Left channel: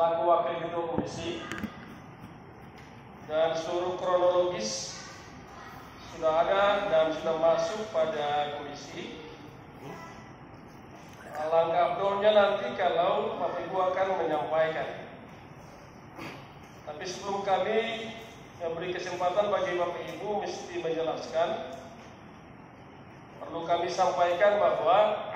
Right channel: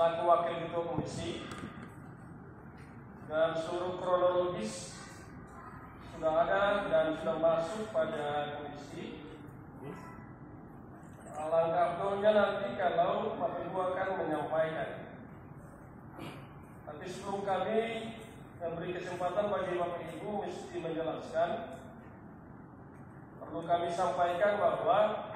selaku Wakil Ketua Komisi, dan seluruh kronologis sudah ada dan sudah masuk pada komisi. Alangkah abdolnya nanti kalau Bapak Ibu akan menyampaikan. Tapi sebelum kami memberi kesempatan bagi Bapak Ibu mesti menjelaskan, perlu kami sampaikan bahwa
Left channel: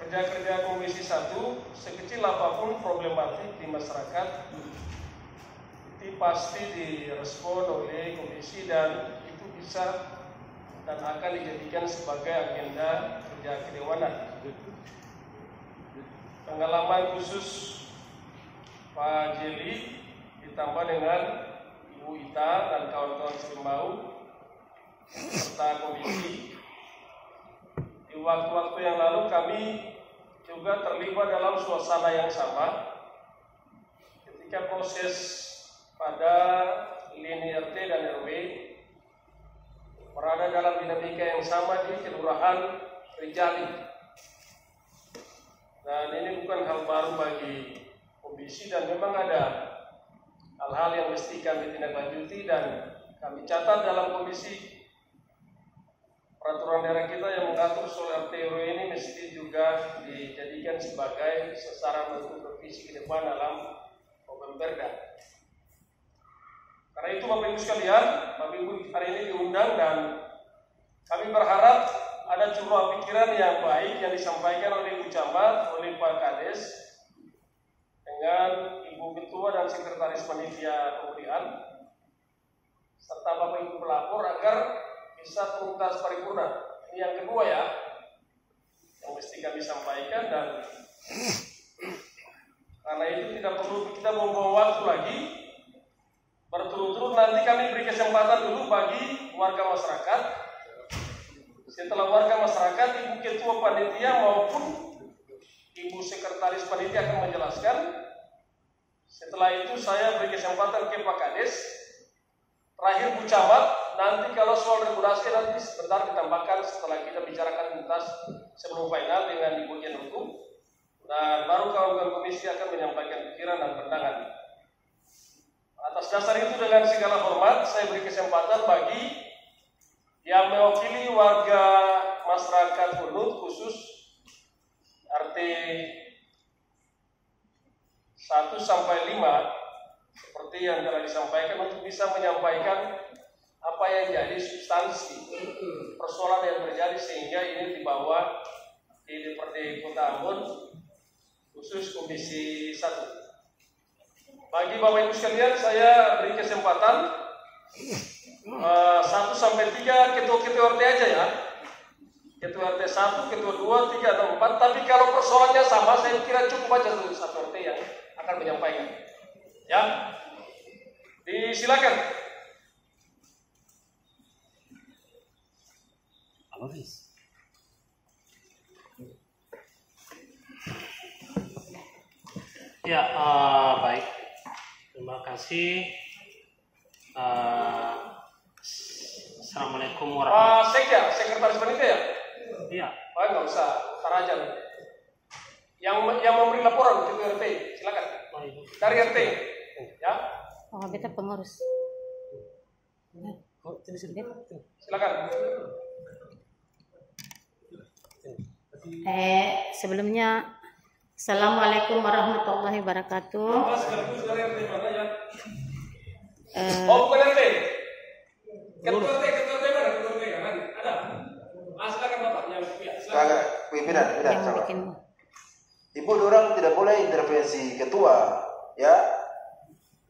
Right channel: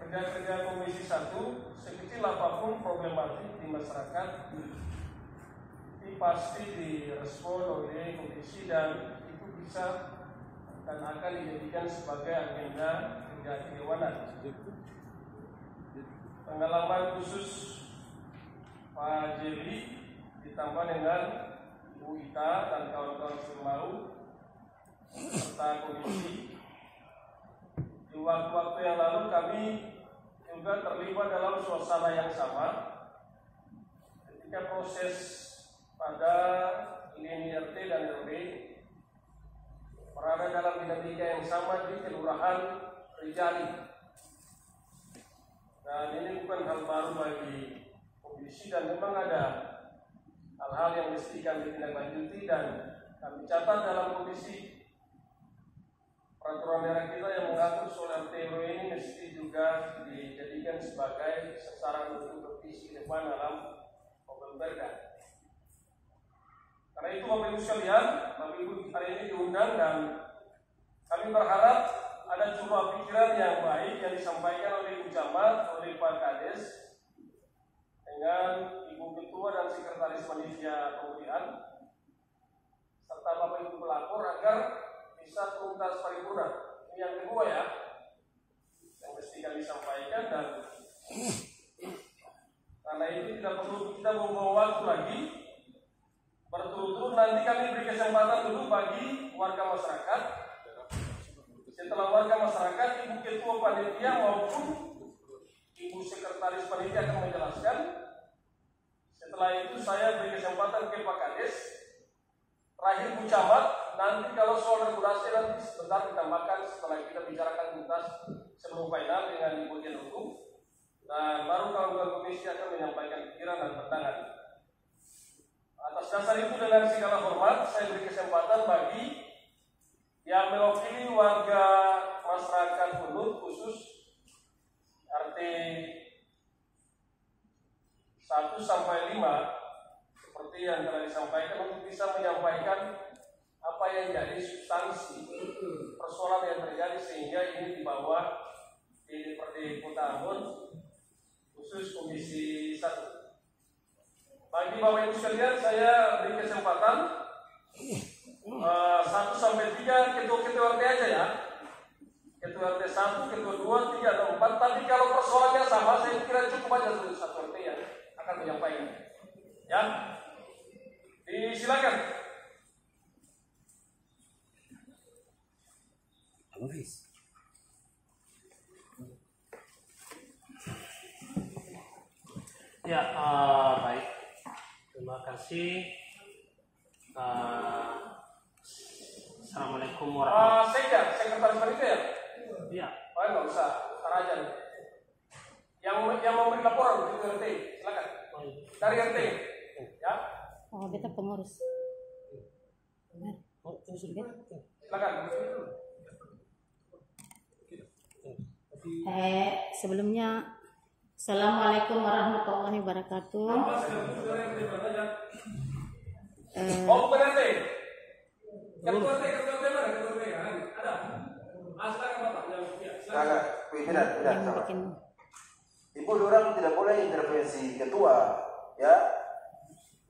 kerja-kerja Komisi 1 sekecil apapun problematik di masyarakat itu pasti direspon oleh komisi, dan itu bisa dan akan dijadikan sebagai agenda kerja kedewanan. Pengalaman khusus Pak Jerry ditambah dengan Ibu Ita dan kawan-kawan Simbau serta komisi, di waktu-waktu yang lalu kami juga terlibat dalam suasana yang sama ketika proses pada lini RT dan RW berada dalam dinamika yang sama di Kelurahan Rijali. Dan ini bukan hal baru bagi komisi, dan memang ada hal-hal yang mesti kami tindak-lanjuti dan kami catat dalam komisi. Peraturan daerah kita yang mengatur soal RT RW ini mesti juga dijadikan sebagai sasaran untuk revisi ke depan dalam Pemberda. Karena itu Bapak Ibu sekalian, Bapak Ibu hari ini diundang dan kami berharap ada curah pikiran yang baik yang disampaikan oleh Ibu Camat, oleh Pak Kades, dengan Ibu Ketua dan Sekretaris Panitia Pemilihan, serta Bapak Ibu pelapor agar bisa tuntas paripurna. Ini yang kedua ya, yang mesti kami sampaikan, dan karena itu tidak perlu kita membuang waktu lagi. Berturut-turut nanti kami beri kesempatan dulu bagi warga masyarakat. Setelah warga masyarakat, Ibu Ketua Panitia maupun Ibu Sekretaris Panitia akan menjelaskan. Setelah itu saya beri kesempatan ke Pak Kades. Terakhir Bu Camat, nanti kalau soal regulasi nanti sebentar ditambahkan setelah kita bicarakan tuntas sebelum final dengan Ibu Jen Hukum. Dan baru kawan-kawan komisi akan menyampaikan pikiran dan pandangan. Atas dasar itu dengan segala hormat saya beri kesempatan bagi yang mewakili warga masyarakat Hunut khusus RT 1 sampai 5 seperti yang telah disampaikan, untuk bisa menyampaikan apa yang jadi substansi persoalan yang terjadi sehingga ini dibawa di DPRD Kota Ambon khusus Komisi 1. Bagi Bapak Ibu sekalian, saya beri kesempatan 1 sampai 3 ketua-ketua RT aja ya. Ketua RT 1, ketua 2, 3, atau 4. Tapi kalau persoalannya sama, saya kira cukup aja satu RT yang akan menyampaikan. Ya, disilakan. Habis. Ya, baik. Terima kasih. Assalamualaikum warahmatullahi wabarakatuh. Sekretaris Panitia ya? Iya. Pak, nggak usah, Tarajan. Yang memberi laporan ke RT, silakan. Dari RT, ya. Oh, beta pengurus. Silakan. Sebelumnya, Assalamualaikum warahmatullahi wabarakatuh. Bukan RT. Ketua RT mana? Ada. Silakan Bapak yang silakan. Pimpinan. Yang bikin. Ibu, orang tidak boleh intervensi ketua, ya.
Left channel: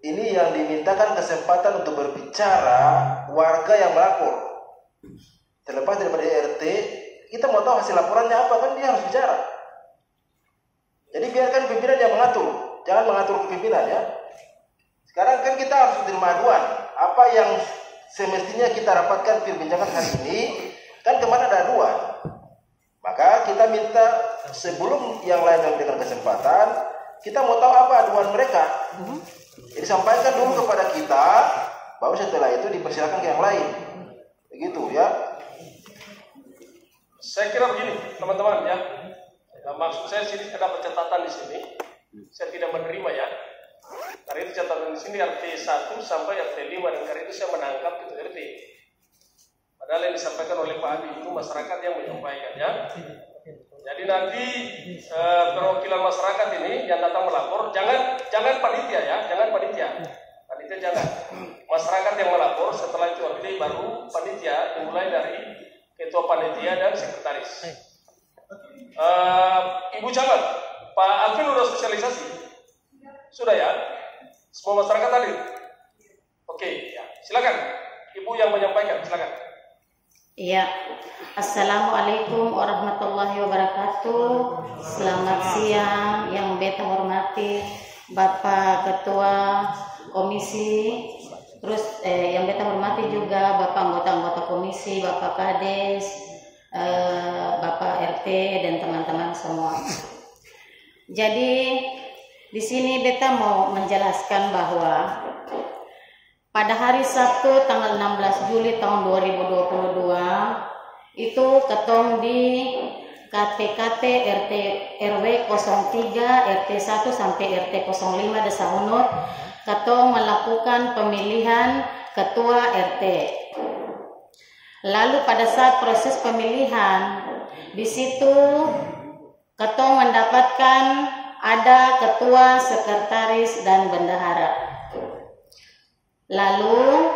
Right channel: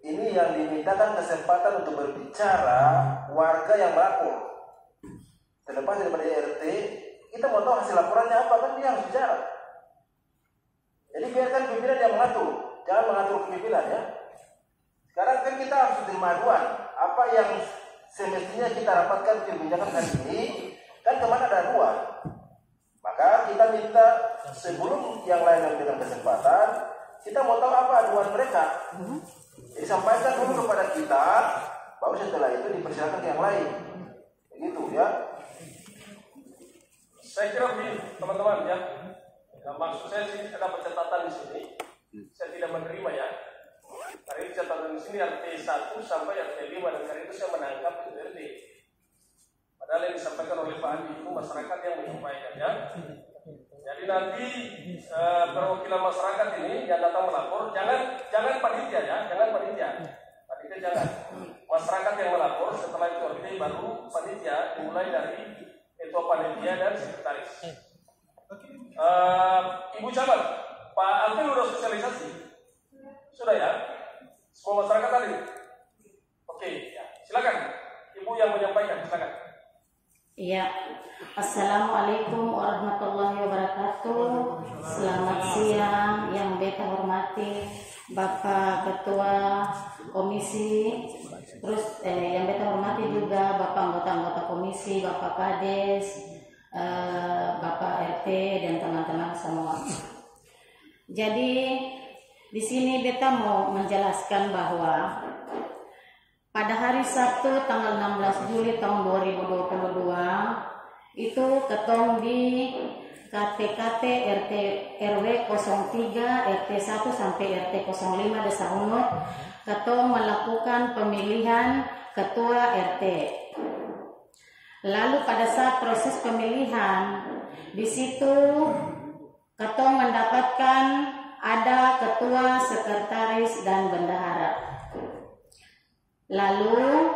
Ini yang dimintakan kesempatan untuk berbicara warga yang melapor. Terlepas daripada RT, kita mau tahu hasil laporannya apa, kan dia harus bicara. Jadi biarkan pimpinan yang mengatur, jangan mengatur pimpinan ya. Sekarang kan kita harus terima aduan. Apa yang semestinya kita dapatkan perbincangan hari ini, kan kemana ada aduan. Maka kita minta sebelum yang lain memberikan kesempatan, kita mau tahu apa aduan mereka. Jadi sampaikan dulu kepada kita, baru setelah itu dipersilakan ke yang lain. Begitu ya. Saya kira begini teman-teman ya. Nah, maksud saya sini ada pencatatan di sini. saya tidak menerima ya. Karena itu catatan di sini RT 1 sampai RT 5 dan karena itu saya menangkap itu RT. Padahal yang disampaikan oleh Pak Adi itu masyarakat yang menyampaikannya. Jadi nanti perwakilan masyarakat ini yang datang melapor, jangan panitia ya, jangan panitia. Panitia jangan. Masyarakat yang melapor, setelah itu RT baru panitia, dimulai dari ketua panitia dan sekretaris. Ibu Camat, Pak Alvin sudah sosialisasi? Sudah ya? Semua masyarakat hadir? Oke, ya. Silakan. Ibu yang menyampaikan, silakan. Iya. Assalamualaikum warahmatullahi wabarakatuh. Selamat siang yang beta hormati Bapak Ketua Komisi, terus yang beta hormati juga Bapak anggota-anggota komisi, Bapak Kades, Bapak RT dan teman-teman semua. Jadi di sini beta mau menjelaskan bahwa pada hari Sabtu tanggal 16 Juli tahun 2022 itu ketong di KTKT RT RW 03 RT 1 sampai RT 05 Desa Unut ketong melakukan pemilihan ketua RT. Lalu pada saat proses pemilihan di situ ketong mendapatkan ada ketua, sekretaris dan bendahara. Lalu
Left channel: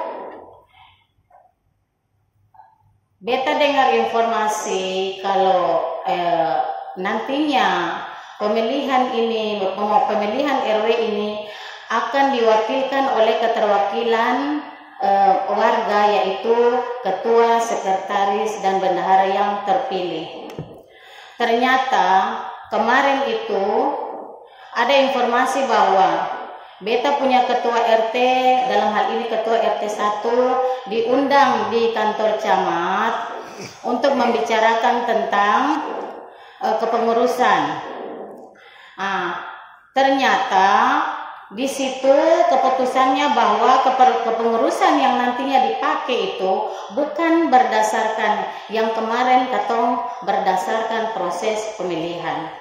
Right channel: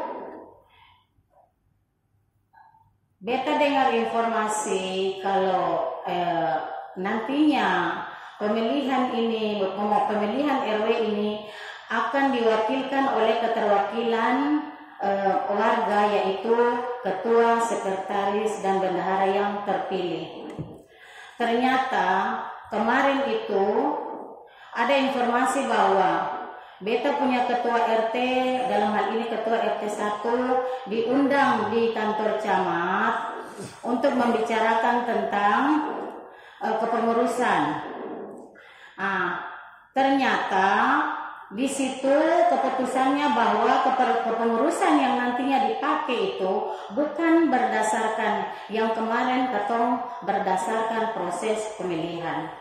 beta dengar informasi kalau nantinya pemilihan RW ini akan diwakilkan oleh keterwakilan warga, yaitu ketua, sekretaris dan bendahara yang terpilih. Ternyata kemarin itu ada informasi bahwa beta punya ketua RT, dalam hal ini ketua RT 1, diundang di kantor camat untuk membicarakan tentang kepengurusan. Ternyata di situ keputusannya bahwa kepengurusan yang nantinya dipakai itu bukan berdasarkan yang kemarin ketong berdasarkan proses pemilihan.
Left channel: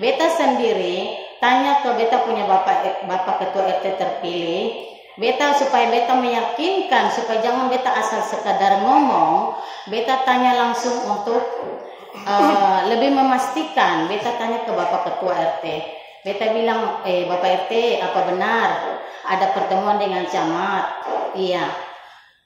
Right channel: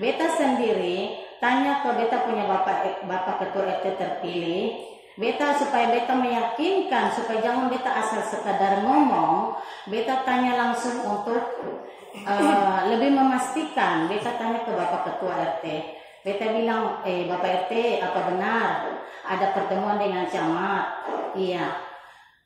Beta sendiri tanya ke beta punya bapak ketua RT terpilih, beta supaya beta meyakinkan supaya jangan beta asal sekadar ngomong, beta tanya langsung untuk lebih memastikan. Beta tanya ke bapak ketua RT, beta bilang, bapak RT, apa benar ada pertemuan dengan camat? Iya.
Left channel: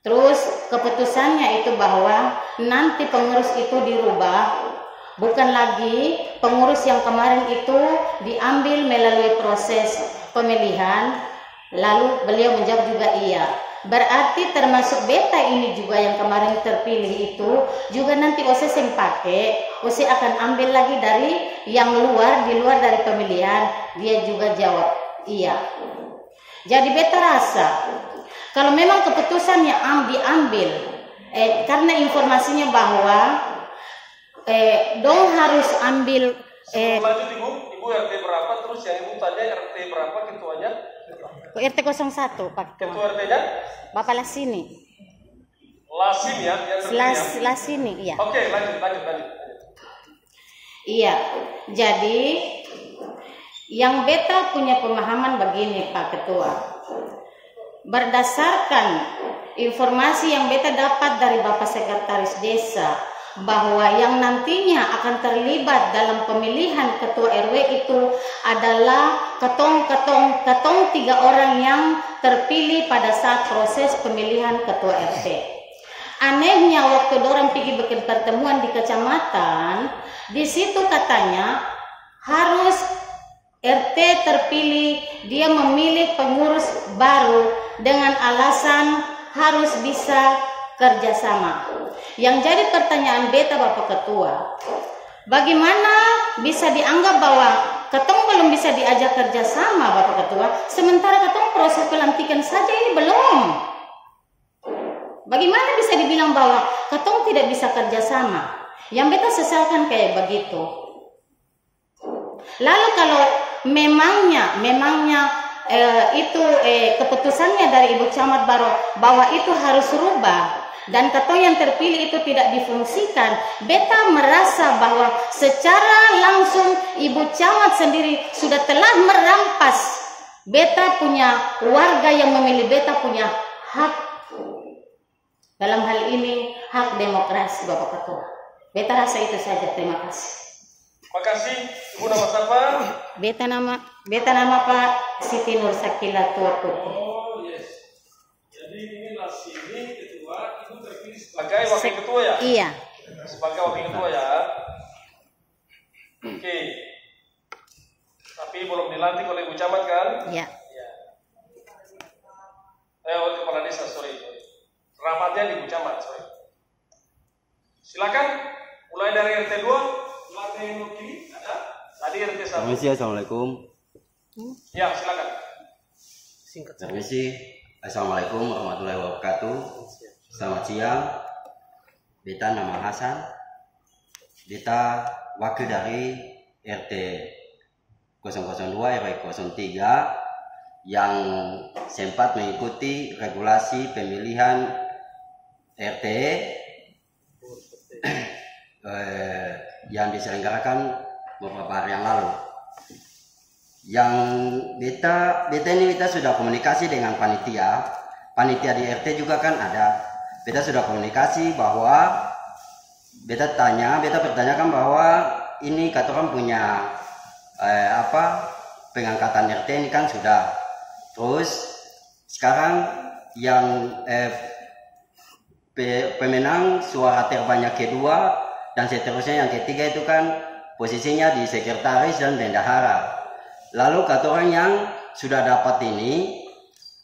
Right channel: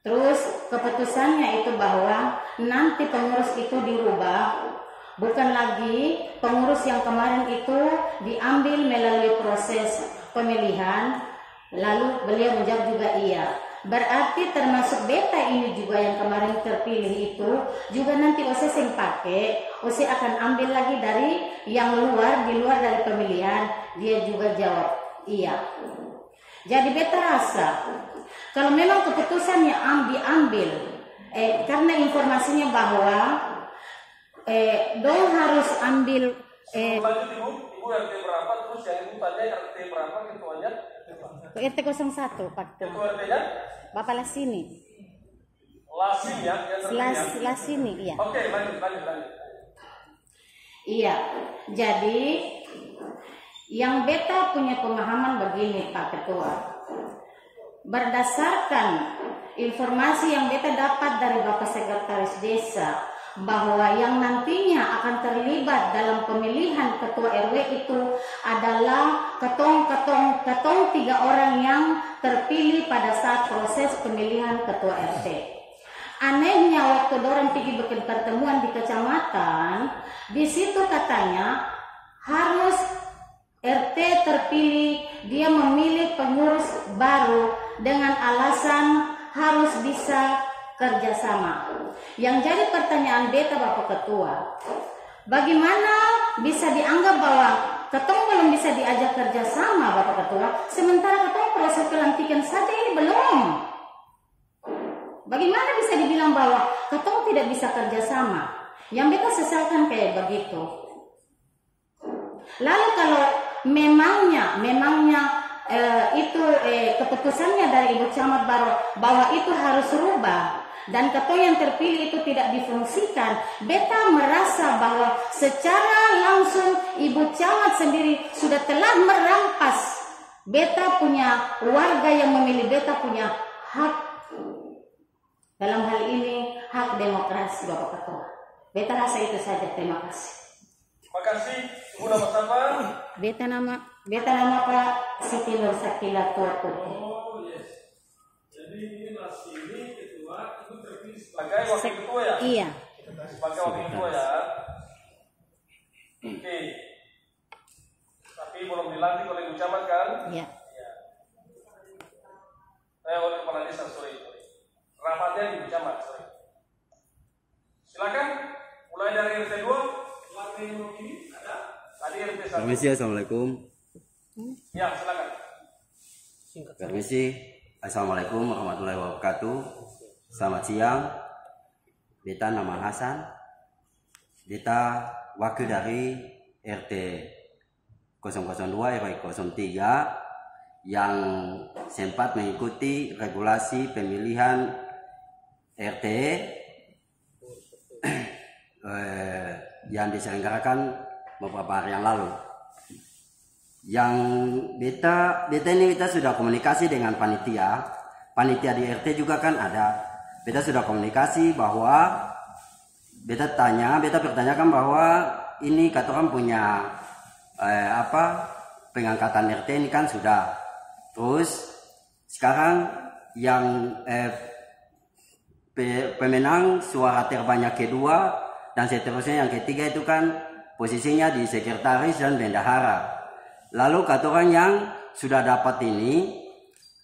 Terus keputusannya itu bahwa nanti pengurus itu dirubah. Bukan lagi pengurus yang kemarin itu diambil melalui proses pemilihan. Lalu beliau menjawab juga iya. Berarti termasuk beta ini juga yang kemarin terpilih itu juga nanti OSE yang pakai, OSE akan ambil lagi dari yang di luar dari pemilihan. Dia juga jawab iya. Jadi beta rasa kalau memang keputusannya diambil karena informasinya bahwa dong harus ambil lanjut ibu RT berapa, terus yang ibu tanya RT berapa ketuanya? RT 01 Pak Ketua. Ketua RT-nya? Bapak Lasini. Lasin ya? Lasini, iya. Oke, lanjut. Iya, jadi yang beta punya pemahaman begini Pak Ketua. Berdasarkan informasi yang beta dapat dari Bapak Sekretaris Desa, bahwa yang nantinya akan terlibat dalam pemilihan ketua RW itu adalah ketong 3 orang yang terpilih pada saat proses pemilihan ketua RT. Anehnya waktu dorang pergi bikin pertemuan di kecamatan, di situ katanya harus RT terpilih dia memilih pengurus baru dengan alasan harus bisa kerjasama. Yang jadi pertanyaan beta Bapak Ketua, bagaimana bisa dianggap bahwa ketong belum bisa diajak kerjasama Bapak Ketua, sementara ketong proses pelantikan saja ini belum. Bagaimana bisa dibilang bahwa ketong tidak bisa kerjasama? Yang beta sesalkan kayak begitu. Lalu kalau memangnya itu keputusannya dari Ibu Camat bahwa itu harus rubah, dan katong yang terpilih itu tidak difungsikan, beta merasa bahwa secara langsung Ibu Camat sendiri sudah telah merampas beta punya warga yang memilih beta punya hak. Dalam hal ini hak demokrasi Bapak Ketua. Beta rasa itu saja. Terima kasih. Makasih. Ibu nama siapa? Beta nama Pak Siti Nur Sakila Tua Putih. Oh yes. Jadi ini Lasini ketua, ibu terpilih sebagai wakil ketua ya? Iya. Sebagai wakil ketua ya. Oke. Tapi belum dilantik oleh Ibu Camat kan? Iya. Kepala desa, sorry. Ramatnya di Ibu Camat, sorry. Silakan. Mulai dari RT 2, lantai yang kiri ada. Tadi RT 1. Permisi, assalamualaikum. Ya, silakan. Permisi, assalamualaikum warahmatullahi wabarakatuh. Selamat siang. Beta nama Hasan. Beta wakil dari RT 002 RW 03 yang sempat mengikuti regulasi pemilihan RT yang diselenggarakan beberapa hari yang lalu. Yang beta ini kita sudah komunikasi dengan panitia di RT juga kan ada. Beta sudah komunikasi bahwa beta pertanyakan bahwa ini kata orang punya pengangkatan RT ini kan sudah. Terus sekarang yang pemenang suara terbanyak kedua dan seterusnya yang ketiga itu kan posisinya di sekretaris dan bendahara. Lalu kata orang yang sudah dapat ini,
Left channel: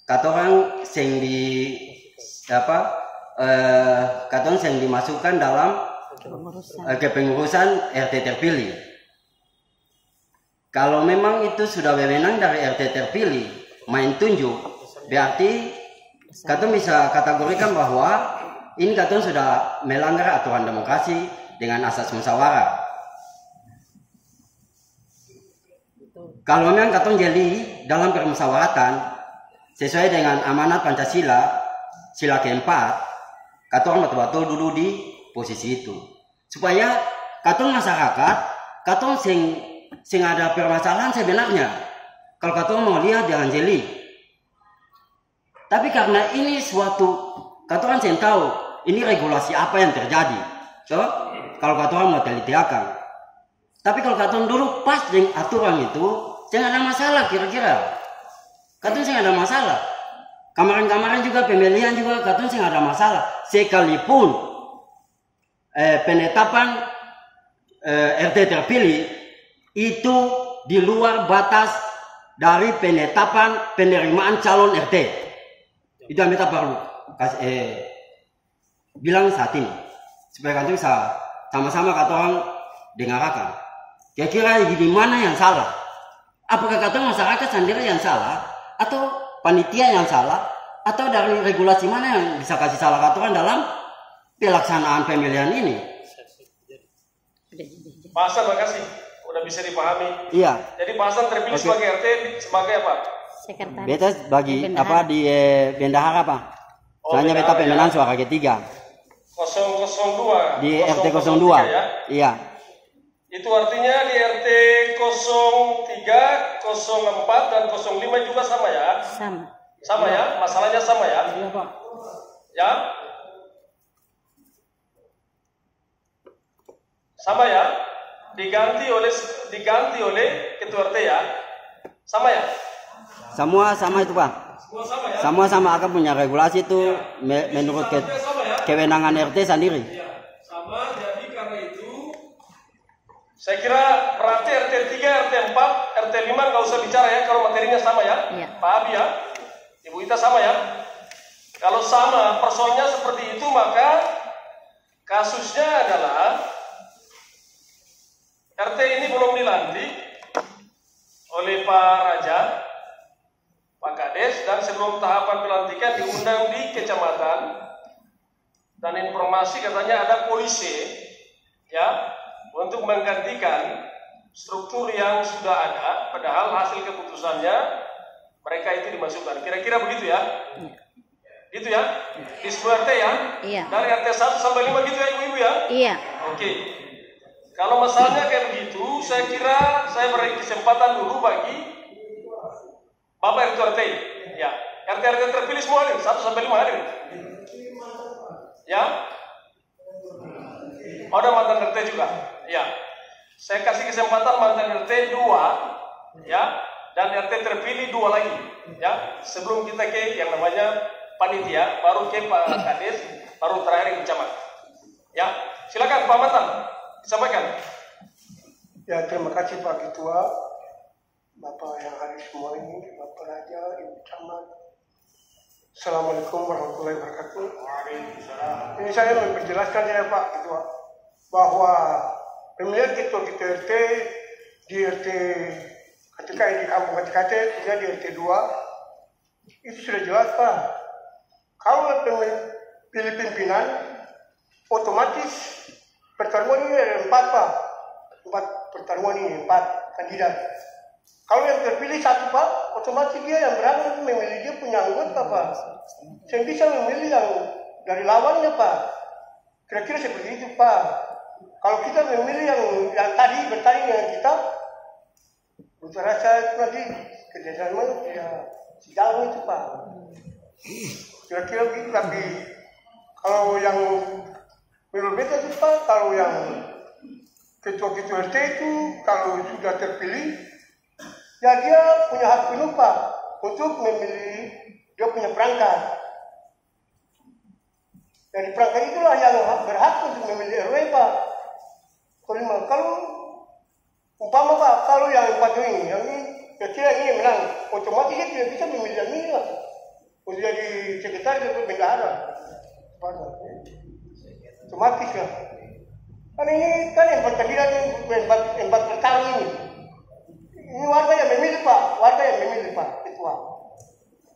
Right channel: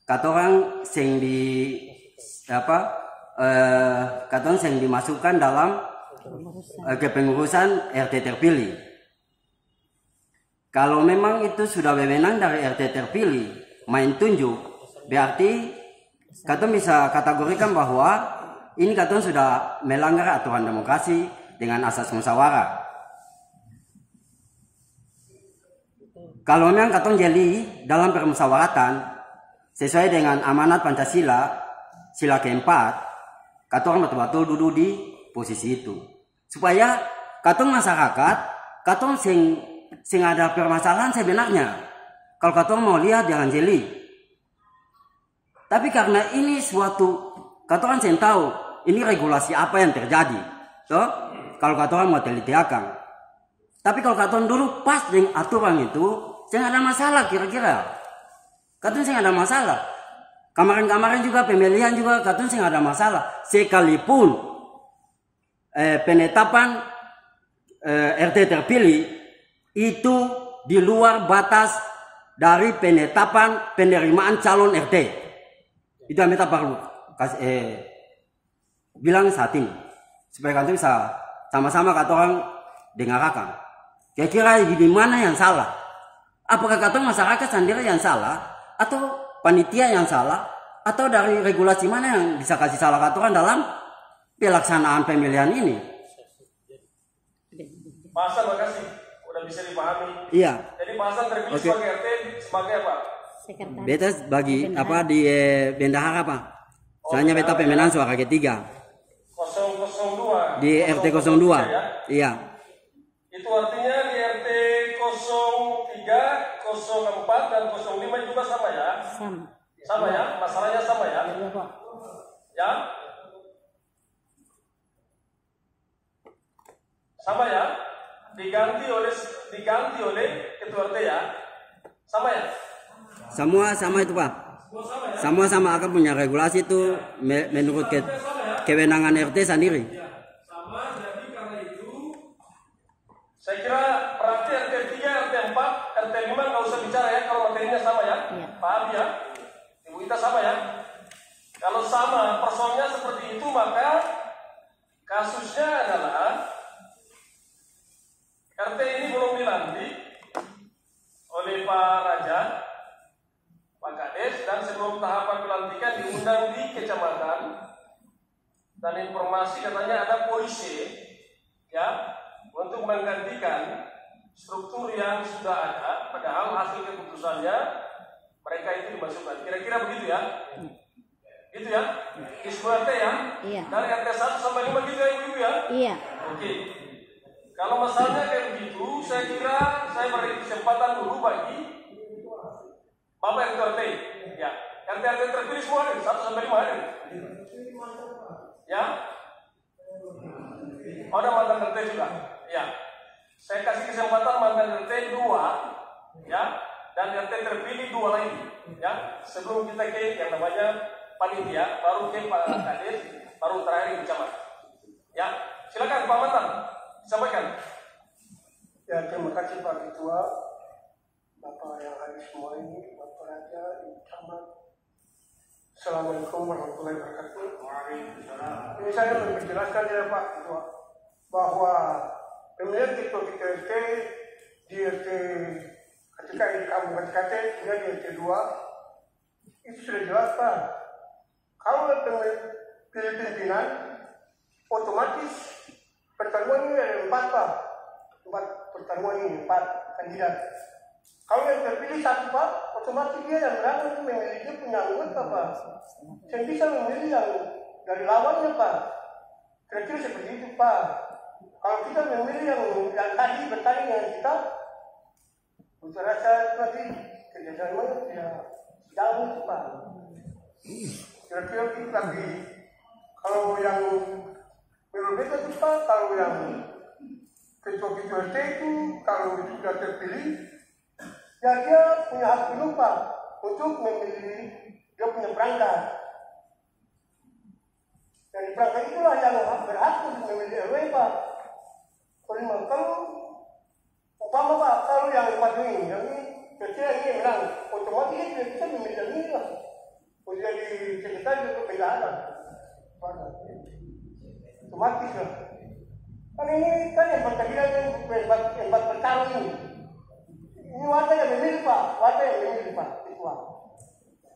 kata orang sing dimasukkan dalam kepengurusan RT terpilih. Kalau memang itu sudah wewenang dari RT terpilih main tunjuk, berarti kata bisa kategorikan bahwa ini kata sudah melanggar aturan demokrasi dengan asas musyawarah. Kalau memang kata jadi dalam permusyawaratan sesuai dengan amanat Pancasila sila keempat, kata orang betul-betul duduk di posisi itu supaya kata masyarakat kata sing ada permasalahan sebenarnya kalau kata mau lihat jangan jeli. Tapi karena ini suatu kata orang sing tahu ini regulasi apa yang terjadi, kalau kata orang mau telitiakan. Tapi kalau kata dulu pas dengan aturan itu, saya ada masalah kira-kira. Kata saya ada masalah. Kemarin-kemarin juga pemilihan juga kata saya ada masalah. Sekalipun penetapan RT terpilih itu di luar batas dari penetapan penerimaan calon RT. Itu yang kita perlu bilang saat ini supaya kalian bisa sama-sama kata orang dengarkan. Kira-kira di mana yang salah? Apakah kata masyarakat sendiri yang salah atau panitia yang salah atau dari regulasi mana yang bisa kasih salah kata orang dalam pelaksanaan pemilihan ini? Pak Hasan, makasih. Udah bisa dipahami. Iya. Jadi Pak Hasan terpilih sebagai RT sebagai apa? Sekretaris. Beta bagi apa di bendahara Pak. Soalnya beta pemenang suara ketiga. 002. Di RT 02. Ya? Iya. Itu artinya di RT 03, 04 dan 05 juga sama ya? Sama. Sama ya? Masalahnya sama ya? Iya Pak. Ya? Sama ya? Diganti oleh ketua RT ya? Sama ya? Semua sama itu Pak. Semua sama ya? Semua sama akan punya regulasi itu menurut kewenangan RT sendiri. Ya, sama. Jadi karena itu saya kira berarti RT 3, RT 4, RT 5 nggak usah bicara ya kalau materinya sama ya? Iya. Pak Abi ya? Ibu Ita sama ya? Kalau sama persoalnya seperti itu maka kasusnya adalah RT ini belum dilantik oleh Pak Raja, Pak Kades, dan sebelum tahapan pelantikan diundang di kecamatan dan informasi katanya ada polisi ya untuk menggantikan struktur yang sudah ada, padahal hasil keputusannya mereka itu dimasukkan. Kira-kira begitu ya? Gitu ya? Di 10 RT ya? Iya. Dari RT 1 sampai 5 gitu ya ibu-ibu ya? Iya. Oke. Kalau masalahnya kayak begitu, saya kira saya beri kesempatan dulu bagi Bapak RT RT. Ya. RT terpilih semua hadir, 1 sampai 5 hadir. Ya? Oh, ada mantan RT juga. Ya. Saya kasih kesempatan mantan RT 2, ya, dan RT terpilih 2 lagi, ya. Sebelum kita ke yang namanya panitia, baru ke Pak Kades, baru terakhir yang camat. Ya, silakan Pak Mantan, sampaikan. Ya, terima kasih Pak Ketua, Bapak yang hadir semua ini, Bapak Raja, Ibu Camat. Assalamualaikum warahmatullahi wabarakatuh. Waalaikumsalam. Ini saya memperjelaskan ya Pak Ketua, bahwa pemilihan ketua-ketua RT di RT ketika di kampung KTKT, di RT 2, itu sudah jelas Pak. Kalau pilih pimpinan, otomatis pertemuan ini ada 4 Pak. 4 pertemuan ini, 4 kandidat. Kalau yang terpilih 1 Pak, otomatis dia yang berangkat memilih dia punya anggota Pak. Saya bisa memilih yang dari lawannya Pak. Kira-kira seperti itu Pak. Kalau kita memilih yang tadi bertanya dengan kita, untuk rasa nanti kerjasama ya sejauh itu Pak. Kira-kira begitu, tapi kalau yang menurut beta itu Pak, kalau yang ketua-ketua RT itu kalau sudah terpilih, ya dia punya hak penuh Pak untuk memilih dia punya perangkat. Dari perangkat itulah yang berhak untuk memilih RW Pak. Kalau umpama Pak, kalau yang 4 ini, yang ini kecil ini menang, otomatis dia tidak bisa memilih yang ini lah. Untuk jadi sekretaris bendahara, otomatis lah. Kan ini kan yang berkandidat yang bertarung ini. Ini warga yang memilih Pak, warga yang memilih Pak, ketua.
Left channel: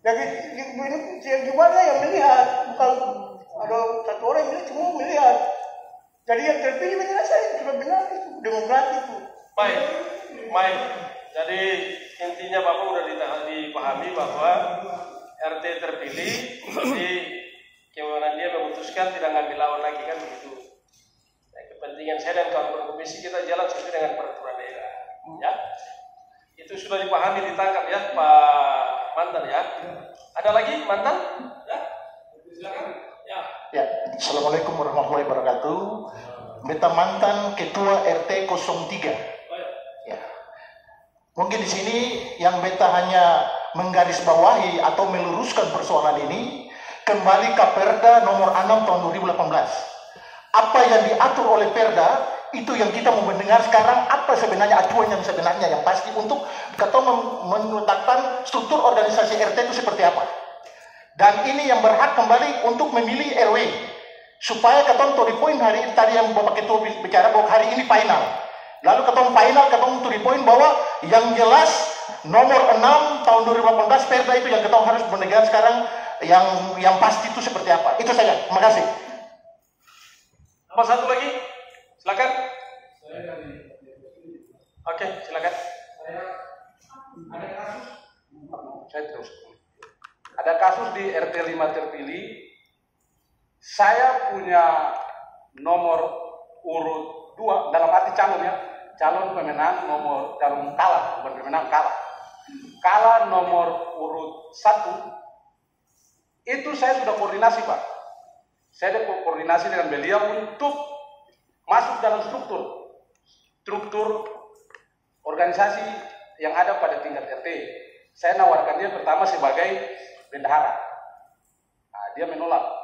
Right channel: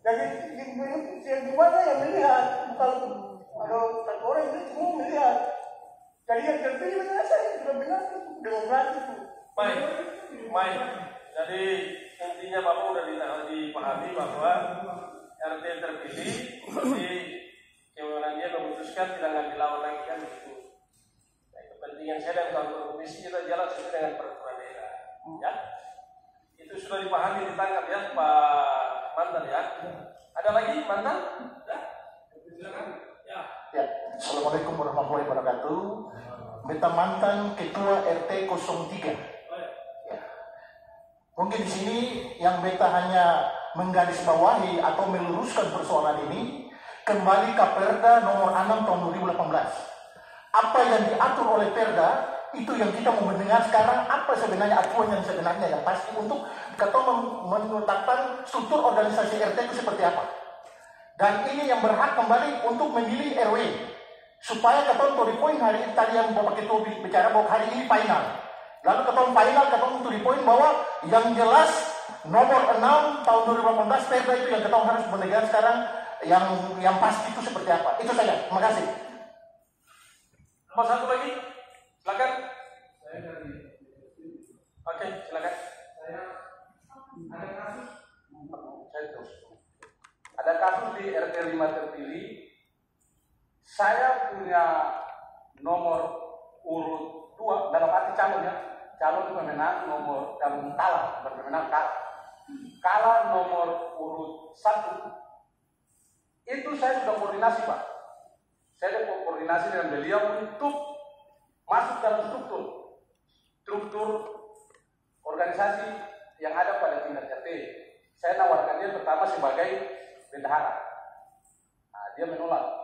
Jadi di warga yang melihat, bukan ada 1 orang yang melihat, semua melihat. Jadi yang terpilih benar saya sudah benar itu demokratis itu. Baik. Jadi intinya Bapak sudah dipahami bahwa RT terpilih, jadi kewenangan dia memutuskan tidak ngambil lawan lagi kan begitu. Nah, kepentingan saya dan kawan-kawan komisi kita jalan sesuai dengan peraturan daerah. Ya, itu sudah dipahami, ditangkap ya Pak Mantan ya. Ada lagi Mantan? Ya, silakan. Ya, Assalamualaikum warahmatullahi wabarakatuh. Beta mantan Ketua RT 03. Ya. Mungkin di sini yang beta hanya menggarisbawahi atau meluruskan persoalan ini kembali ke Perda nomor 6 tahun 2018. Apa yang diatur oleh Perda itu yang kita mau mendengar sekarang, apa sebenarnya acuan yang sebenarnya yang pasti untuk kita menetapkan struktur organisasi RT itu seperti apa. Dan ini yang berhak kembali untuk memilih RW. Supaya ketemu to the point hari ini tadi yang Bapak Ketua bicara bahwa hari ini final. Lalu ketemu final, ketemu to the point bahwa yang jelas nomor 6 tahun 2018 Perda itu yang kita harus mendengar sekarang yang pasti itu seperti apa. Itu saja. Terima kasih. Apa satu lagi? Silakan. Oke, silakan. Ada kasus di RT 5 terpilih. Saya punya nomor urut 2 dalam arti calon ya. Calon pemenang nomor calon kalah, bukan pemenang kalah. Kalah nomor urut 1. Itu saya sudah koordinasi Pak. Saya sudah koordinasi dengan beliau untuk masuk dalam struktur organisasi yang ada pada tingkat RT. Saya nawarkan dia pertama sebagai bendahara. Nah, dia menolak.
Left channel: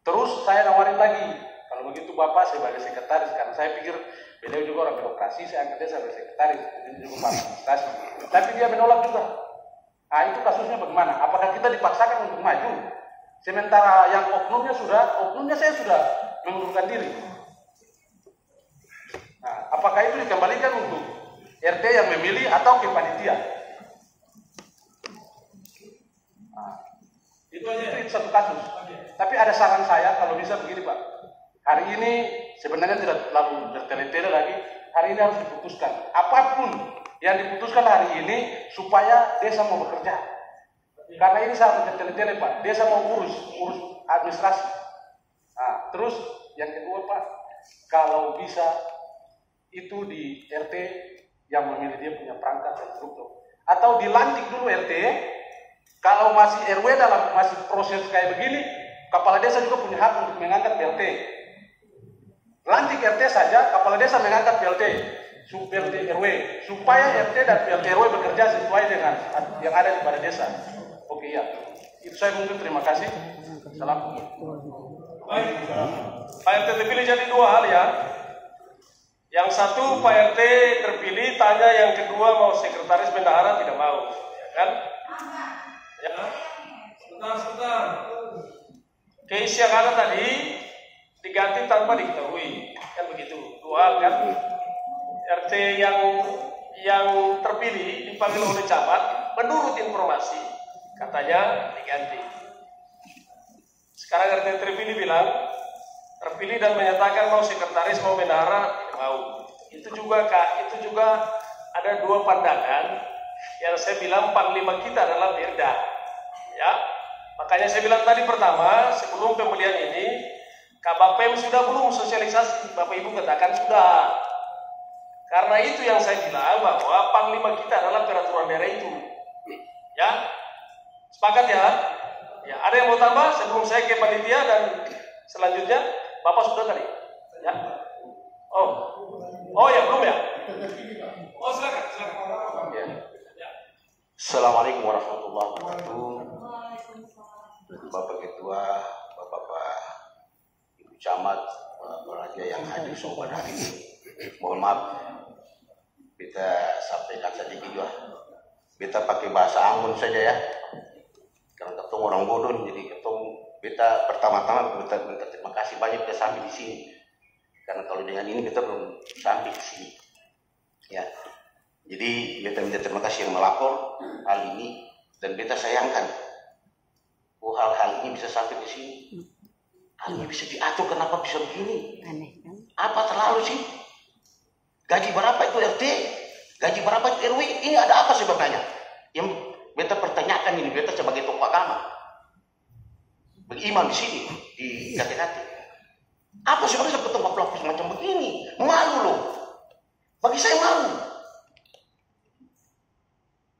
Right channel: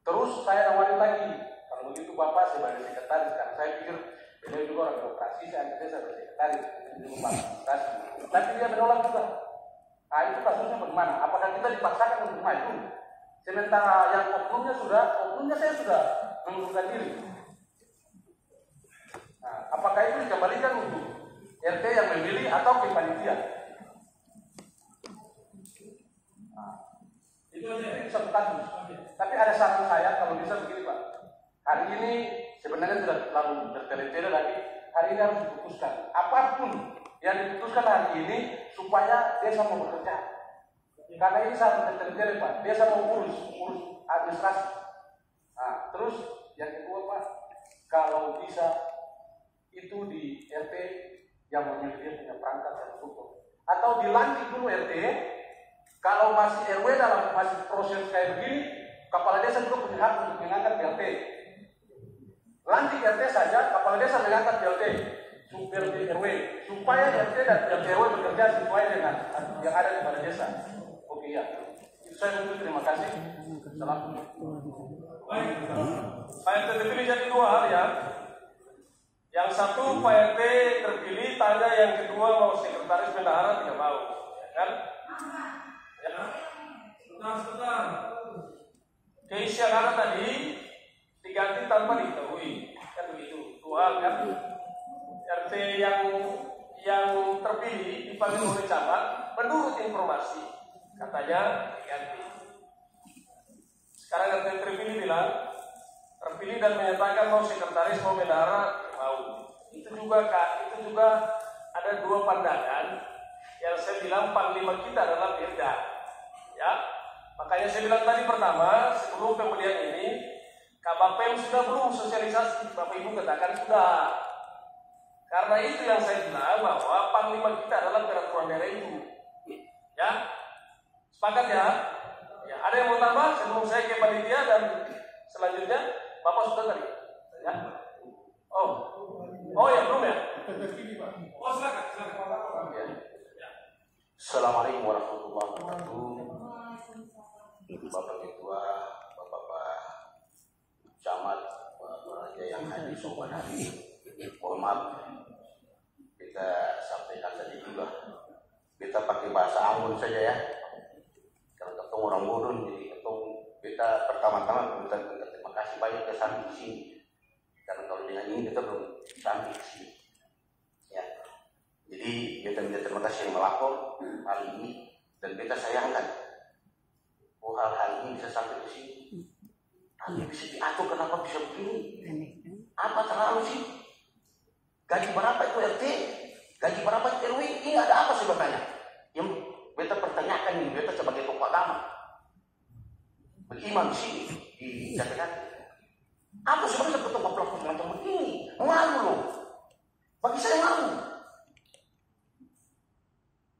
Terus saya nawarin lagi, kalau begitu Bapak sebagai sekretaris, karena saya pikir beliau juga orang birokrasi, saya anggap dia sebagai sekretaris, jadi juga administrasi. Tapi dia menolak juga. Nah, itu kasusnya bagaimana? Apakah kita dipaksakan untuk maju? Sementara yang oknumnya saya sudah mengundurkan diri. Nah, apakah itu dikembalikan untuk RT yang memilih atau ke panitia? Nah, itu satu kasus. Tapi ada saran saya kalau bisa begini Pak. Hari ini sebenarnya tidak terlalu bertele-tele lagi. Hari ini harus diputuskan. Apapun yang diputuskan hari ini supaya desa mau bekerja. Karena ini sangat bertele-tele Pak, desa mau urus administrasi. Nah, terus yang kedua Pak, kalau bisa itu di RT yang memilih dia punya perangkat dan struktur, atau dilantik dulu RT. Kalau masih RW dalam masih proses kayak begini, kepala desa juga punya hak untuk mengangkat PLT. Lantik RT saja, kepala desa mengangkat PLT, PLT RW, supaya RT dan PLT RW bekerja sesuai dengan yang ada di balai desa. Oke ya, itu saya mungkin terima kasih. Salam. Baik, Pak RT terpilih jadi dua hal ya. Yang satu Pak RT terpilih, tanya yang kedua mau sekretaris bendahara tidak mau, ya kan? Ya, sebentar. Case yang ada tadi diganti tanpa diketahui, kan begitu. Dua hal kan? RT yang terpilih dipanggil oleh camat, menurut informasi katanya diganti. Sekarang RT terpilih bilang terpilih dan menyatakan mau sekretaris mau bendahara tidak mau. Itu juga ada dua pandangan yang saya bilang panglima kita adalah beda, ya. Makanya saya bilang tadi pertama sebelum pembelian ini Kabapem sudah belum sosialisasi, Bapak Ibu katakan sudah. Karena itu yang saya bilang bahwa panglima kita adalah peraturan daerah itu, ya. Sepakat ya? Ya, ada yang mau tambah sebelum saya ke panitia dan selanjutnya Bapak sudah tadi, ya? Oh ya belum ya? Oh silakan. Ya. Assalamualaikum warahmatullahi wabarakatuh. Bapak Ketua, Bapak Ibu Camat, Raja yang hadir sobat hari ini. Mohon maaf, kita sampaikan sedikit lah. Kita pakai bahasa Ambon saja ya. Karena ketemu orang bodoh, jadi kita pertama-tama kita minta terima kasih banyak kita sampai di sini. Karena kalau dengan ini kita belum sampai di sini. Ya. Jadi kita minta terima kasih yang melapor hal ini dan kita sayangkan hal-hal ini bisa sampai di sini. Hal ini bisa diatur, kenapa bisa begini? Aneh kan? Apa terlalu sih? Gaji berapa itu RT? Gaji berapa itu RW? Ini ada apa sebabnya? Yang beta pertanyakan ini, beta sebagai tokoh agama, beriman di sini di KTKT. Apa sebabnya sampai tempat semacam begini? Malu loh. Bagi saya malu.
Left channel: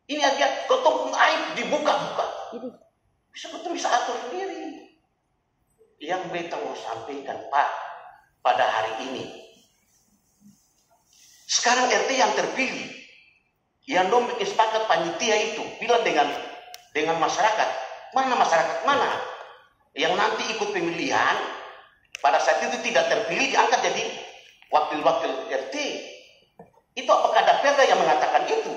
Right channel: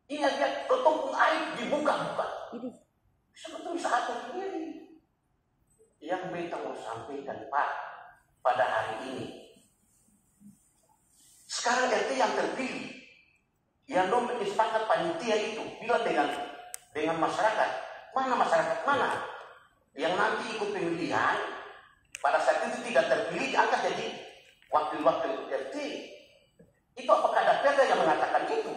Ini aja ketemu aib dibuka-buka. Bisa atur sendiri. Yang beta mau sampaikan Pak pada hari ini. Sekarang RT yang terpilih, yang sepakat panitia itu bilang dengan masyarakat, mana yang nanti ikut pemilihan pada saat itu tidak terpilih diangkat jadi wakil-wakil RT. Itu apakah ada perda yang mengatakan itu?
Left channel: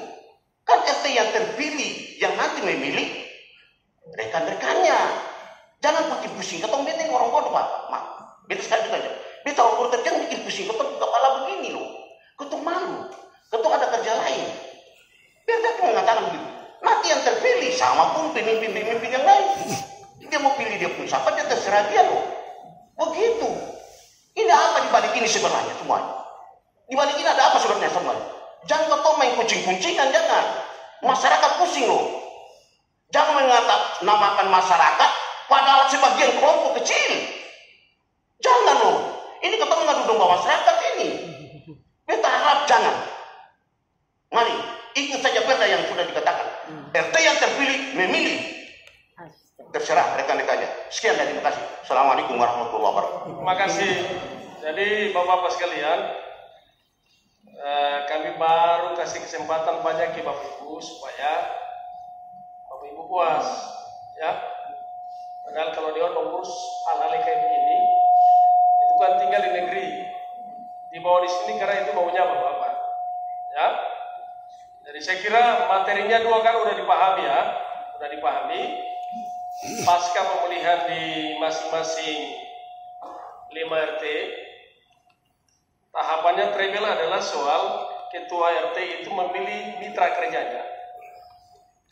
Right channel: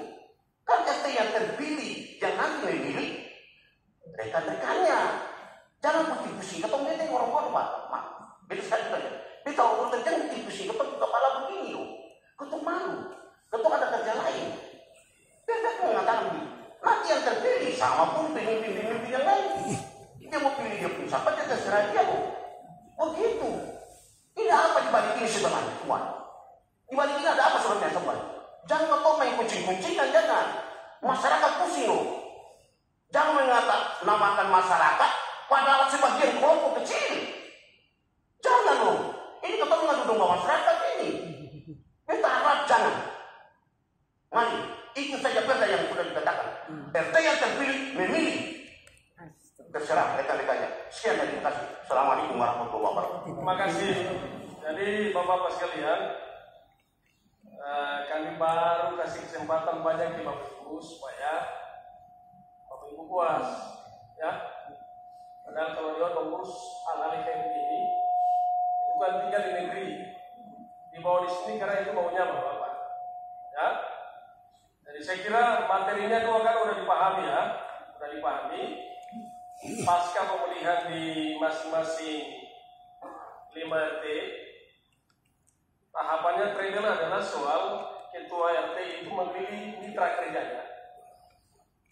Kan RT yang terpilih yang nanti memilih rekan-rekannya. Jangan bikin pusing, ketemu beta orang bodoh Pak. Beta sekali juga aja. Beta orang bodoh jangan bikin pusing, ketemu kepala begini loh. Ketemu malu, ketemu ada kerja lain. Perda itu mengatakan begitu. Nanti yang terpilih sama pun pemimpin yang lain. Dia mau pilih dia pun siapa, dia terserah dia loh. Begitu. Ini apa dibalik ini sebenarnya semuanya? Dibalik ini ada apa sebenarnya semuanya? Jangan kau main kucing-kuncingan, jangan. Masyarakat pusing loh. Jangan mengatasnamakan masyarakat padahal sebagian kelompok kecil. Jangan loh. Ini ketemu ngadu domba masyarakat ini. Kita harap jangan. Mari ikut saja perda yang sudah dikatakan. RT yang terpilih memilih. Terserah rekan-rekannya. Sekian dan terima kasih. Assalamualaikum warahmatullahi wabarakatuh. Terima kasih. Jadi Bapak-Bapak sekalian, kami baru kasih kesempatan banyak ke Bapak Ibu supaya Bapak Ibu puas, ya. Padahal kalau dia mengurus hal-hal kayak begini, itu kan tinggal di negeri, dibawa di sini karena itu maunya Bapak, ya. Jadi saya kira materinya dua kan udah dipahami ya, udah dipahami. Pasca pemilihan di masing-masing 5 RT, tahapannya treble adalah soal ketua RT itu memilih mitra kerjanya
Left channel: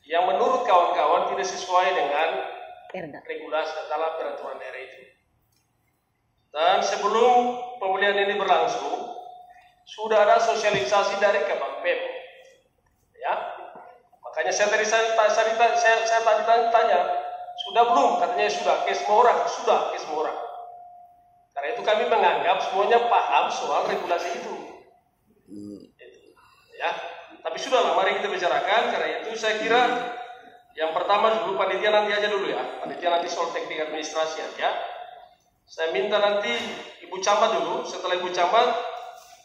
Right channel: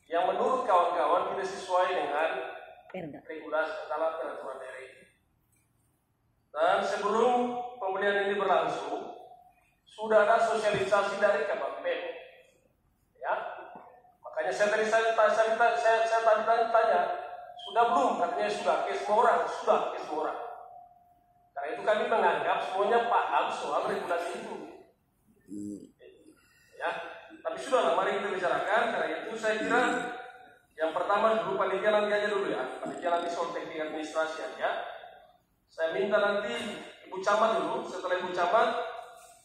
yang menurut kawan-kawan tidak sesuai dengan regulasi dalam peraturan daerah itu. Dan sebelum pemilihan ini berlangsung, sudah ada sosialisasi dari Kabapem, ya. Makanya saya tadi tanya, sudah belum? Katanya sudah, ke semua orang, sudah ke semua orang. Karena itu kami menganggap semuanya paham soal regulasi itu. Ya, tapi sudahlah, mari kita bicarakan. Karena itu saya kira yang pertama dulu panitia nanti aja dulu ya. Panitia nanti soal teknik administrasi aja. Saya minta nanti Ibu Camat dulu. Setelah Ibu Camat,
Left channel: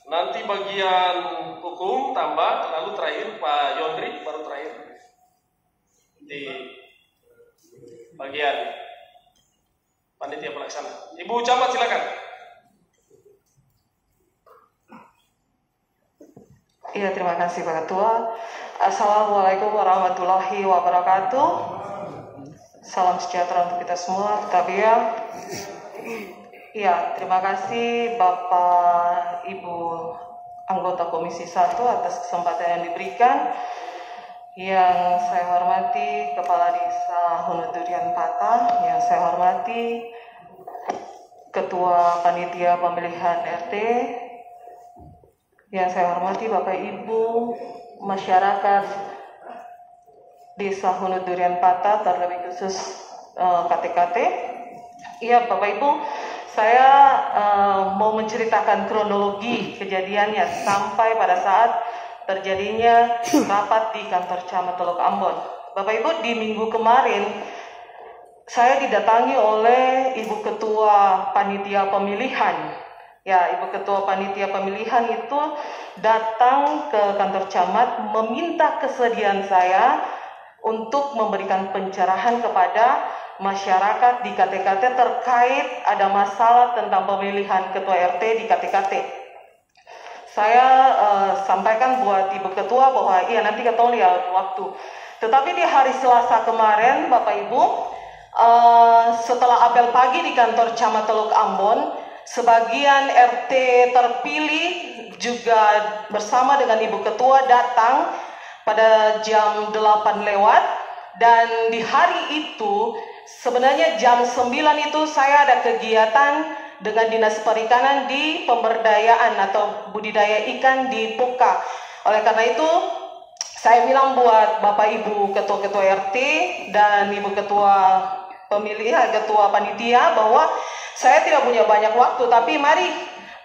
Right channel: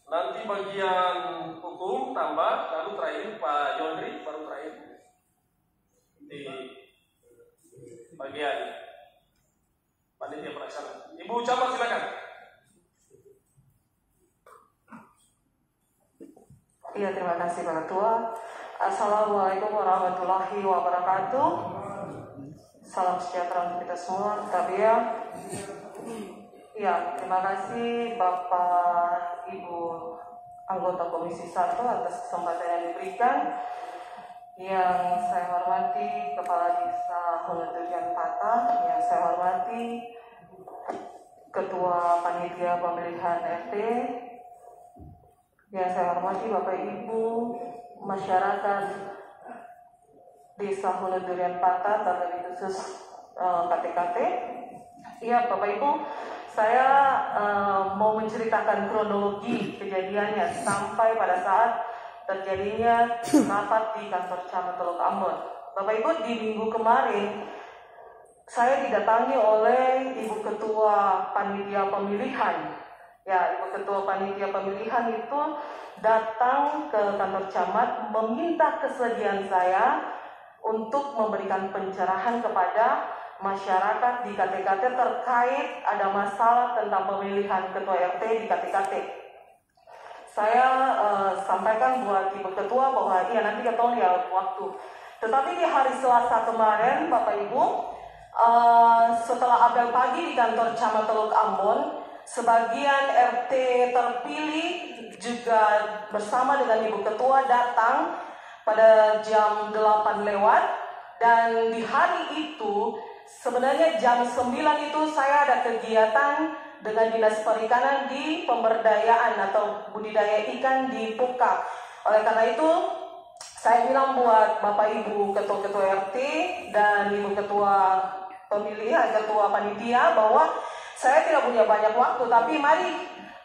nanti bagian hukum tambah, lalu terakhir Pak Yondri, baru terakhir di bagian panitia pelaksana. Ibu Camat silakan. Iya, terima kasih Pak Ketua. Assalamualaikum warahmatullahi wabarakatuh. Salam sejahtera untuk kita semua. Tapi ya, terima kasih Bapak Ibu anggota Komisi 1 atas kesempatan yang diberikan. Yang saya hormati Kepala Desa Hunu Durian Patah, yang saya hormati Ketua Panitia Pemilihan RT, yang saya hormati Bapak Ibu masyarakat Desa Hunu Durian Patah, terlebih khusus KTKT. Iya Bapak Ibu, saya mau menceritakan kronologi kejadiannya sampai pada saat terjadinya rapat di kantor Camat Teluk Ambon. Bapak Ibu, di minggu kemarin saya didatangi oleh Ibu Ketua Panitia Pemilihan. Ya, Ibu Ketua Panitia Pemilihan itu datang ke kantor Camat meminta kesediaan saya untuk memberikan pencerahan kepada masyarakat di KTKT terkait ada masalah tentang pemilihan Ketua RT di KTKT. Saya sampaikan buat Ibu Ketua bahwa iya nanti kita lihat waktu. Tetapi di hari Selasa kemarin, Bapak Ibu, setelah apel pagi di kantor Camat Teluk Ambon, sebagian RT terpilih juga bersama dengan Ibu Ketua datang pada jam 8 lewat. Dan di hari itu, sebenarnya jam 9 itu saya ada kegiatan dengan Dinas Perikanan di pemberdayaan atau budidaya ikan di Puka. Oleh karena itu, saya bilang buat Bapak Ibu Ketua-Ketua RT dan Ibu Ketua Pemilihan, Ketua Panitia bahwa saya tidak punya banyak waktu, tapi mari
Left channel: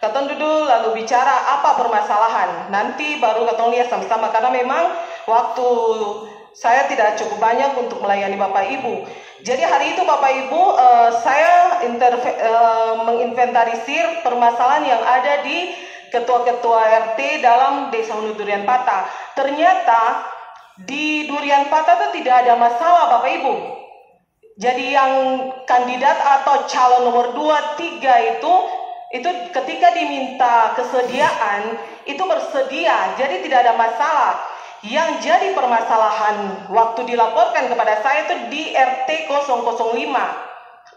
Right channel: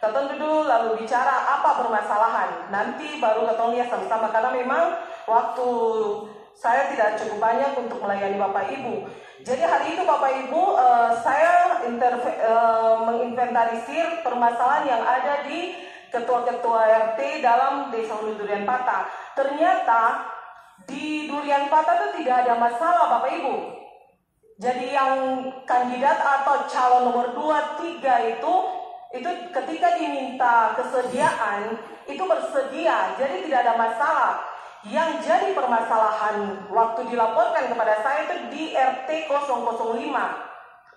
kita duduk lalu bicara apa permasalahan. Nanti baru kita lihat sama-sama karena memang waktu saya tidak cukup banyak untuk melayani Bapak Ibu. Jadi hari itu Bapak Ibu, saya menginventarisir permasalahan yang ada di ketua-ketua RT dalam Desa Hunu Durian Patah. Ternyata di Durian Patah itu tidak ada masalah Bapak Ibu. Jadi yang kandidat atau calon nomor 2, 3 itu ketika diminta kesediaan itu bersedia, jadi tidak ada masalah. Yang jadi permasalahan waktu dilaporkan kepada saya itu di RT 005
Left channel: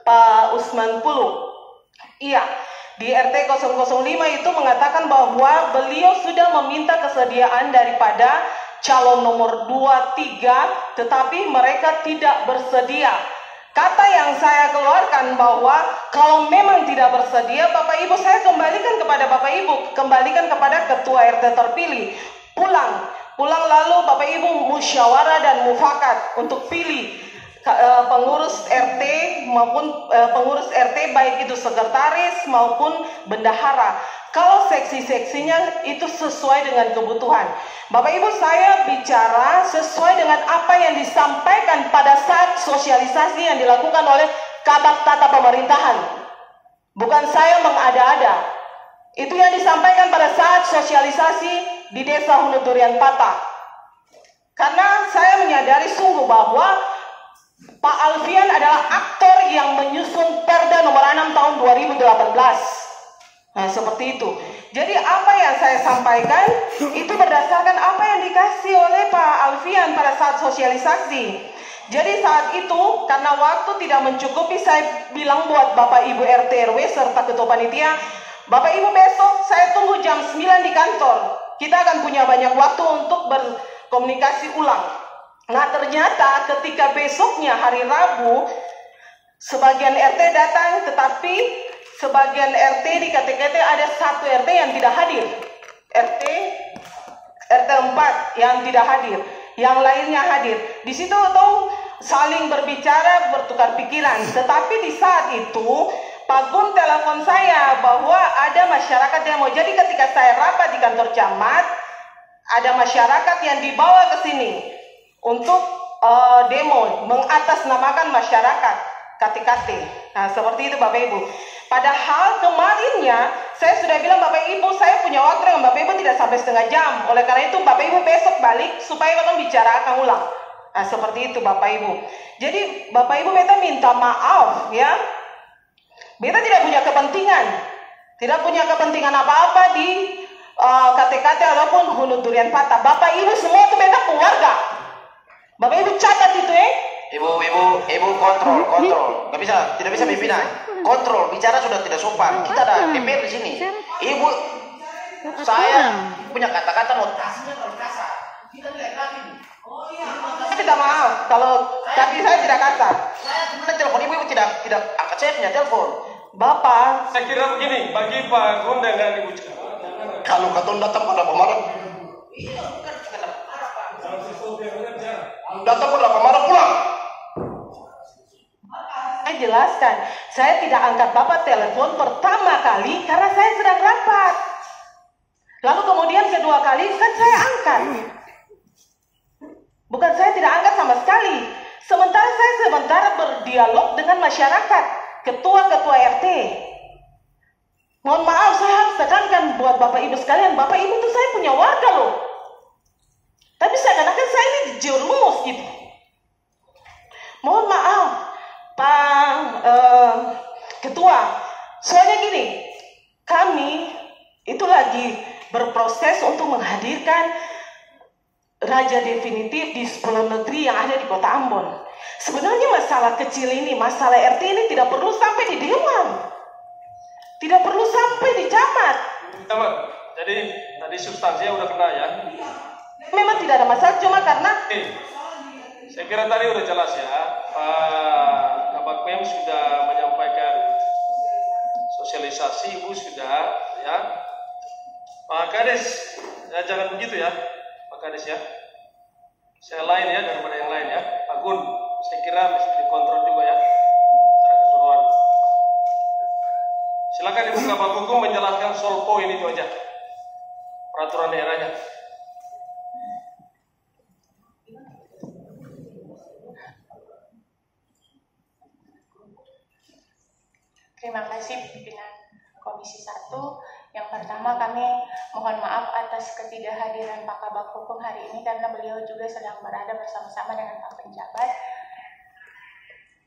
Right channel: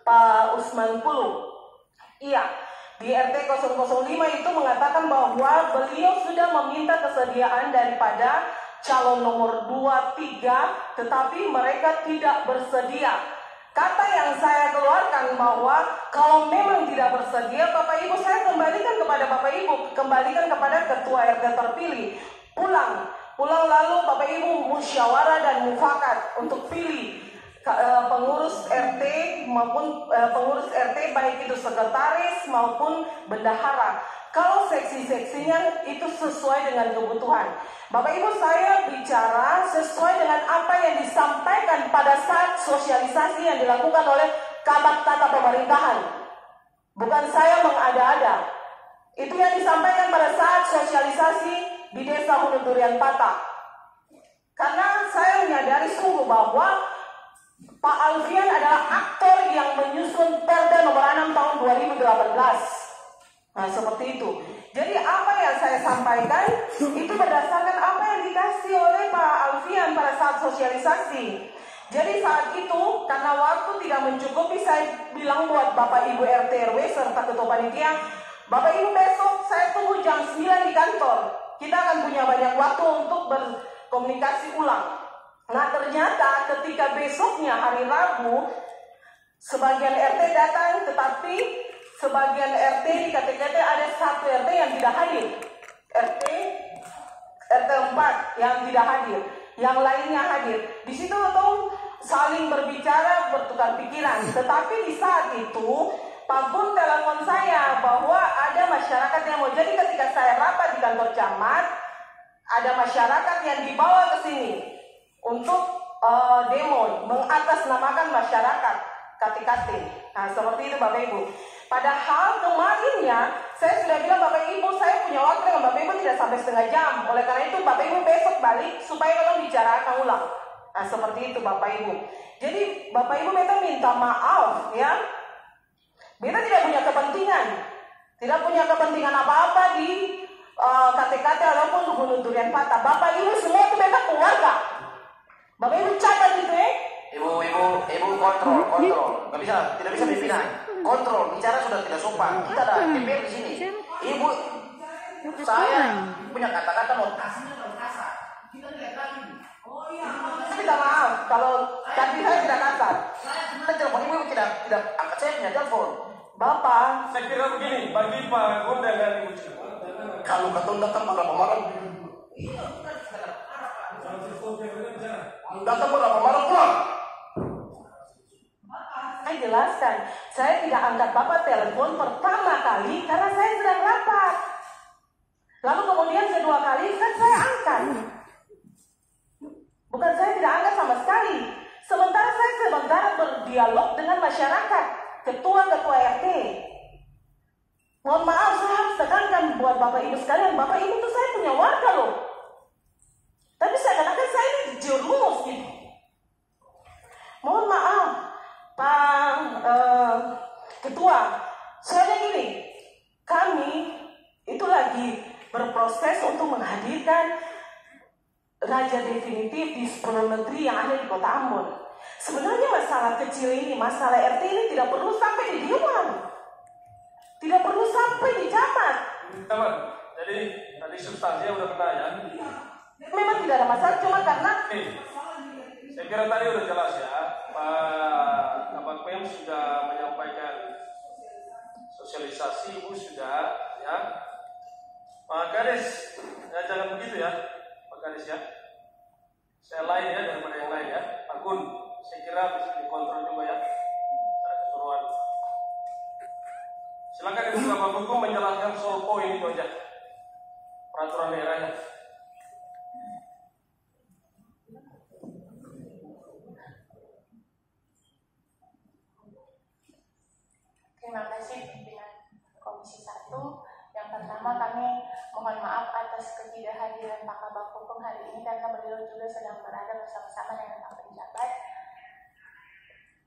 Pak Usman Pulu. Iya, di RT 005 itu mengatakan bahwa beliau sudah meminta kesediaan daripada calon nomor 2, 3, tetapi mereka tidak bersedia. Kata yang saya keluarkan bahwa kalau memang tidak bersedia, Bapak Ibu, saya kembalikan kepada Bapak Ibu, kembalikan kepada ketua RT terpilih. Pulang lalu Bapak Ibu musyawarah dan mufakat untuk pilih pengurus RT maupun pengurus RT baik itu sekretaris maupun bendahara. Kalau seksi-seksinya itu sesuai dengan kebutuhan. Bapak Ibu, saya bicara sesuai dengan apa yang disampaikan pada saat sosialisasi yang dilakukan oleh Kabak Tata Pemerintahan. Bukan saya mengada-ada. Itu yang disampaikan pada saat sosialisasi di Desa Hunu Durian Patah. Karena saya menyadari sungguh bahwa Pak Alfian adalah aktor yang menyusun Perda nomor 6 tahun 2018. Nah, seperti itu. Jadi apa yang saya sampaikan itu berdasarkan apa yang dikasih oleh Pak Alfian pada saat sosialisasi. Jadi saat itu karena waktu tidak mencukupi, saya bilang buat Bapak Ibu RT RW serta Ketua Panitia, Bapak Ibu besok saya tunggu jam 9 di kantor. Kita akan punya banyak waktu untuk berkomunikasi ulang. Nah, ternyata ketika besoknya hari Rabu, sebagian RT datang, tetapi sebagian RT di KTKT ada satu RT yang tidak hadir. RT 4 yang tidak hadir. yang lainnya hadir. Di situ tuh saling berbicara, bertukar pikiran. Tetapi di saat itu Pak Gun telepon saya bahwa ada masyarakat yang mau. Jadi ketika saya rapat di kantor camat, ada masyarakat yang dibawa ke sini untuk demo, mengatasnamakan masyarakat KTKT. Nah, seperti itu Bapak Ibu. Padahal kemarinnya saya sudah bilang Bapak Ibu, saya punya waktu dengan Bapak Ibu tidak sampai setengah jam. Oleh karena itu Bapak Ibu besok balik supaya kita bicarakan ulang. Nah, seperti itu Bapak Ibu. Jadi Bapak Ibu beta minta maaf ya. Beta tidak punya kepentingan. Tidak punya kepentingan apa-apa di KTKT ataupun Hulu Durian Patah. Bapak Ibu semua itu beta keluarga. Bapak Ibu catat itu Ibu kontrol. Tidak bisa pimpinan. Kontrol, bicara sudah tidak sopan. Kita ada DPR di sini. Ibu, saya punya kata-kata notasinya kalau kasar. Kita lihat lagi. Oh iya. Saya tidak maaf kalau tapi saya tidak kasar. Saya kemudian telepon ibu tidak angkat, saya punya telepon. Bapak, Saya kira begini, bagi Pak Gun dan Ibu Cika. Kalau katong datang pada pemarah, datang pada pemarah pulang. saya jelaskan, saya tidak angkat Bapak telepon pertama kali karena saya sedang rapat. Lalu kemudian kedua kali kan saya angkat. Bukan saya tidak angkat sama sekali. Sementara saya berdialog dengan masyarakat, ketua-ketua RT. Mohon maaf, saya harus tekankan buat Bapak Ibu sekalian, Bapak Ibu itu saya punya warga loh. Tapi seakan-akan saya ini dijerumus gitu. Mohon maaf, Pak Ketua, soalnya gini, kami itu lagi berproses untuk menghadirkan raja definitif di 10 negeri yang ada di Kota Ambon. Sebenarnya masalah kecil ini, masalah RT ini tidak perlu sampai di dewan, tidak perlu sampai di camat. Jadi tadi substansinya udah kena ya. Memang tidak ada masalah, cuma karena saya kira tadi udah jelas ya. Pak Kabak Pem sudah menyampaikan sosialisasi, Ibu sudah ya. Pak Kades, ya jangan begitu ya, Pak Kades ya. Saya lain ya daripada yang lain ya. Pak Gun, saya kira bisa dikontrol juga ya secara keseluruhan. Silakan Ibu Kabak Hukum menjelaskan soal poin itu aja, peraturan daerahnya. Terima kasih pimpinan Komisi 1. Yang pertama kami mohon maaf atas ketidakhadiran Pak Kabak Hukum hari ini karena beliau juga sedang berada bersama-sama dengan Pak Penjabat.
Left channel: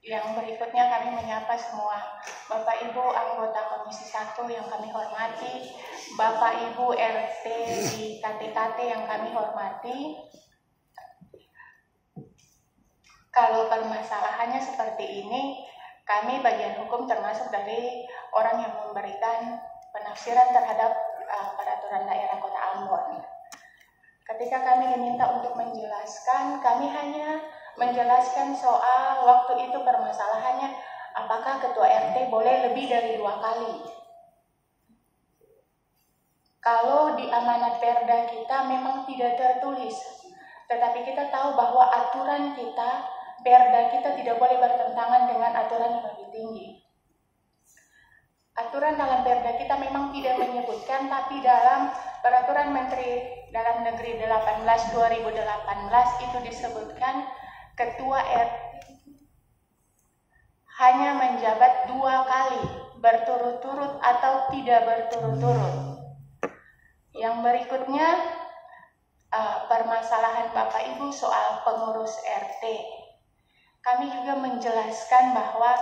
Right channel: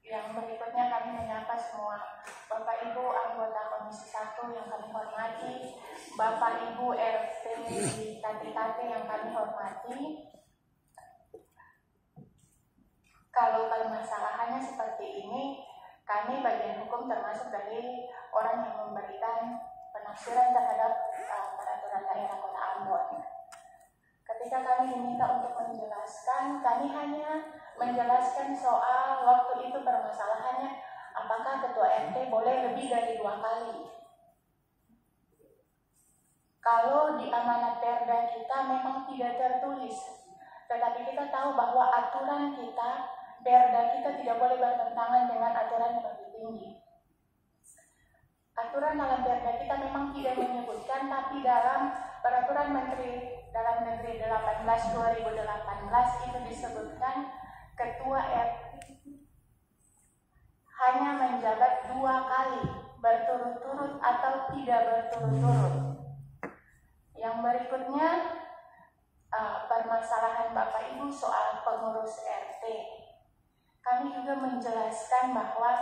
Yang berikutnya kami menyapa semua Bapak Ibu anggota Komisi 1 yang kami hormati, Bapak Ibu RT di KTKT yang kami hormati. Kalau permasalahannya seperti ini, kami bagian hukum termasuk dari orang yang memberikan penafsiran terhadap peraturan daerah Kota Ambon. Ketika kami diminta untuk menjelaskan, kami hanya menjelaskan soal waktu itu permasalahannya apakah ketua RT boleh lebih dari 2 kali. Kalau di amanat Perda kita memang tidak tertulis, tetapi kita tahu bahwa aturan kita, Perda kita tidak boleh bertentangan dengan aturan yang lebih tinggi. Aturan dalam Perda kita memang tidak menyebutkan, tapi dalam Peraturan Menteri Dalam Negeri 18/2018 itu disebutkan Ketua RT hanya menjabat 2 kali, berturut-turut atau tidak berturut-turut. Yang berikutnya, permasalahan Bapak Ibu soal pengurus RT. Kami juga menjelaskan bahwa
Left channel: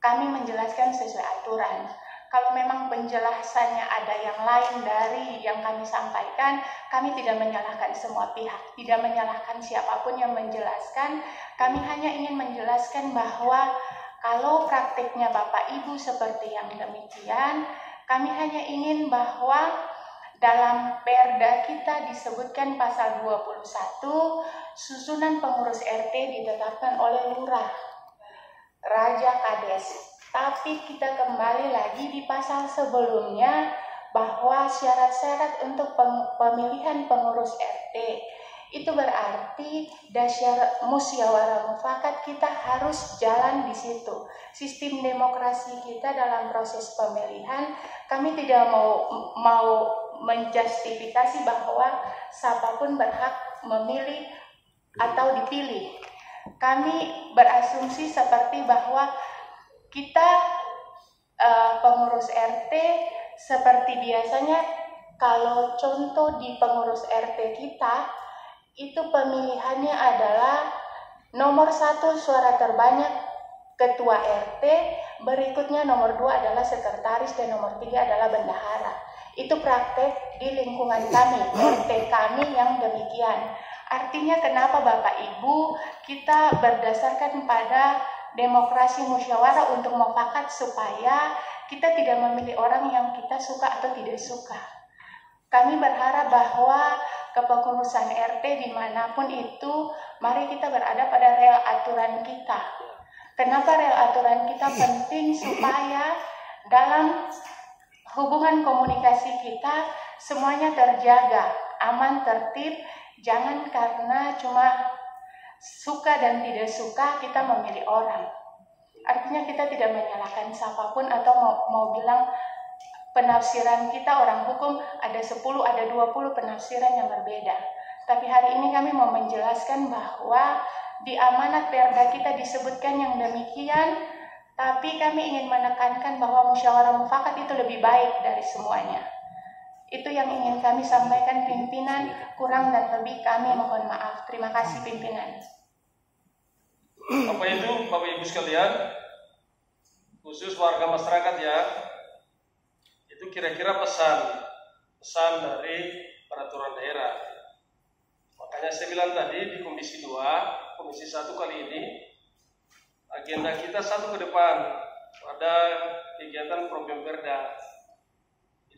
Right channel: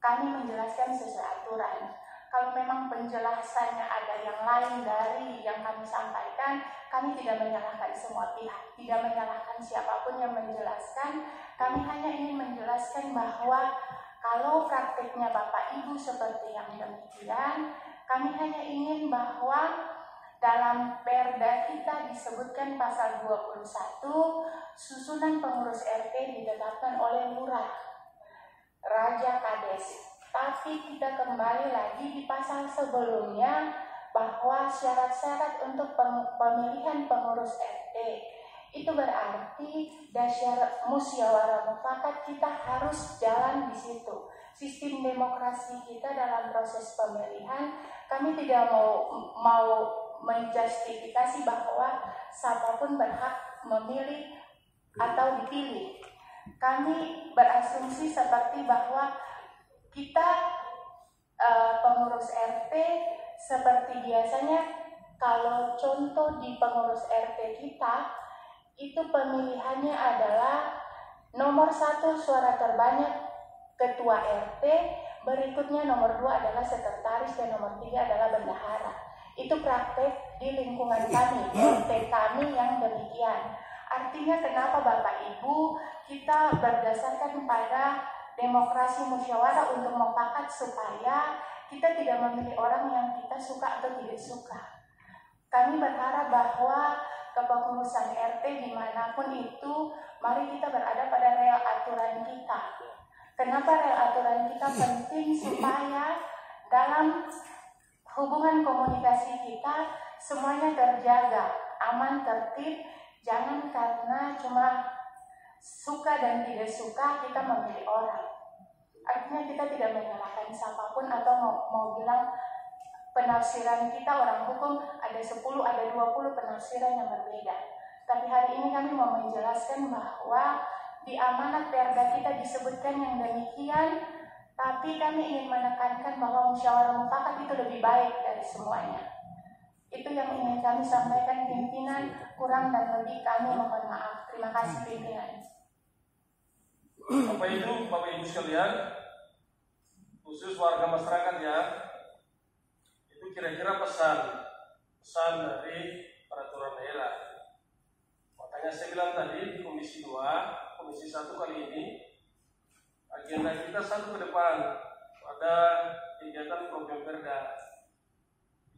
kami menjelaskan sesuai aturan. Kalau memang penjelasannya ada yang lain dari yang kami sampaikan, kami tidak menyalahkan semua pihak, tidak menyalahkan siapapun yang menjelaskan. Kami hanya ingin menjelaskan bahwa kalau praktiknya Bapak Ibu seperti yang demikian, kami hanya ingin bahwa dalam Perda kita disebutkan pasal 21, susunan pengurus RT ditetapkan oleh lurah, Raja Kades. Tapi kita kembali lagi di pasal sebelumnya bahwa syarat-syarat untuk pemilihan pengurus RT itu berarti musyawarah mufakat kita harus jalan di situ. Sistem demokrasi kita dalam proses pemilihan, kami tidak mau menjustifikasi bahwa siapapun berhak memilih atau dipilih. Kami berasumsi seperti bahwa kita pengurus RT seperti biasanya, kalau contoh di pengurus RT kita itu pemilihannya adalah nomor 1 suara terbanyak ketua RT, berikutnya nomor 2 adalah sekretaris, dan nomor 3 adalah bendahara. Itu praktek di lingkungan kami, RT kami yang demikian. Artinya kenapa Bapak Ibu kita berdasarkan pada demokrasi musyawarah untuk mufakat supaya kita tidak memilih orang yang kita suka atau tidak suka. Kami berharap bahwa kepengurusan RT dimanapun itu, mari kita berada pada rel aturan kita. Kenapa rel aturan kita penting? Supaya dalam hubungan komunikasi kita semuanya terjaga, aman, tertib. Jangan karena cuma suka dan tidak suka kita memilih orang. Artinya kita tidak menyalahkan siapapun atau mau bilang penafsiran kita orang hukum ada 10, ada 20 penafsiran yang berbeda. Tapi hari ini kami mau menjelaskan bahwa di amanat perda kita disebutkan yang demikian, tapi kami ingin menekankan bahwa musyawarah mufakat itu lebih baik dari semuanya. Itu yang ingin kami sampaikan pimpinan, kurang dan lebih kami mohon maaf. Terima kasih pimpinan. Bapak Ibu sekalian, khusus warga masyarakat ya, itu kira-kira pesan dari peraturan daerah. Makanya saya bilang tadi di Komisi 2, Komisi 1 kali ini, agenda kita satu ke depan, ada kegiatan program perda.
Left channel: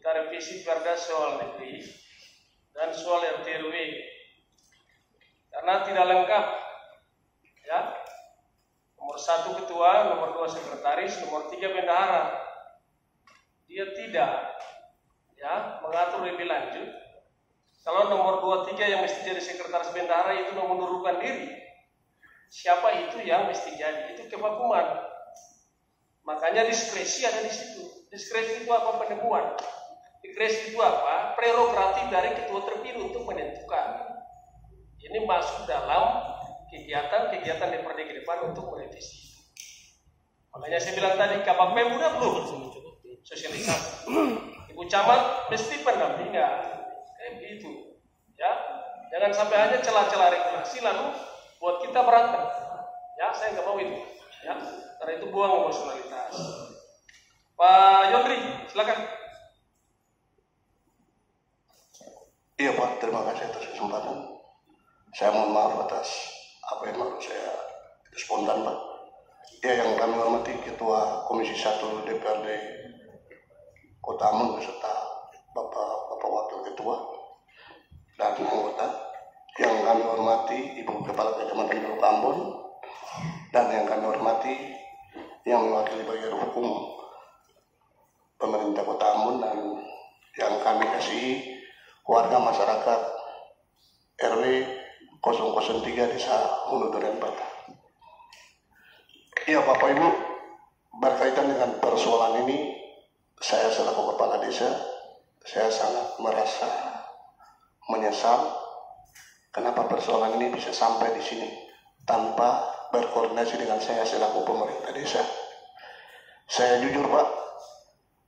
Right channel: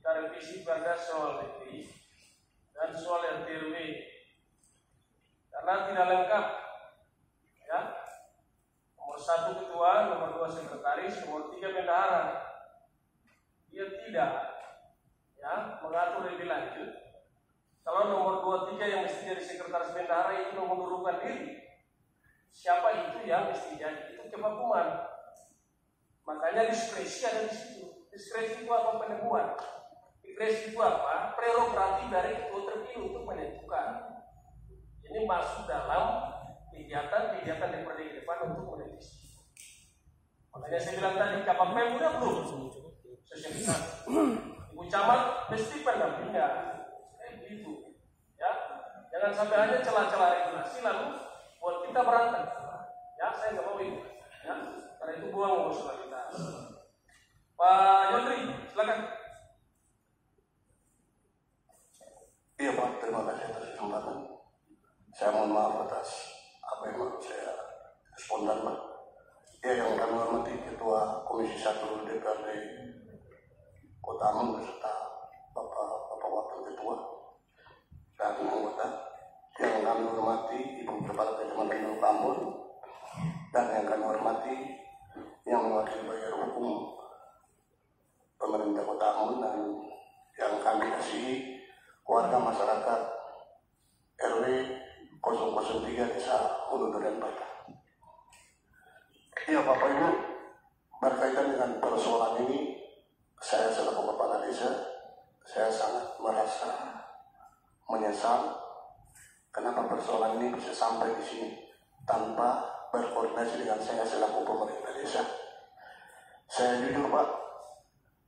Kita revisi perda soal negeri dan soal RT/RW, karena tidak lengkap, ya. Nomor 1 ketua, nomor 2 sekretaris, nomor 3 bendahara. Dia tidak, ya, mengatur lebih lanjut. Kalau nomor 2, 3 yang mesti jadi sekretaris bendahara itu mengundurkan diri, siapa itu yang mesti jadi? Itu kevakuman. Makanya diskresi ada di situ. Diskresi itu apa? Penemuan. Diskresi itu apa? Prerogatif dari ketua terpilih untuk menentukan. Ini masuk dalam kegiatan DPRD ke depan untuk merevisi. Makanya saya bilang tadi, Kabak Pemda belum sosialisasi. Ibu Camat mesti pendampingan. Kayak begitu. Ya. Jangan sampai hanya celah-celah regulasi lalu buat kita berantem. Ya, saya nggak mau itu. Ya. Karena itu buang emosionalitas. Pak Yondri, silakan. Iya Pak, terima kasih atas kesempatan. Saya mohon maaf atas apa yang baru saya spontan Pak. Ya, yang kami hormati Ketua Komisi 1 DPRD Kota Ambon beserta Bapak Wakil Ketua dan anggota. Yang kami hormati Ibu Kepala Kecamatan Teluk Ambon dan yang kami hormati yang mewakili bagian hukum pemerintah Kota Ambon dan yang kami kasihi warga masyarakat RW 003 Desa Hulu Durian Batu. Iya Bapak Ibu, berkaitan dengan persoalan ini, saya selaku Kepala Desa, saya sangat merasa menyesal kenapa persoalan ini bisa sampai di sini tanpa berkoordinasi dengan saya selaku pemerintah desa. Saya jujur Pak,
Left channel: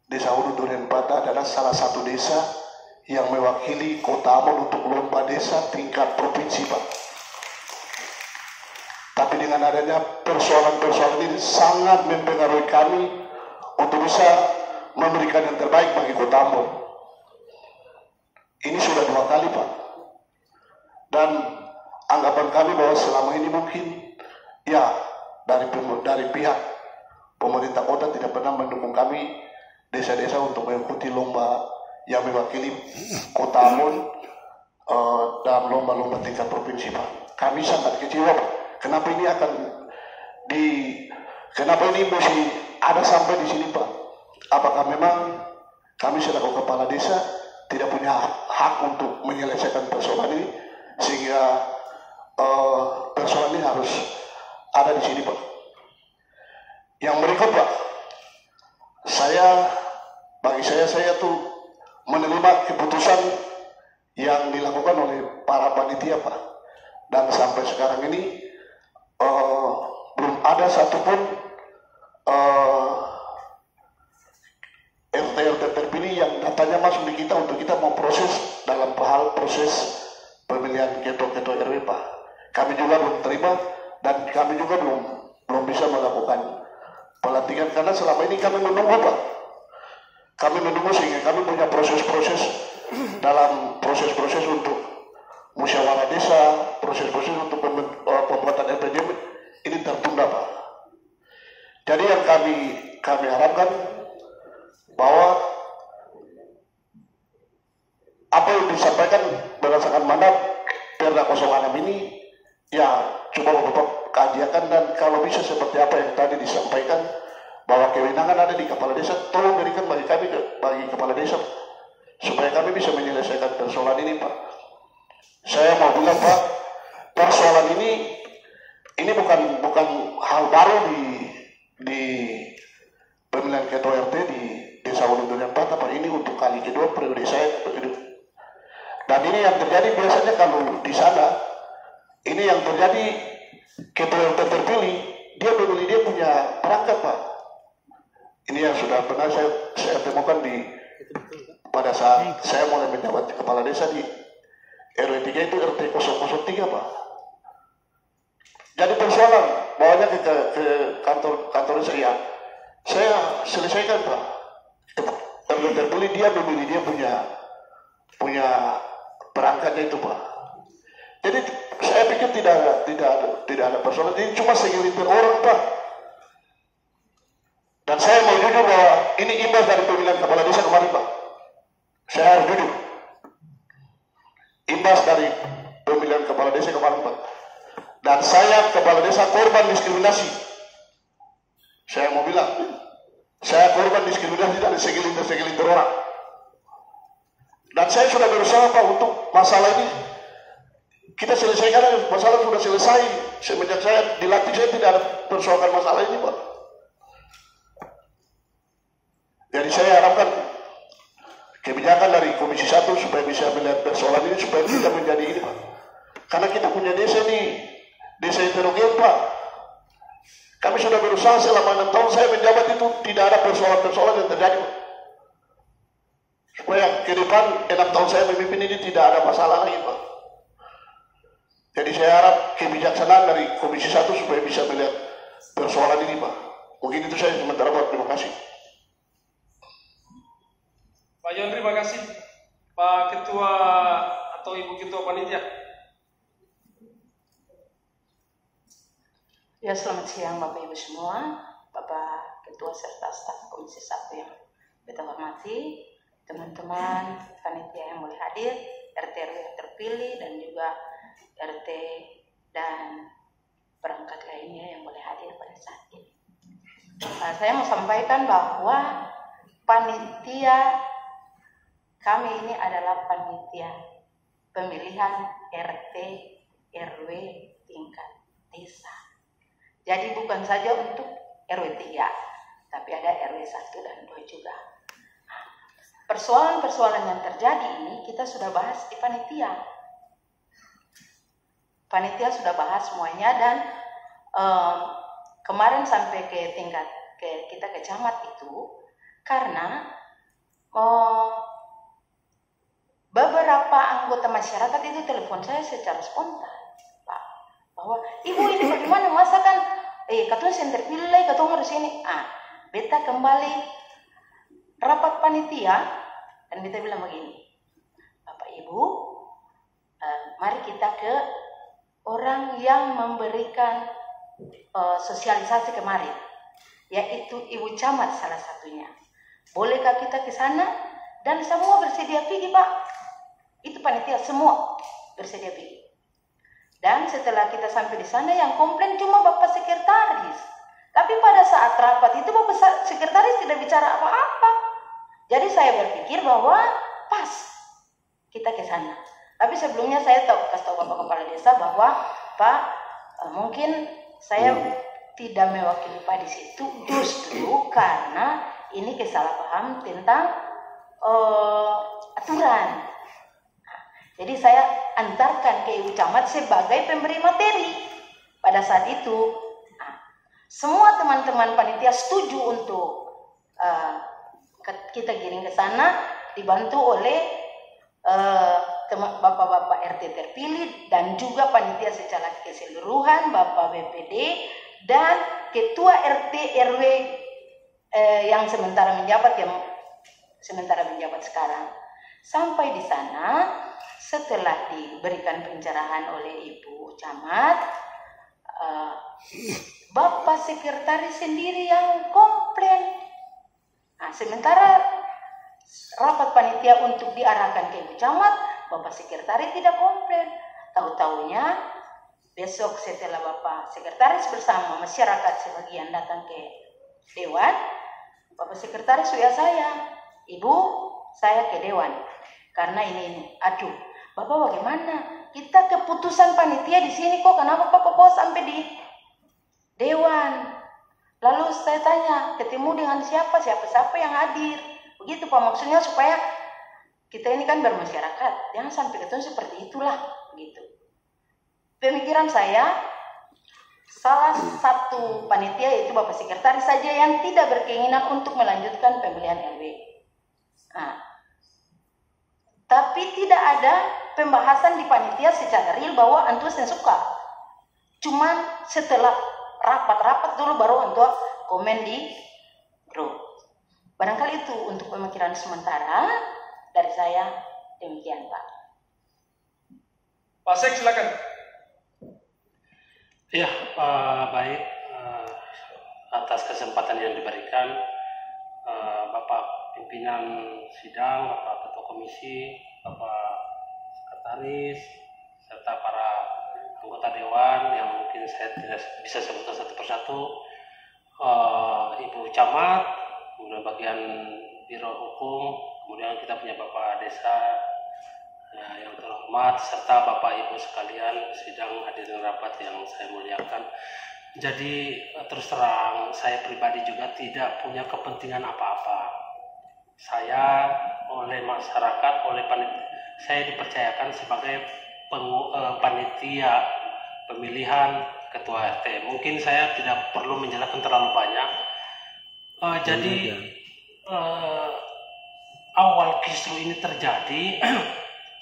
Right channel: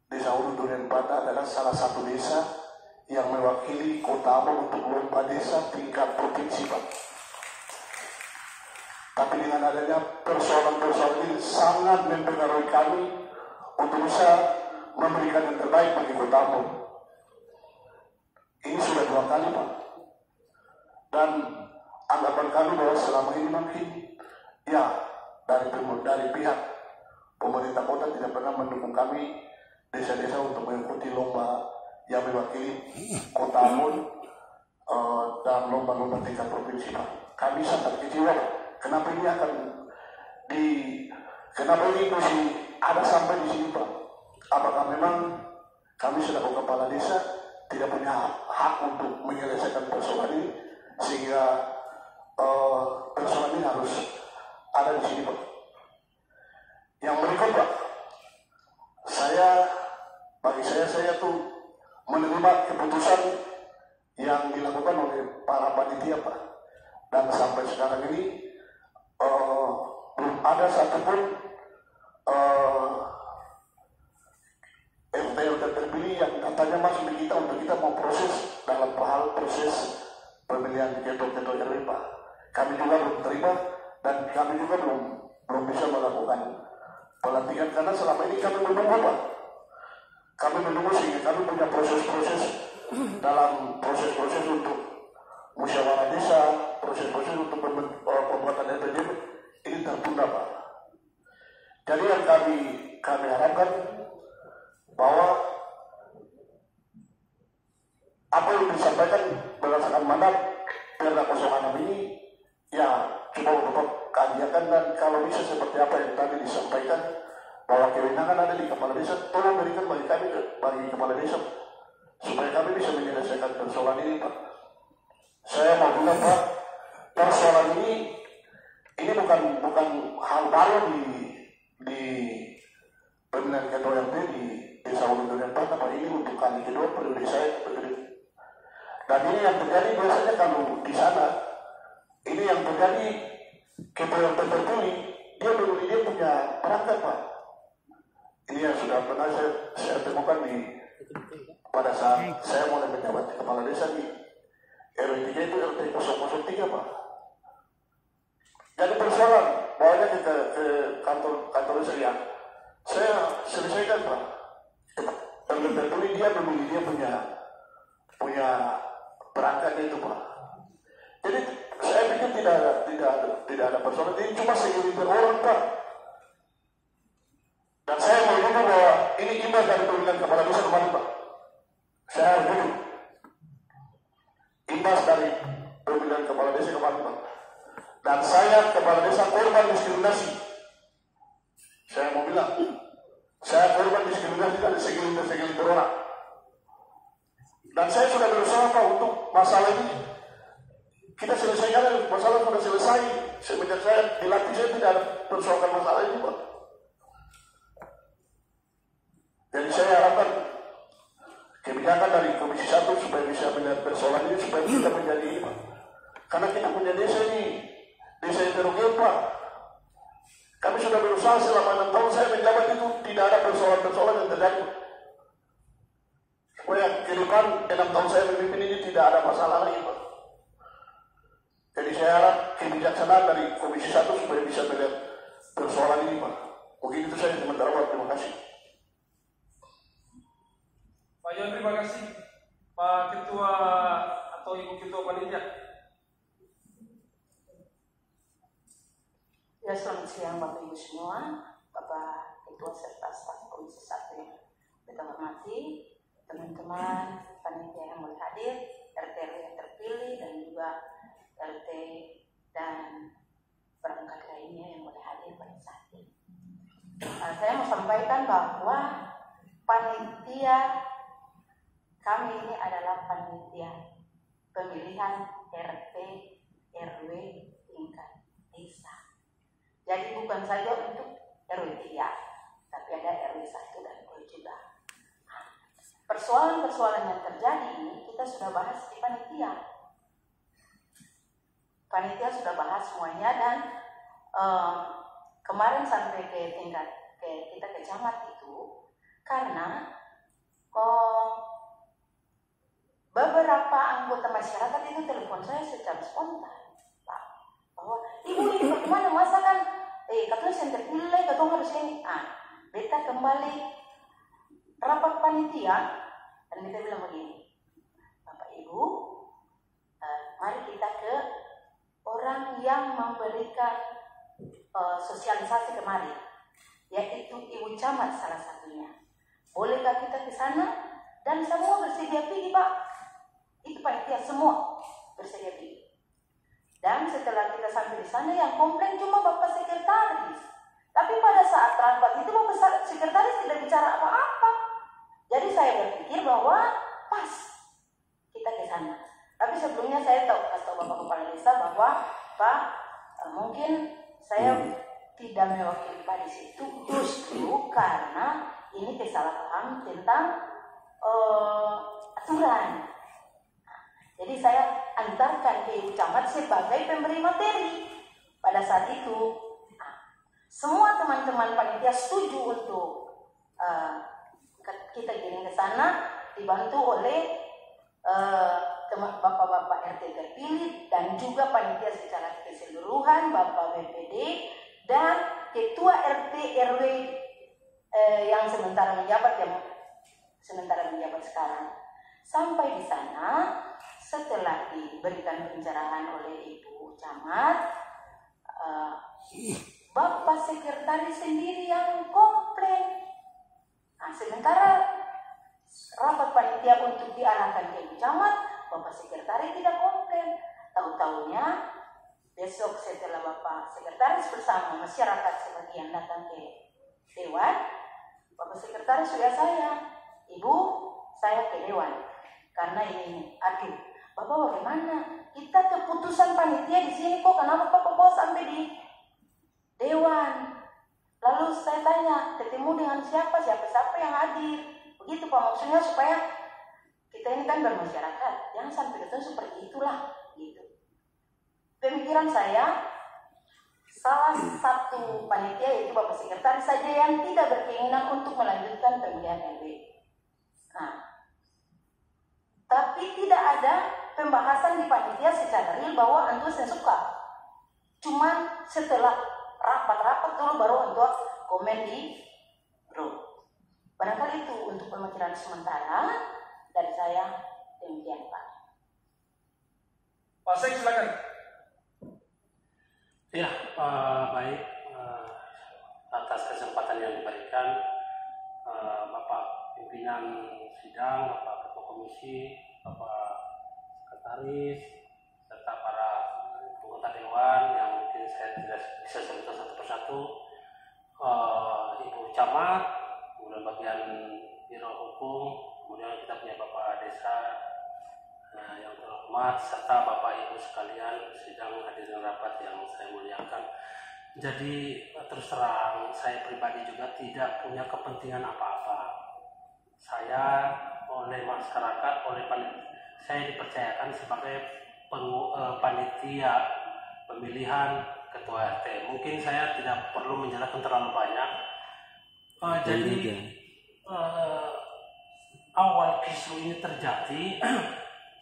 Desa Hulu Durian Batu adalah salah satu desa yang mewakili Kota Ambon untuk lomba desa tingkat provinsi Pak. Tapi dengan adanya persoalan-persoalan ini sangat mempengaruhi kami untuk bisa memberikan yang terbaik bagi Kota Ambon. Ini sudah 2 kali Pak. Dan anggapan kami bahwa selama ini mungkin ya dari pihak pemerintah kota tidak pernah mendukung kami desa-desa untuk mengikuti lomba yang mewakili Kota Ambon dalam lomba-lomba tingkat provinsi Pak. Kami sangat kecewa Pak. Kenapa ini kenapa ini mesti ada sampai di sini Pak? Apakah memang kami selaku kepala desa tidak punya hak untuk menyelesaikan persoalan ini? sehingga persoalan ini harus ada di sini, Pak. Yang berikut, Pak, bagi saya tuh menerima keputusan yang dilakukan oleh para panitia, Pak. Dan sampai sekarang ini belum ada satupun RT terpilih yang datanya masuk di kita untuk kita mau proses dalam hal proses pemilihan ketua RW, Pak. Kami juga belum terima dan kami juga belum bisa melakukan pelantikan karena selama ini kami menunggu, Pak. Kami menunggu sehingga kami punya proses-proses dalam proses-proses untuk musyawarah desa, proses-proses untuk pembuatan RPJM ini tertunda, Pak. Jadi yang kami harapkan bahwa apa yang disampaikan berdasarkan mandat Perda 06 ini ya coba Bapak kajian dan kalau bisa seperti apa yang tadi disampaikan bahwa kewenangan ada di kepala desa, tolong berikan bagi kami, bagi kepala desa supaya kami bisa menyelesaikan persoalan ini, Pak. Saya mau bilang, Pak, persoalan ini bukan hal baru di pemilihan ketua RT di Desa Ulu Durian Patah, Pak. Ini untuk kali kedua periode saya. Dan ini yang terjadi biasanya kalau di sana, ini yang terjadi ketua RT terpilih, dia punya perangkat, Pak. Ini yang sudah pernah saya temukan pada saat saya mulai menjabat kepala desa di RW 3 itu RT 003, Pak. Jadi persoalan bawanya ke kantor saya selesaikan, Pak. RW terpilih dia memilih dia punya perangkatnya itu, Pak. Jadi saya pikir tidak ada persoalan. Ini cuma segelintir orang, Pak. Dan saya mau jujur bahwa ini imbas dari pemilihan kepala desa kemarin, Pak. Saya harus jujur. Imbas dari pemilihan kepala desa kemarin, Pak. Dan saya kepala desa korban diskriminasi. Saya mau bilang, saya korban diskriminasi dari segelintir orang. Dan saya sudah berusaha, Pak, untuk masalah ini kita selesaikan. Masalah sudah selesai. Semenjak saya dilatih, saya tidak ada persoalan masalah ini, Pak. Jadi saya harapkan kebijakan dari Komisi 1 supaya bisa melihat persoalan ini supaya kita menjadi ini, Pak. Karena kita punya desa ini, desa heterogen, Pak. Kami sudah berusaha selama 6 tahun saya menjabat itu tidak ada persoalan-persoalan yang terjadi, Pak. Supaya ke depan 6 tahun saya memimpin ini tidak ada masalah lagi, Pak. Jadi saya harap kebijaksanaan dari Komisi 1 supaya bisa melihat persoalan ini, Pak. Mungkin itu saya sementara, Pak. Terima kasih. Pak Yon, terima kasih. Pak Ketua atau Ibu Ketua Panitia. Ya, selamat siang Bapak Ibu semua, Bapak Ketua serta staf Komisi 1 yang kita hormati, teman-teman panitia yang boleh hadir, RT-RW yang terpilih dan juga RT dan perangkat lainnya yang boleh hadir pada saat ini. Saya mau sampaikan bahwa panitia kami ini adalah panitia pemilihan RT RW tingkat desa. Jadi bukan saja untuk RW 3, tapi ada RW 1 dan 2 juga. Persoalan-persoalan yang terjadi ini kita sudah bahas di panitia. Panitia sudah bahas semuanya dan kemarin sampai ke tingkat kita ke camat itu karena beberapa anggota masyarakat itu telepon saya secara spontan, Pak, bahwa ibu ini bagaimana masa kan katanya saya terpilih, katanya harus ini. Beta kembali rapat panitia dan beta bilang begini, Bapak Ibu, mari kita ke orang yang memberikan sosialisasi kemarin, yaitu Ibu Camat salah satunya. Bolehkah kita ke sana? Dan semua bersedia pergi, Pak. Itu panitia semua bersedia pergi. Dan setelah kita sampai di sana yang komplain cuma Bapak Sekretaris. Tapi pada saat rapat itu Bapak Sekretaris tidak bicara apa-apa. Jadi saya berpikir bahwa pas kita ke sana. Tapi sebelumnya saya kasih tahu Bapak Kepala Desa bahwa Pak, mungkin saya tidak mewakili Pak di situ justru karena ini kesalahpaham tentang aturan. Jadi saya antarkan ke Ibu Camat sebagai pemberi materi. Pada saat itu semua teman-teman panitia setuju untuk kita giring ke sana, dibantu oleh bapak-bapak RT terpilih dan juga panitia secara keseluruhan, Bapak BPD dan ketua RT RW yang sementara menjabat sekarang. Sampai di sana, setelah diberikan pencerahan oleh Ibu Camat, Bapak Sekretaris sendiri yang komplain. Nah, sementara rapat panitia untuk diarahkan ke Ibu Camat, Bapak Sekretaris tidak komplain. Tahu-tahunya besok setelah Bapak Sekretaris bersama masyarakat sebagian datang ke Dewan, Bapak Sekretaris WA saya, Ibu, saya ke Dewan karena ini. Aduh, Bapak bagaimana? Kita keputusan panitia di sini kok, kenapa Bapak bawa sampai di Dewan? Lalu saya tanya, ketemu dengan siapa yang hadir? Begitu Pak, maksudnya supaya kita ini kan bermasyarakat, jangan sampai ketemu seperti itulah, begitu. Pemikiran saya, salah satu panitia yaitu Bapak Sekretaris saja yang tidak berkeinginan untuk melanjutkan pemilihan RW. Nah, tapi tidak ada pembahasan di panitia secara real bahwa antus yang suka. Cuman setelah rapat-rapat dulu baru untuk komen di grup. Barangkali itu untuk pemikiran sementara dari saya, demikian Pak. Pak Sek, silakan. Ya, baik. Atas kesempatan yang diberikan, Bapak Pimpinan Sidang, Bapak Ketua Komisi, Bapak Sekretaris, serta para anggota Dewan yang mungkin saya tidak bisa sebutkan satu persatu, Ibu Camat, kemudian bagian Biro Hukum, kemudian kita punya Bapak Desa yang terhormat, serta Bapak Ibu sekalian sidang hadirin rapat yang saya muliakan. Jadi terus terang saya pribadi juga tidak punya kepentingan apa-apa. Saya oleh masyarakat, saya dipercayakan sebagai panitia pemilihan ketua RT. Mungkin saya tidak perlu menjelaskan terlalu banyak. Jadi awal kisru ini terjadi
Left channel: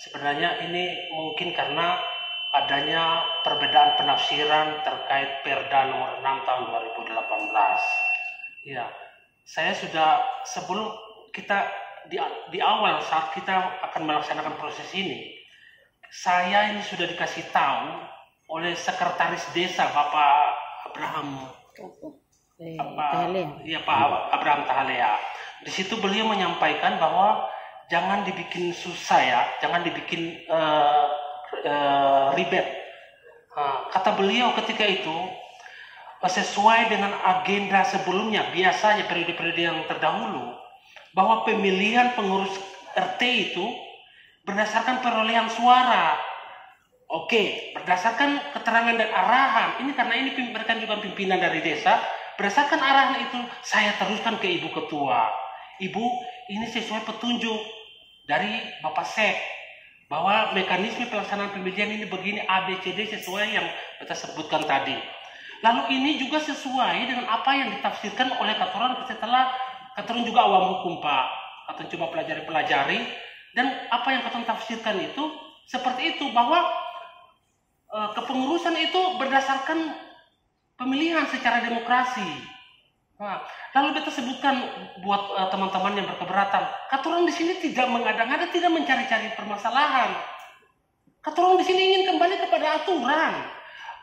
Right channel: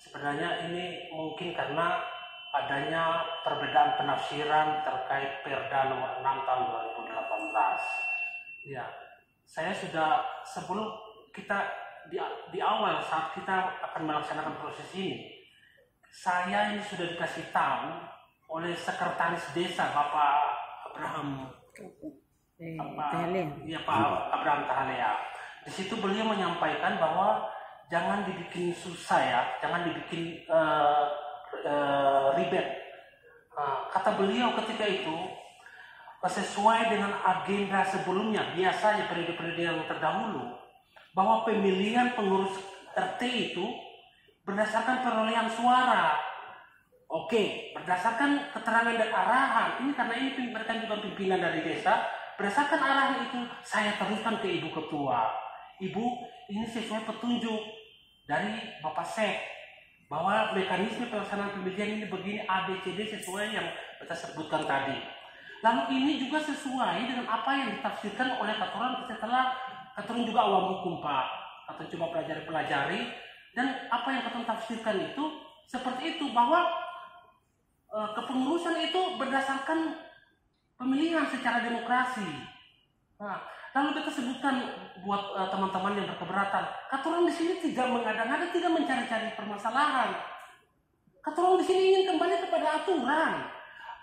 sebenarnya ini mungkin karena adanya perbedaan penafsiran terkait Perda nomor 6 tahun 2018. Ya, saya sudah sebelum kita di awal saat kita akan melaksanakan proses ini, saya ini sudah dikasih tahu oleh sekretaris desa Bapak Abraham Abraham Tahalea. Di situ beliau menyampaikan bahwa jangan dibikin susah ya, jangan dibikin ribet. Kata beliau ketika itu sesuai dengan agenda sebelumnya, biasanya periode-periode yang terdahulu, bahwa pemilihan pengurus RT itu berdasarkan perolehan suara. Oke, berdasarkan keterangan dan arahan. Ini karena ini mereka juga pimpinan dari desa. Berdasarkan arahan itu saya teruskan ke Ibu Ketua. Ibu, ini sesuai petunjuk dari Bapak Sek bahwa mekanisme pelaksanaan pemilihan ini begini ABCD sesuai yang kita sebutkan tadi. Lalu ini juga sesuai dengan apa yang ditafsirkan oleh Katoran setelah Katoran juga awam hukum Pak. Katoran coba pelajari dan apa yang Katoran tafsirkan itu seperti itu, bahwa kepengurusan itu berdasarkan pemilihan secara demokrasi. Nah, lalu kita sebutkan buat teman-teman yang berkeberatan, Katoran di sini tidak mengada-ngada, tidak mencari-cari permasalahan. Katoran di sini ingin kembali kepada aturan.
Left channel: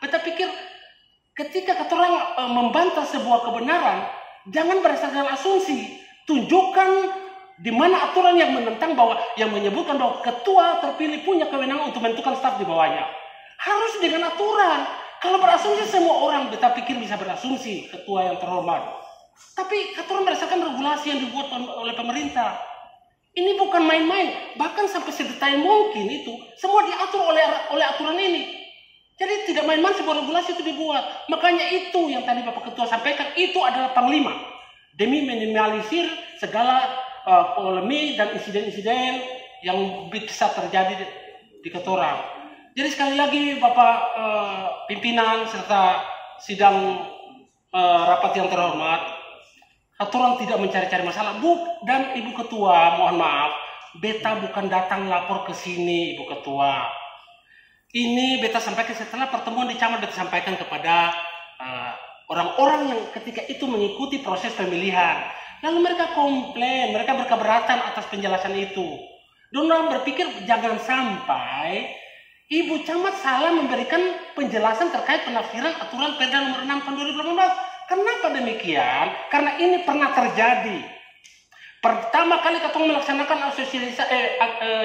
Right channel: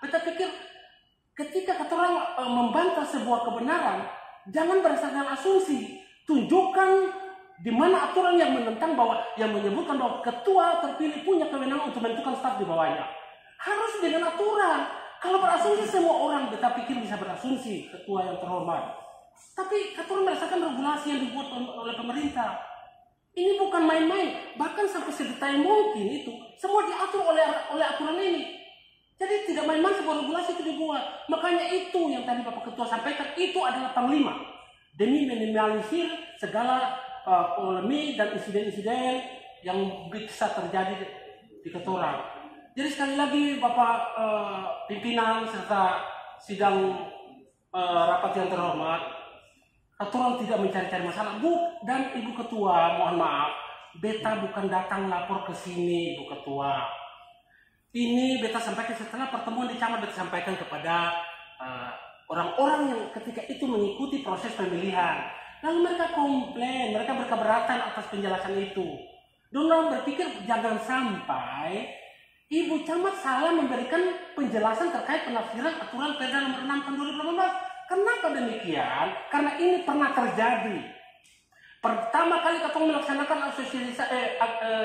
Kita pikir ketika Katoran membantah sebuah kebenaran, jangan berdasarkan asumsi, tunjukkan di mana aturan yang menentang bahwa yang menyebutkan bahwa ketua terpilih punya kewenangan untuk menentukan staf di bawahnya. Harus dengan aturan. Kalau berasumsi semua orang kita pikir bisa berasumsi ketua yang terhormat. Tapi Katoran berdasarkan regulasi yang dibuat oleh pemerintah. Ini bukan main-main, bahkan sampai sedetail mungkin itu semua diatur oleh aturan ini. Jadi tidak main-main sebuah regulasi itu dibuat. Makanya itu yang tadi Bapak Ketua sampaikan, itu adalah panglima demi minimalisir segala polemik dan insiden-insiden yang bisa terjadi di Ketorang. Jadi sekali lagi Bapak pimpinan serta sidang rapat yang terhormat, Ketorang tidak mencari-cari masalah. Dan Ibu Ketua, mohon maaf, beta bukan datang lapor ke sini, Ibu Ketua. Ini beta sampaikan setelah pertemuan di Camat, beta sampaikan kepada orang-orang yang ketika itu mengikuti proses pemilihan. Lalu mereka komplain, mereka berkeberatan atas penjelasan itu. Dan orang berpikir jangan sampai Ibu Camat salah memberikan penjelasan terkait penafsiran aturan Perda nomor 6 tahun 2018. Kenapa demikian? Karena ini pernah terjadi. Pertama kali Ketong melaksanakan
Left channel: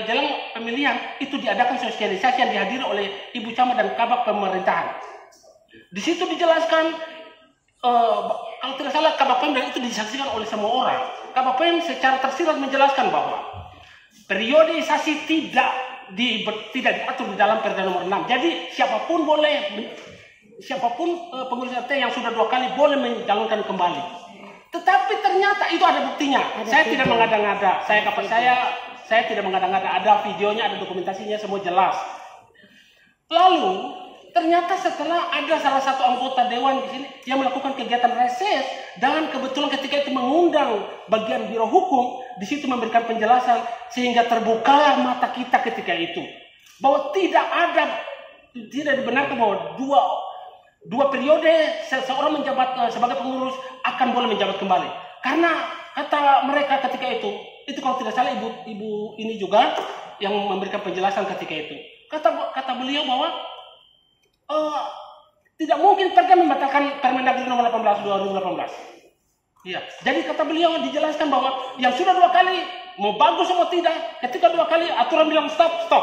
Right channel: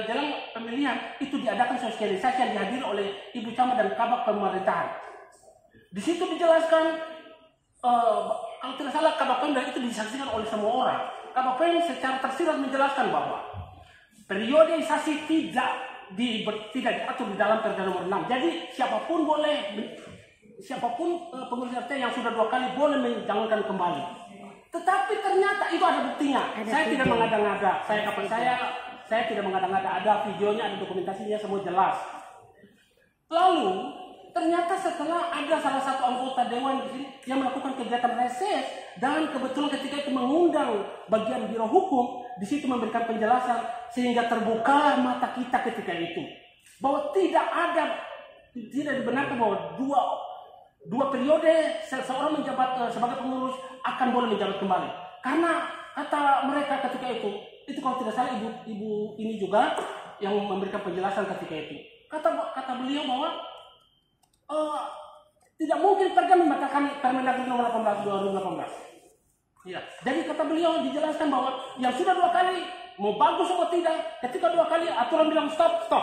jelang pemilihan, itu diadakan sosialisasi yang dihadiri oleh Ibu Camat dan Kabak Pemerintahan. Di situ dijelaskan, kalau tidak salah Kabak Pem dan itu disaksikan oleh semua orang. Kabak Pem secara tersirat menjelaskan bahwa periodisasi tidak diatur di dalam Perda nomor 6. Jadi siapapun pengurus RT yang sudah 2 kali boleh mencalonkan kembali. Tetapi ternyata itu ada buktinya. Saya tidak mengada-ngada. Saya tidak mengada-ngada. Ada videonya, ada dokumentasinya, semua jelas. Lalu ternyata setelah ada salah satu anggota dewan di sini yang melakukan kegiatan reses dan kebetulan ketika itu mengundang bagian biro hukum, di situ memberikan penjelasan sehingga terbukalah mata kita ketika itu bahwa tidak dibenarkan bahwa dua periode seseorang menjabat sebagai pengurus akan boleh menjabat kembali. Karena kata mereka ketika itu kalau tidak salah ibu ini juga yang memberikan penjelasan ketika itu. Kata beliau bahwa tidak mungkin Perda membatalkan Permendagri nomor 18 2018. Iya. Jadi kata beliau dijelaskan bahwa yang sudah 2 kali mau bagus mau tidak, ketika 2 kali aturan bilang stop.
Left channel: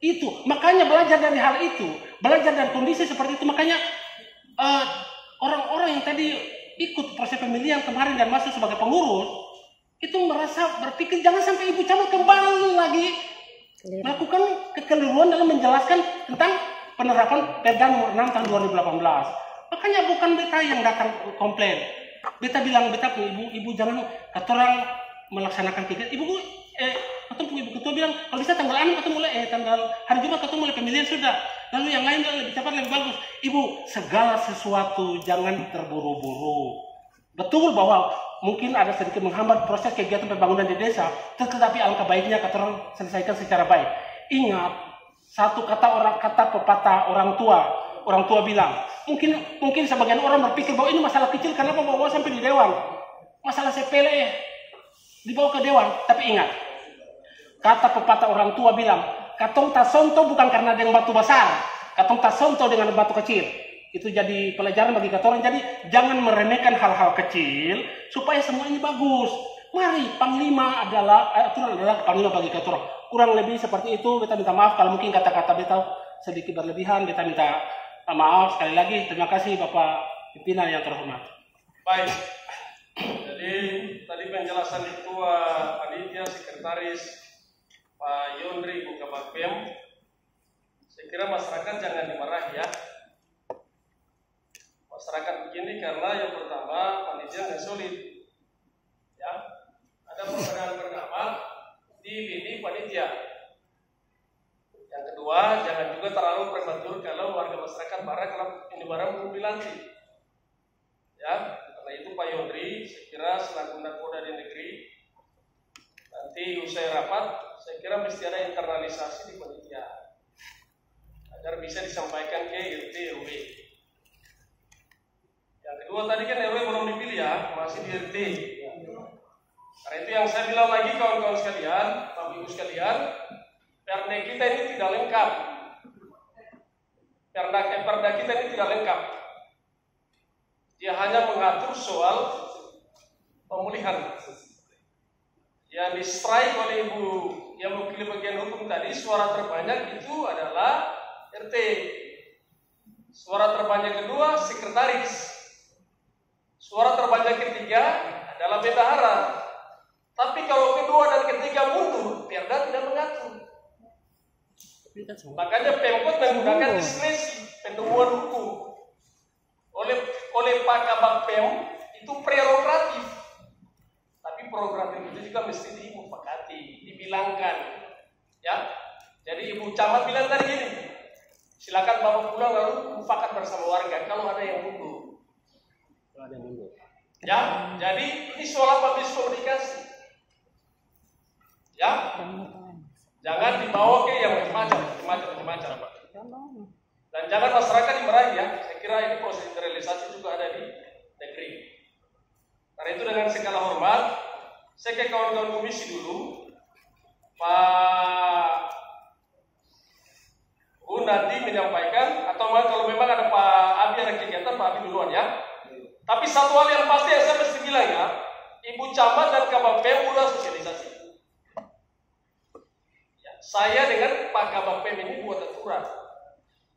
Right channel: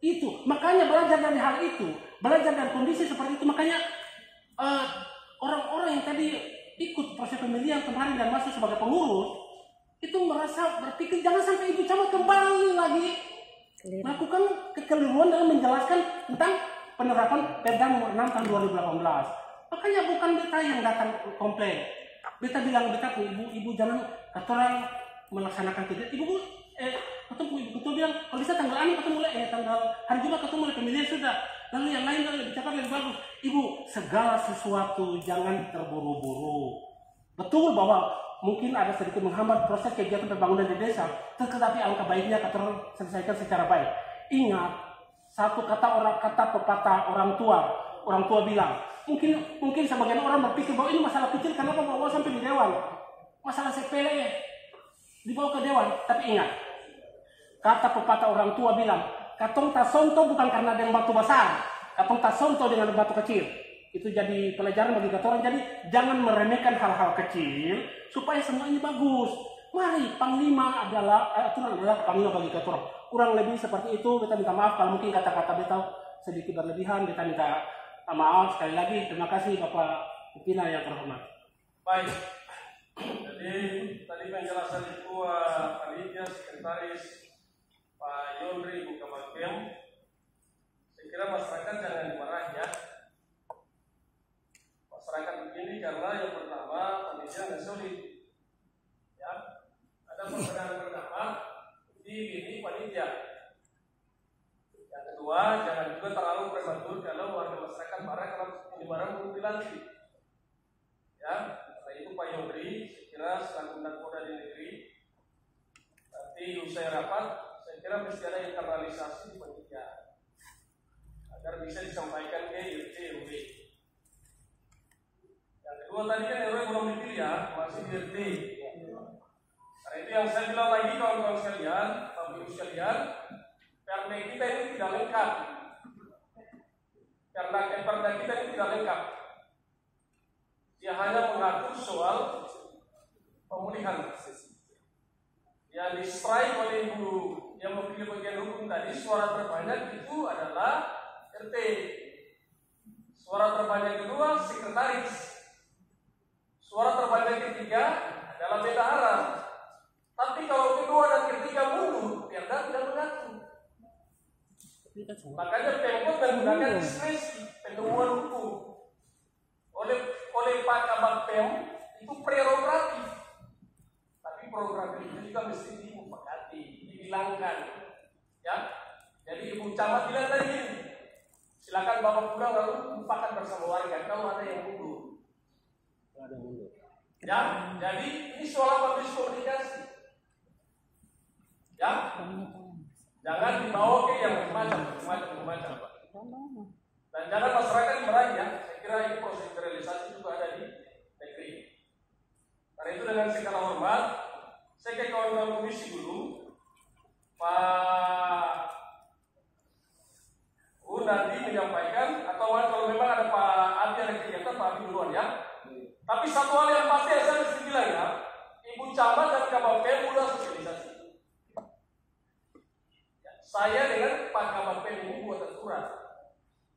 Itu makanya belajar dari hal itu, belajar dari kondisi seperti itu. Makanya orang-orang yang tadi ikut proses pemilihan kemarin dan masuk sebagai pengurus itu merasa berpikir jangan sampai Ibu Camat kembali lagi melakukan kekeliruan dalam menjelaskan tentang penerapan Perda nomor 6 tahun 2018. Makanya bukan beta yang datang komplain. Beta bilang ibu jangan Ketorang melaksanakan kegiatan. Ibu Ketua bilang kalau bisa tanggal 6 ketemu mulai tanggal hari Jumat ketemu mulai pemilihan sudah. Lalu yang lain lebih cepat lebih bagus. Ibu, segala sesuatu jangan terburu-buru. Betul bahwa mungkin ada sedikit menghambat proses kegiatan pembangunan di desa, tetapi alangkah baiknya Ketorang selesaikan secara baik. Ingat, satu kata pepatah orang tua bilang, mungkin sebagian orang berpikir bahwa ini masalah kecil, kenapa bawa sampai di dewan? Masalah sepele dibawa ke dewan, tapi ingat, kata pepatah orang tua bilang, katong tasonto bukan karena dengan batu besar, katong tasonto dengan batu kecil. Itu jadi pelajaran bagi Ketorang. Jadi jangan meremehkan hal-hal kecil supaya semua ini bagus. Mari, panglima aturan adalah panglima bagi Ketorang. Kurang lebih seperti itu. Beta minta maaf kalau mungkin kata-kata beta sedikit berlebihan. Beta minta maaf sekali lagi. Terima kasih Bapak pimpinan yang terhormat. Baik. Jadi tadi penjelasan Ketua Panitia Sekretaris Pak Yondri Ibu Kabak Pem. Saya kira masyarakat jangan dimarahi ya. Masyarakat begini karena yang pertama panitia nggak solid, ya. Ada perbedaan pendapat di lini panitia. Yang kedua, jangan juga terlalu prematur kalau warga masyarakat marah kalau ini barang belum dilantik, ya. Karena itu Pak Yondri, saya kira selaku nakoda di negeri, nanti usai rapat, saya kira mesti ada internalisasi di panitia agar bisa disampaikan ke RT RW. Yang kedua tadi kan RW belum dipilih ya, masih di RT. Karena itu yang saya bilang lagi kawan-kawan sekalian, Bapak Ibu sekalian, Perda kita ini tidak lengkap. Perda kita ini tidak lengkap. Dia hanya mengatur soal pemulihan. Yang di-strike oleh Ibu yang mewakili bagian hukum tadi, suara terbanyak itu adalah RT. Suara terbanyak kedua sekretaris. Suara terbanyak ketiga adalah bendahara. Tapi kalau kedua dan ketiga mundur, Perda tidak mengatur. Makanya Pemkot menggunakan diskresi penemuan hukum. Oleh Pak Kabak Pem itu prerogatif. Tapi prerogatif itu juga mesti dimufakati, dibilangkan. Ya. Jadi Ibu Camat bilang tadi gini, silakan Bapak pulang lalu mufakat bersama warga kalau ada yang mundur. Ya, jadi ini soal apa miskomunikasi. Ya, jangan dibawa ke yang macam-macam. Dan jangan masyarakat dimarahi ya. Saya kira ini proses internalisasi juga ada di negeri. Karena itu dengan segala hormat, saya ke kawan-kawan komisi dulu, Pak nanti menyampaikan atau kalau memang ada Pak Abi ada kegiatan Pak Abi duluan ya. Tapi satu hal yang pasti yang saya mesti bilang ya, Ibu Camat dan Kabak Pem sudah sosialisasi. Ya, saya dengan Pak Kabak Pem ini buat aturan.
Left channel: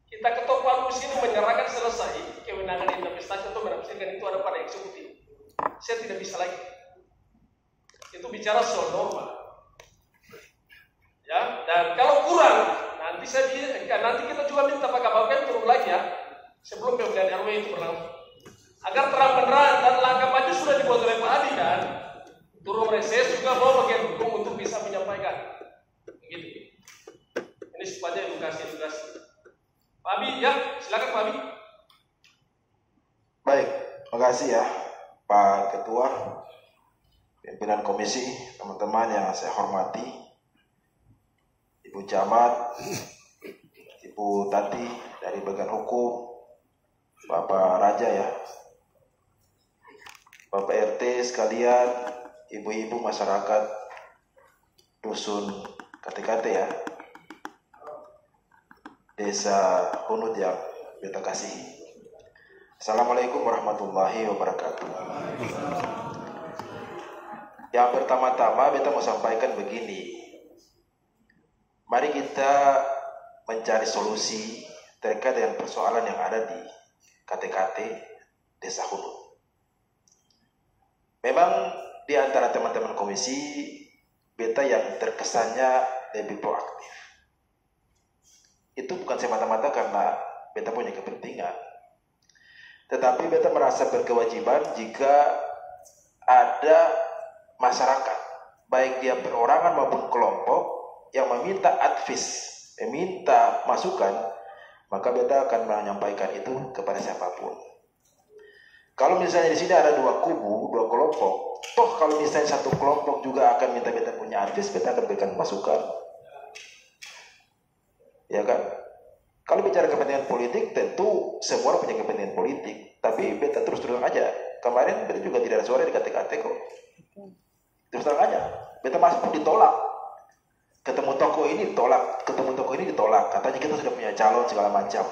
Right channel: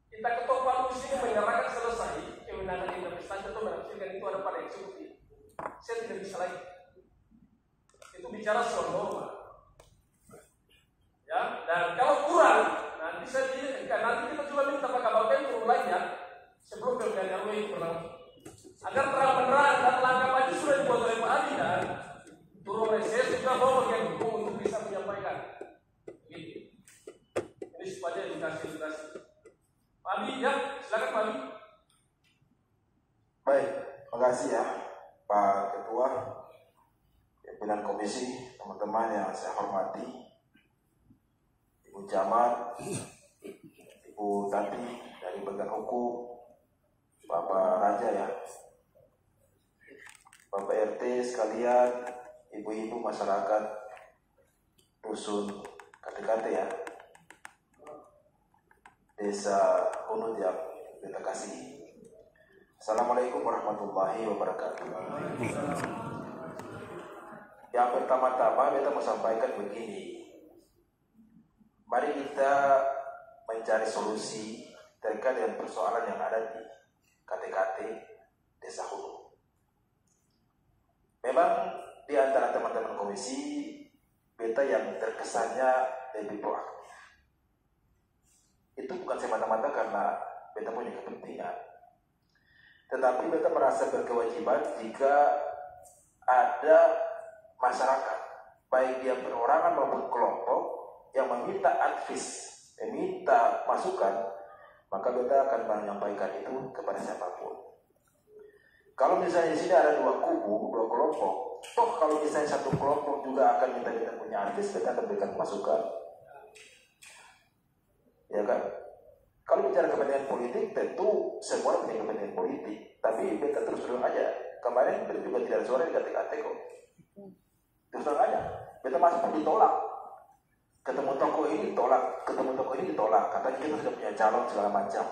Kita ketok palu di sini menyerahkan selesai kewenangan investasi untuk menafsirkan itu ada pada eksekutif. Saya tidak bisa lagi. Itu bicara soal norma. Ya, dan kalau kurang nanti nanti kita juga minta Pak Kabak Pem turun lagi ya sebelum pemilihan RW itu berlangsung. Agar terang-terang dan langkah maju sudah dibuat oleh Pak Adi dan turun reses juga bawa bagian hukum untuk bisa menyampaikan. Begitu. Ini supaya edukasi. Pak Abi ya, silakan Pak Abi. Baik, makasih ya Pak Ketua, pimpinan komisi, teman-teman yang saya hormati, Ibu Camat, Ibu Tati dari bagian hukum, Bapak Raja ya, Bapak RT sekalian, ibu-ibu masyarakat dusun KTKT ya, Desa Hunut yang beta kasih. Assalamualaikum warahmatullahi wabarakatuh. Yang pertama-tama beta mau sampaikan begini. Mari kita mencari solusi terkait dengan persoalan yang ada di KTKT Desa Hunut. Memang di antara teman-teman komisi, beta yang terkesannya lebih proaktif. Itu bukan semata-mata karena beta punya kepentingan. Tetapi beta merasa berkewajiban jika ada masyarakat, baik dia perorangan maupun kelompok, yang meminta advis, meminta masukan, maka beta akan menyampaikan itu kepada siapapun. Kalau misalnya di sini ada dua kubu, dua kelompok, toh kalau misalnya satu kelompok juga akan minta beta punya advis, beta akan berikan masukan, ya kan? Kalau bicara kepentingan politik, tentu semua punya kepentingan politik, tapi beta terus aja. Kemarin beta juga tidak ada suara di KTKT kok. Terus terang aja, beta masuk pun ditolak. Ketemu toko ini ditolak, ketemu toko ini ditolak. Katanya kita sudah punya calon segala macam.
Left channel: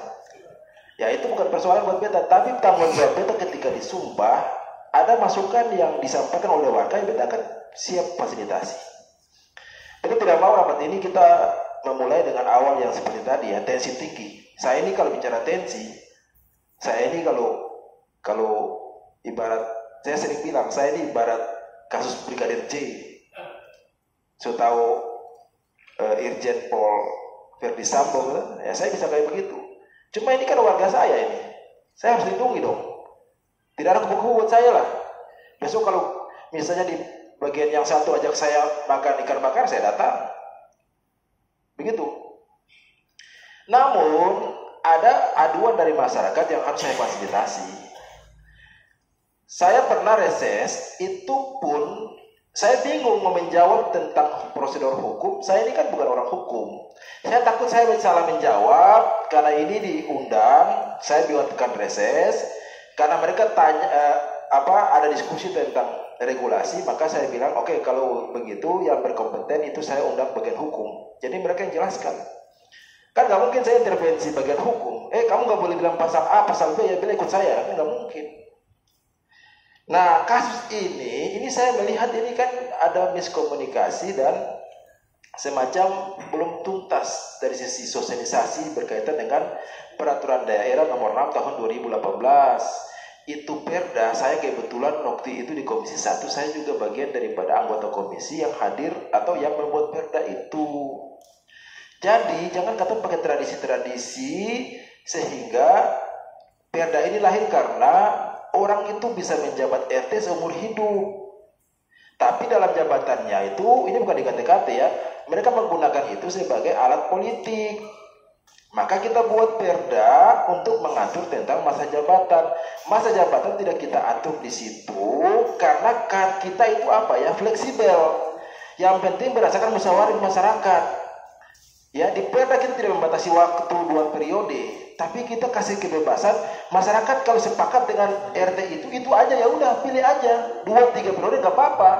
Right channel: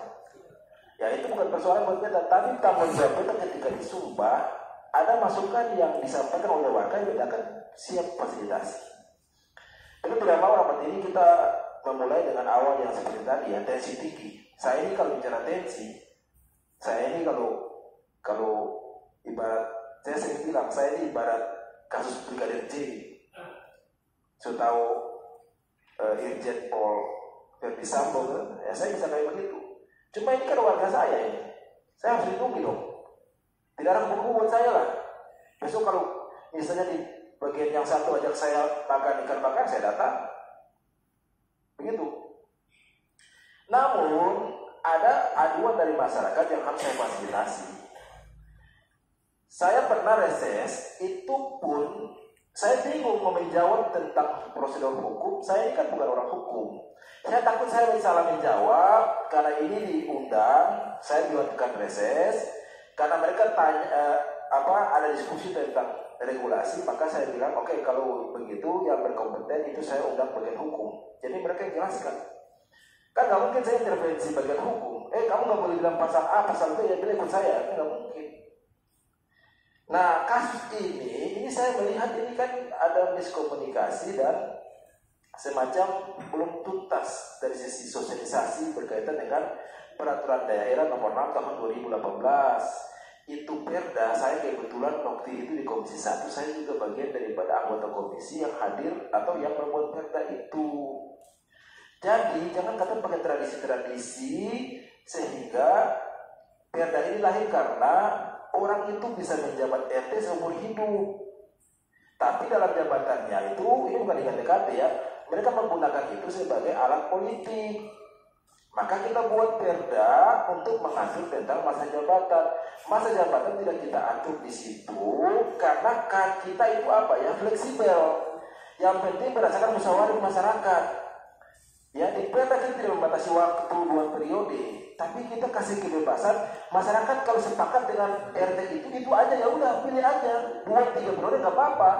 Ya itu bukan persoalan buat beta, tapi tanggung jawab beta ketika disumpah ada masukan yang disampaikan oleh warga yang beta akan siap fasilitasi. Beta tidak mau rapat ini kita memulai dengan awal yang seperti tadi ya, tensi tinggi. Saya ini kalau bicara tensi, saya ini kalau ibarat, saya sering bilang saya ini ibarat kasus Brigadir J. So tahu Irjen Pol Verdi Sambo, ya saya bisa kayak begitu. Cuma ini kan warga saya ini, saya harus lindungi dong. Tidak ada kubu-kubu buat saya lah. Besok kalau misalnya di bagian yang satu ajak saya makan ikan bakar, saya datang. Begitu. Namun ada aduan dari masyarakat yang harus saya fasilitasi. Saya pernah reses, itu pun saya bingung mau menjawab tentang prosedur hukum. Saya ini kan bukan orang hukum. Saya takut saya salah menjawab karena ini diundang. Saya buatkan reses karena mereka tanya ada diskusi tentang regulasi. Maka saya bilang oke, kalau begitu yang berkompeten itu saya undang bagian hukum. Jadi mereka yang jelaskan. Kan nggak mungkin saya intervensi bagian hukum. Kamu nggak boleh bilang pasal A, pasal B, ya bila ikut saya. Kan nggak mungkin. Nah kasus ini saya melihat ini kan ada miskomunikasi dan semacam belum tuntas dari sisi sosialisasi berkaitan dengan peraturan daerah nomor 6 tahun 2018 itu perda, saya kebetulan waktu itu di Komisi 1 saya juga bagian daripada anggota komisi yang hadir atau yang membuat perda itu. Jadi jangan kata pakai tradisi-tradisi sehingga perda ini lahir karena orang itu bisa menjabat RT seumur hidup. Tapi dalam jabatannya itu, ini bukan dikate-kate ya, mereka menggunakan itu sebagai alat politik. Maka kita buat perda untuk mengatur tentang masa jabatan. Masa jabatan tidak kita atur di situ karena kita itu apa ya, fleksibel. Yang penting berdasarkan musyawarah masyarakat. Ya, di perda kita tidak membatasi waktu 2 periode, tapi kita kasih kebebasan masyarakat kalau sepakat dengan RT itu aja, ya udah pilih aja 2-3 periode nggak apa-apa.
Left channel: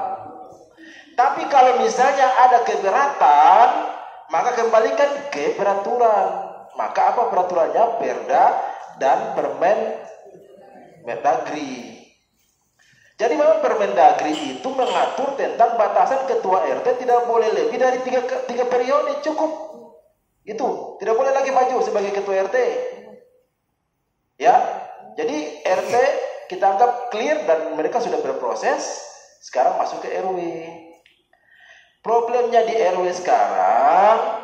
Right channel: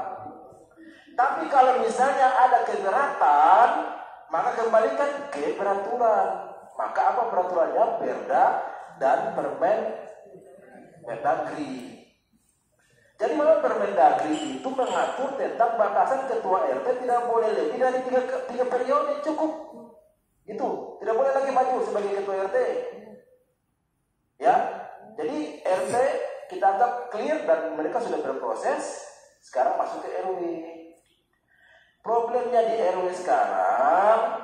Tapi kalau misalnya ada keberatan, maka kembalikan ke peraturan. Maka apa peraturannya? Perda dan Permendagri. Jadi memang Permendagri itu mengatur tentang batasan ketua RT tidak boleh lebih dari 3 periode, cukup. Itu tidak boleh lagi maju sebagai ketua RT. Ya, jadi RT kita anggap clear dan mereka sudah berproses. Sekarang masuk ke RW. Problemnya di RW sekarang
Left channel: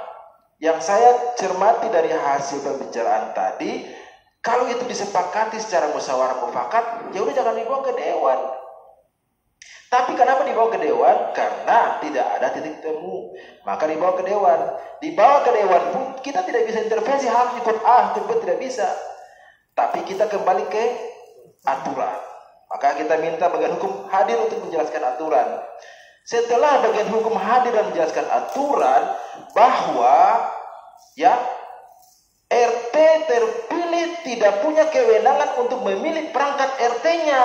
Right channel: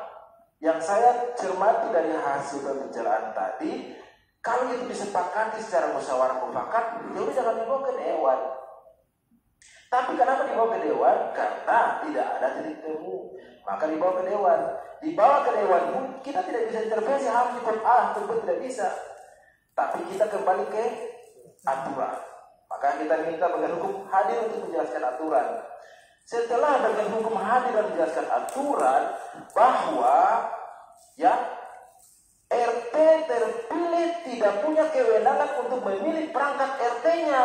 yang saya cermati dari hasil pembicaraan tadi, kalau itu disepakati secara musyawarah mufakat, ya udah jangan dibawa ke dewan. Tapi kenapa dibawa ke dewan? Karena tidak ada titik temu, maka dibawa ke dewan. Dibawa ke dewan pun kita tidak bisa intervensi, harus ikut A, ikut B, tidak bisa. Tapi kita kembali ke aturan. Maka kita minta bagian hukum hadir untuk menjelaskan aturan. Setelah bagian hukum hadir dan menjelaskan aturan bahwa ya RT terpilih tidak punya kewenangan untuk memilih perangkat RT-nya.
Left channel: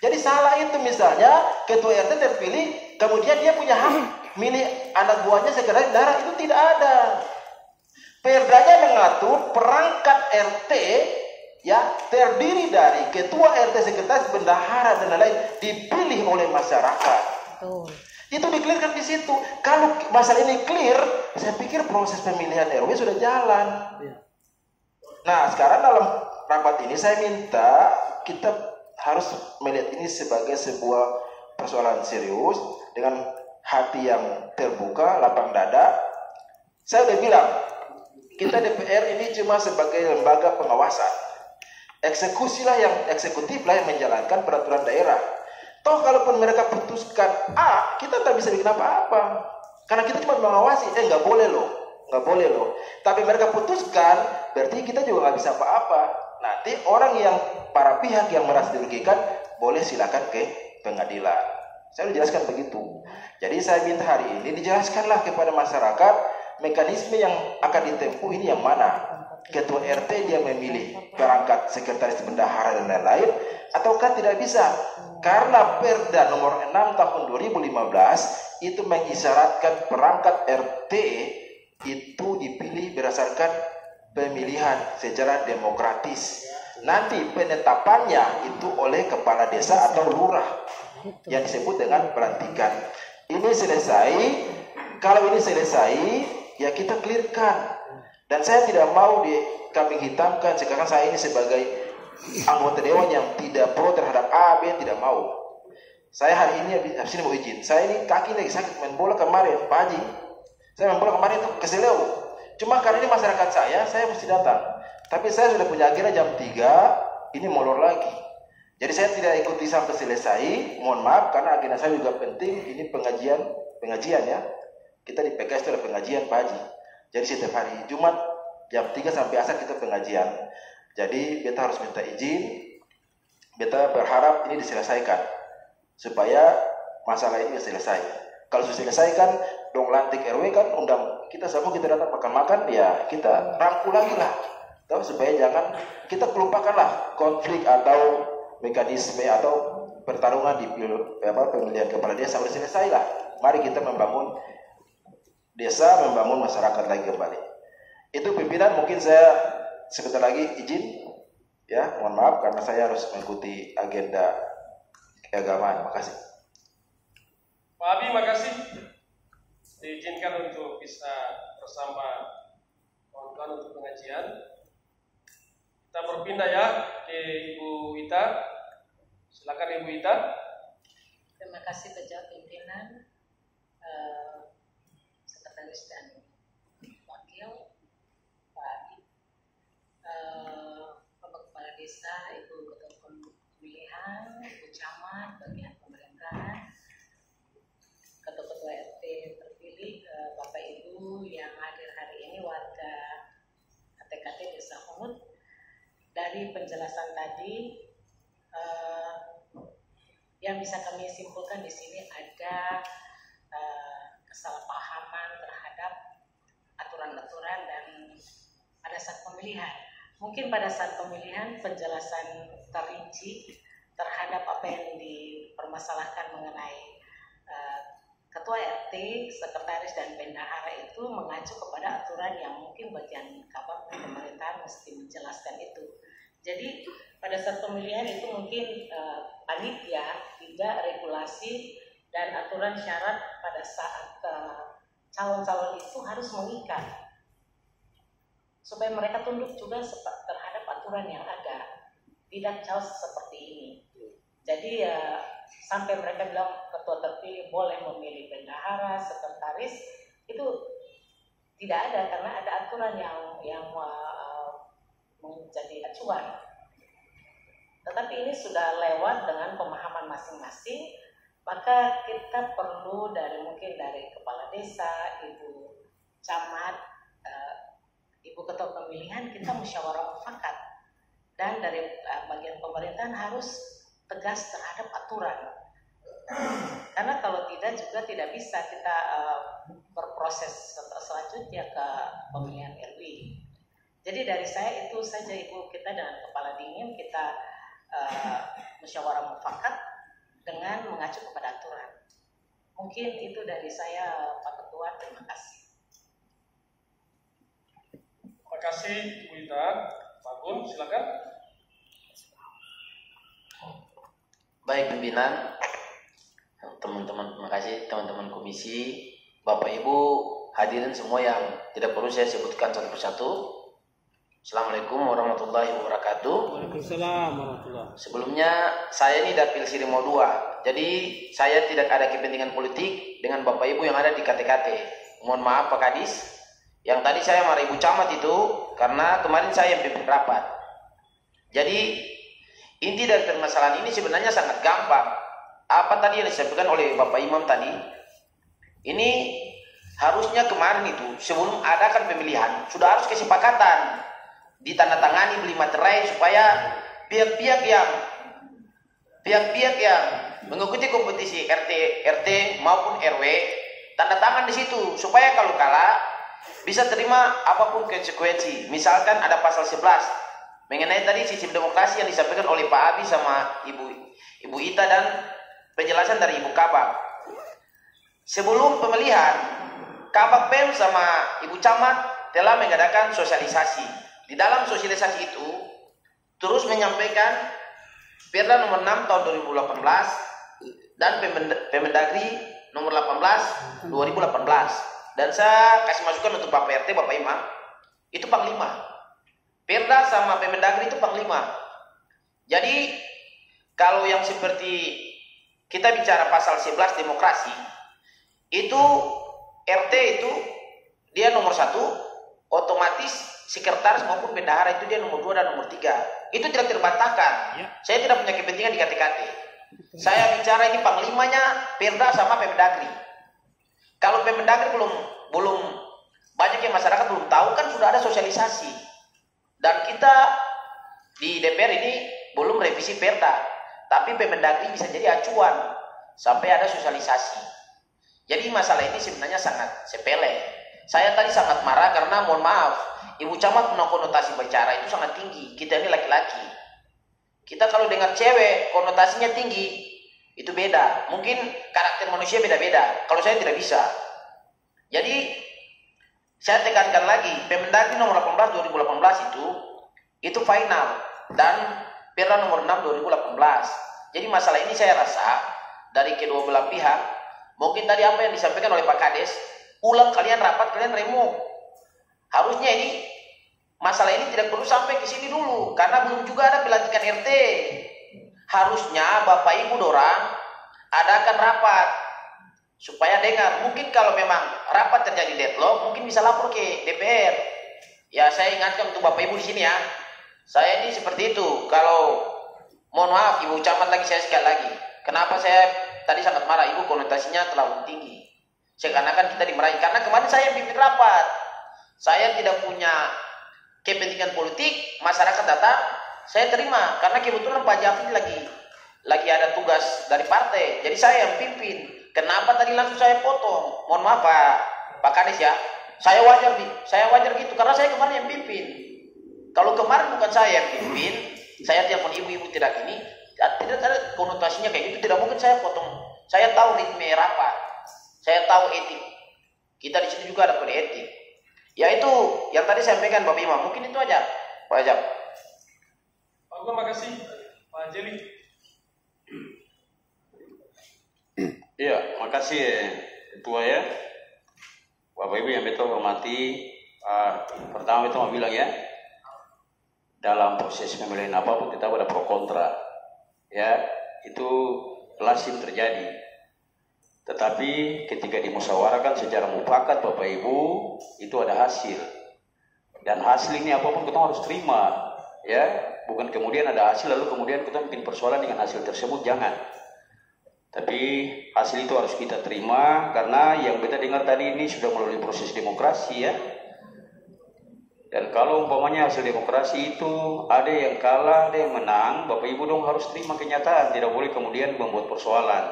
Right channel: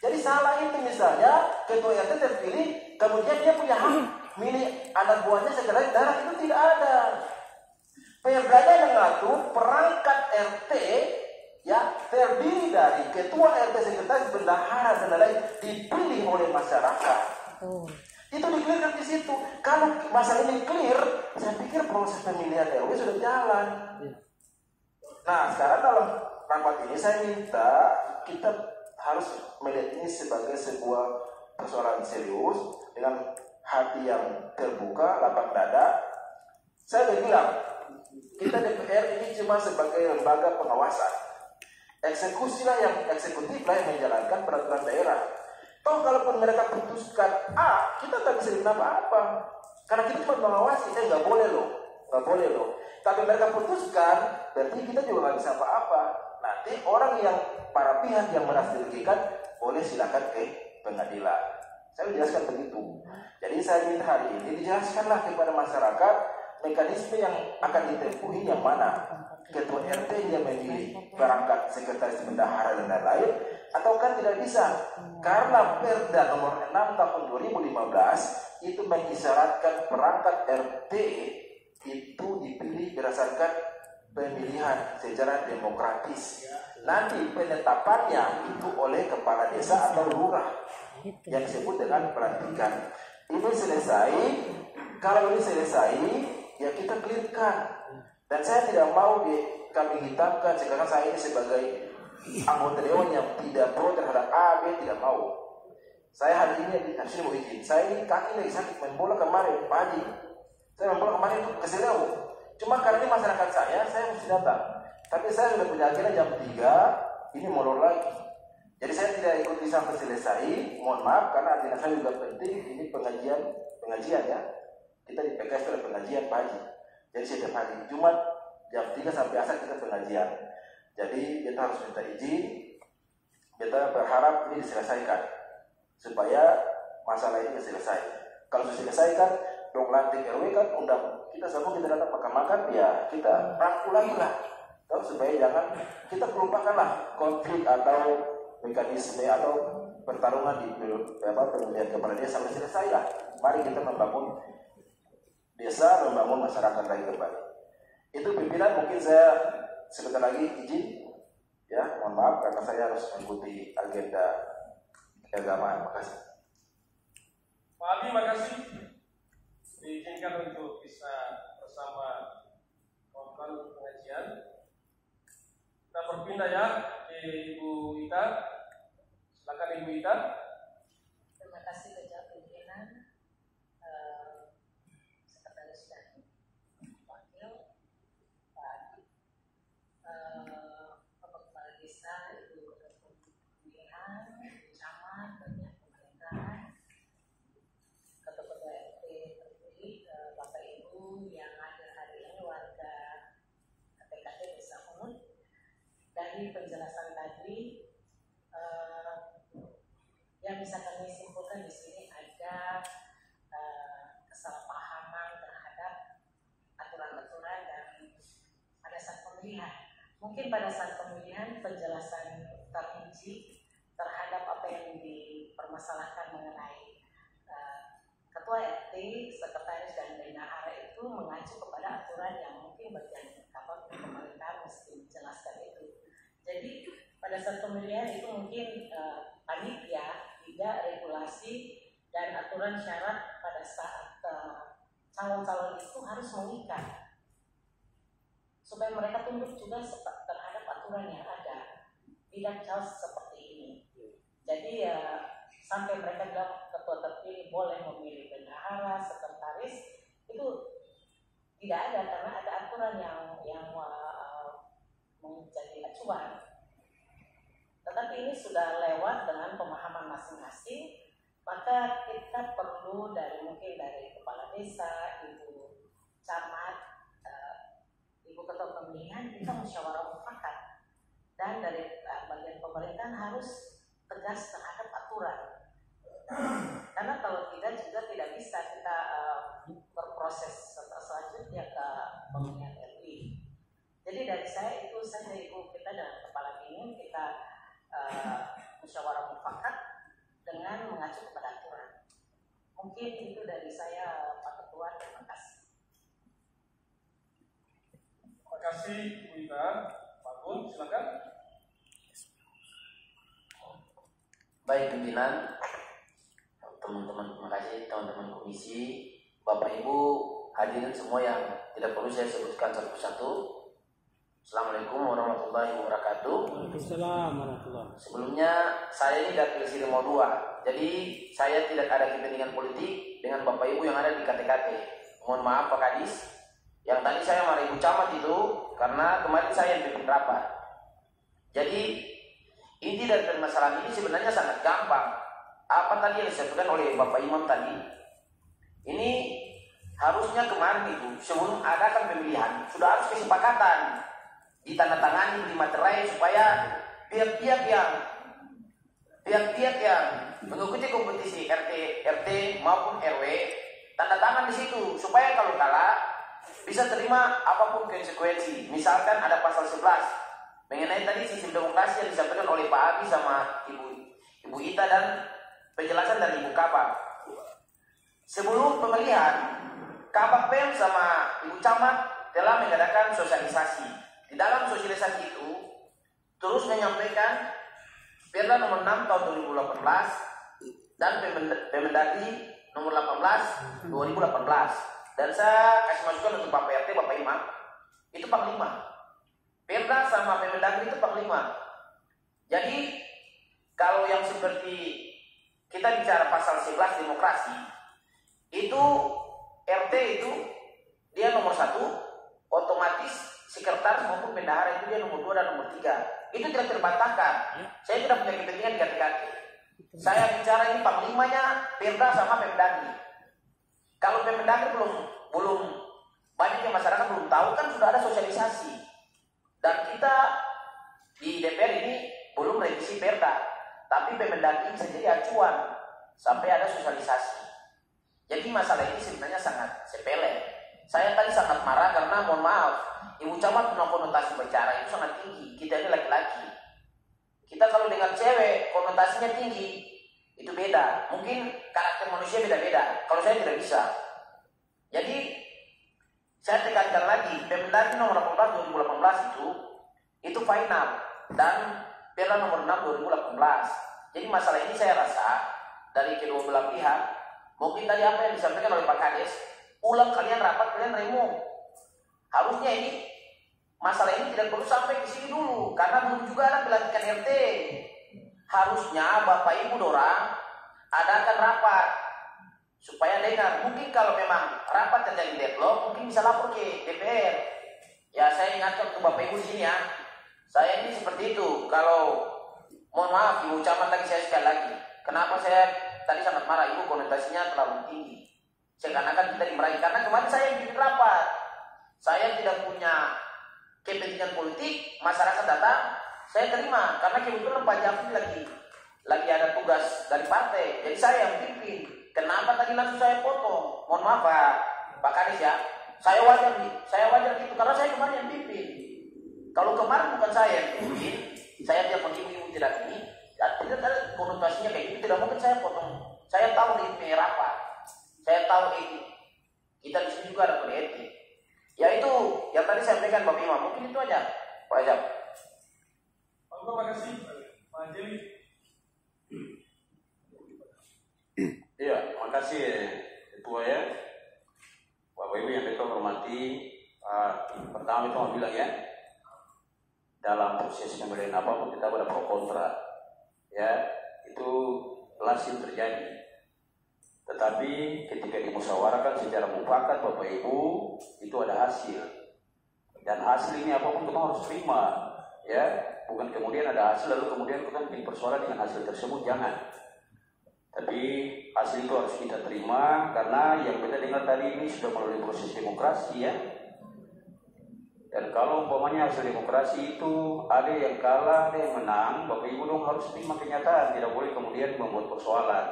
Jadi salah itu misalnya ketua RT terpilih kemudian dia punya hak milih anak buahnya sekretaris daerah, itu tidak ada. Perdanya mengatur perangkat RT ya terdiri dari ketua RT, sekretaris, bendahara dan lain-lain dipilih oleh masyarakat. Betul. Itu dikelirkan di situ. Kalau masalah ini clear, saya pikir proses pemilihan RW sudah jalan. Nah, sekarang dalam rapat ini saya minta kita harus melihat ini sebagai sebuah persoalan serius dengan hati yang terbuka, lapang dada. Saya udah bilang, kita DPR ini cuma sebagai lembaga pengawasan. Eksekutif lah yang menjalankan peraturan daerah. Toh kalaupun mereka putuskan A, kita tak bisa bikin apa-apa. Karena kita cuma mengawasi, nggak boleh loh. Tapi mereka putuskan, berarti kita juga nggak bisa apa-apa. Nanti orang yang, para pihak yang merasa dirugikan, boleh silakan ke pengadilan. Saya jelaskan begitu. Jadi saya minta hari ini dijelaskanlah kepada masyarakat mekanisme yang akan ditempuh ini yang mana. Ketua RT dia memilih perangkat sekretaris bendahara dan lain-lain, ataukah tidak bisa? Karena Perda nomor 6 tahun 2015 itu mengisyaratkan perangkat RT itu dipilih berdasarkan pemilihan secara demokratis. Nanti penetapannya itu oleh kepala desa atau lurah yang disebut dengan pelantikan. Ini selesai. Kalau ini selesai, ya kita clearkan. Dan saya tidak mau dikambing hitamkan. Sekarang saya ini sebagai anggota dewan yang tidak pro terhadap A, B, tidak mau. Saya hari ini habis ini mau izin. Saya ini kaki lagi sakit main bola kemarin, Pak Haji. Saya main bola kemarin itu ke Seleu. Cuma karena ini masyarakat saya mesti datang. Tapi saya sudah punya agenda jam 3, ini molor lagi. Jadi saya tidak ikuti sampai selesai. Mohon maaf karena agenda saya juga penting. Ini pengajian ya. Kita di PKS itu ada pengajian Pak Haji. Jadi setiap hari Jumat jam 3 sampai asar kita pengajian. Jadi beta harus minta izin. Beta berharap ini diselesaikan supaya masalah ini selesai. Kalau sudah selesaikan, dong lantik RW kan undang kita semua, kita datang makan-makan, ya kita rangkul lagi lah. Tahu supaya jangan kita kelupakanlah konflik atau mekanisme atau pertarungan di pemilihan kepala desa sudah selesai lah. Mari kita membangun desa, membangun masyarakat lagi kembali. Itu pimpinan, mungkin saya sebentar lagi izin ya, mohon maaf karena saya harus mengikuti agenda keagamaan. Makasih Pak Abi, makasih diizinkan untuk bisa bersama kawan-kawan untuk pengajian. Kita berpindah ya ke Ibu Ita. Silakan Ibu Ita. Terima kasih kepada pimpinan, sekretaris dan wakil, Pak Adi, Bapak Kepala Desa, Ibu Ketua Pemilihan, Ibu Camat, bagian pemerintahan, Ketua RT terpilih, Bapak Ibu yang hadir hari ini, warga TKT Desa Hunut. Dari penjelasan tadi, yang bisa kami simpulkan di sini ada kesalahpahaman terhadap aturan-aturan dan pada saat pemilihan. Mungkin pada saat pemilihan penjelasan terinci terhadap apa yang dipermasalahkan mengenai ketua RT, sekretaris dan bendahara itu mengacu kepada aturan yang mungkin bagian kabak pemerintahan mesti menjelaskan itu. Jadi pada saat pemilihan itu mungkin panitia tidak regulasi dan aturan syarat pada saat calon-calon itu harus mengikat supaya mereka tunduk juga terhadap aturan yang ada, tidak jauh seperti ini. Jadi sampai mereka bilang ketua terpilih boleh memilih bendahara, sekretaris, itu tidak ada karena ada aturan yang menjadi acuan. Tetapi ini sudah lewat dengan pemahaman masing-masing, maka kita perlu mungkin dari kepala desa, ibu camat, ibu ketua pemilihan, kita musyawarah mufakat, dan dari bagian pemerintahan harus tegas terhadap aturan. Karena kalau tidak juga tidak bisa kita berproses selanjutnya ke pemilihan RW. Jadi dari saya itu saja Ibu, kita dengan kepala dingin kita musyawarah mufakat dengan mengacu kepada aturan. Mungkin itu dari saya Pak Ketua, terima kasih. Terima kasih Ibu Ita. Pak Gun, silakan. Baik pimpinan, teman-teman, terima kasih teman-teman komisi, Bapak Ibu hadirin semua yang tidak perlu saya sebutkan satu persatu. Assalamualaikum warahmatullahi wabarakatuh. Waalaikumsalam warahmatullahi. Sebelumnya saya ini dapil Sirimo 2, jadi saya tidak ada kepentingan politik dengan Bapak Ibu yang ada di KTKT. Mohon maaf Pak Kadis, yang tadi saya marah Ibu Camat itu karena kemarin saya yang pimpin rapat. Jadi inti dari permasalahan ini sebenarnya sangat gampang. Apa tadi yang disampaikan oleh Bapak Imam tadi? Ini harusnya kemarin itu sebelum adakan pemilihan sudah harus kesepakatan, ditandatangani beli materai supaya pihak-pihak yang mengikuti kompetisi RT maupun RW tanda tangan di situ supaya kalau kalah bisa terima apapun konsekuensi. Misalkan ada pasal 11 mengenai tadi sistem demokrasi yang disampaikan oleh Pak Abi sama Ibu Ita dan penjelasan dari Ibu Kabak. Sebelum pemilihan, Kabak Pem sama Ibu Camat telah mengadakan sosialisasi. Di dalam sosialisasi itu terus menyampaikan Perda nomor 6 tahun 2018 dan Permendagri nomor 18 2018. Dan saya kasih masukan untuk Bapak RT, Bapak Imam, itu Panglima. Perda sama Permendagri itu Panglima. Jadi kalau yang seperti kita bicara pasal 11 demokrasi, itu RT itu dia nomor 1, otomatis sekretaris maupun bendahara itu dia nomor 2 dan nomor 3. Itu tidak terbantahkan. Saya tidak punya kepentingan di KTKT. Saya bicara ini panglimanya Perda sama Permendagri. Kalau Permendagri belum banyak yang masyarakat belum tahu, kan sudah ada sosialisasi. Dan kita di DPR ini belum revisi Perda, tapi Permendagri bisa jadi acuan sampai ada sosialisasi. Jadi masalah ini sebenarnya sangat sepele. Saya tadi sangat marah karena mohon maaf, Ibu Camat punya konotasi bicara itu sangat tinggi. Kita ini laki-laki. Kita kalau dengar cewek konotasinya tinggi, itu beda. Mungkin karakter manusia beda-beda. Kalau saya tidak bisa. Jadi saya tekankan lagi, Permendagri nomor 18 2018 itu final dan Perda nomor 6 2018. Jadi masalah ini saya rasa dari kedua belah pihak, mungkin tadi apa yang disampaikan oleh Pak Kades, ulang kalian rapat, kalian remo. Harusnya ini masalah ini tidak perlu sampai ke sini dulu, karena belum juga ada pelantikan RT. Harusnya Bapak Ibu dorang adakan rapat supaya dengar. Mungkin kalau memang rapat terjadi deadlock, mungkin bisa lapor ke DPR. Ya, saya ingatkan untuk Bapak Ibu di sini ya. Saya ini seperti itu. Kalau mohon maaf Ibu Camat lagi, saya sekali lagi. Kenapa saya tadi sangat marah, Ibu konotasinya terlalu tinggi. Seakan-akan kita dimarahi. Karena kemarin saya pimpin rapat. Saya tidak punya kepentingan politik, masyarakat datang, saya terima. Karena kebetulan Pak Jafri lagi ada tugas dari partai. Jadi saya yang pimpin. Kenapa tadi langsung saya potong? Mohon maaf Pak Kades ya. Saya wajar gitu karena saya kemarin yang pimpin. Kalau kemarin bukan saya yang pimpin, saya telepon ibu-ibu tidak gini, tidak ada konotasinya kayak gitu, tidak mungkin saya potong. Saya tahu ritme rapat, saya tahu etik. Kita di sini juga ada kode etik. Ya itu yang tadi saya sampaikan Bapak Imam. Mungkin itu aja, Pak Ajab. Pak Gua makasih, Pak Jeli. Iya, makasih Ketua ya. Bapak Ibu yang betul hormati, pertama itu mau bilang ya, dalam proses pemilihan apapun kita ada pro kontra, ya itu lazim terjadi. Tetapi ketika dimusyawarahkan secara mufakat Bapak Ibu, itu ada hasil. Dan hasil ini apapun kita harus terima, ya. Bukan kemudian ada hasil lalu kemudian kita bikin persoalan dengan hasil tersebut, jangan. Tapi hasil itu harus kita terima karena yang kita dengar tadi ini sudah melalui proses demokrasi ya. Dan kalau umpamanya hasil demokrasi itu ada yang kalah, ada yang menang, Bapak Ibu dong harus terima kenyataan, tidak boleh kemudian membuat persoalan.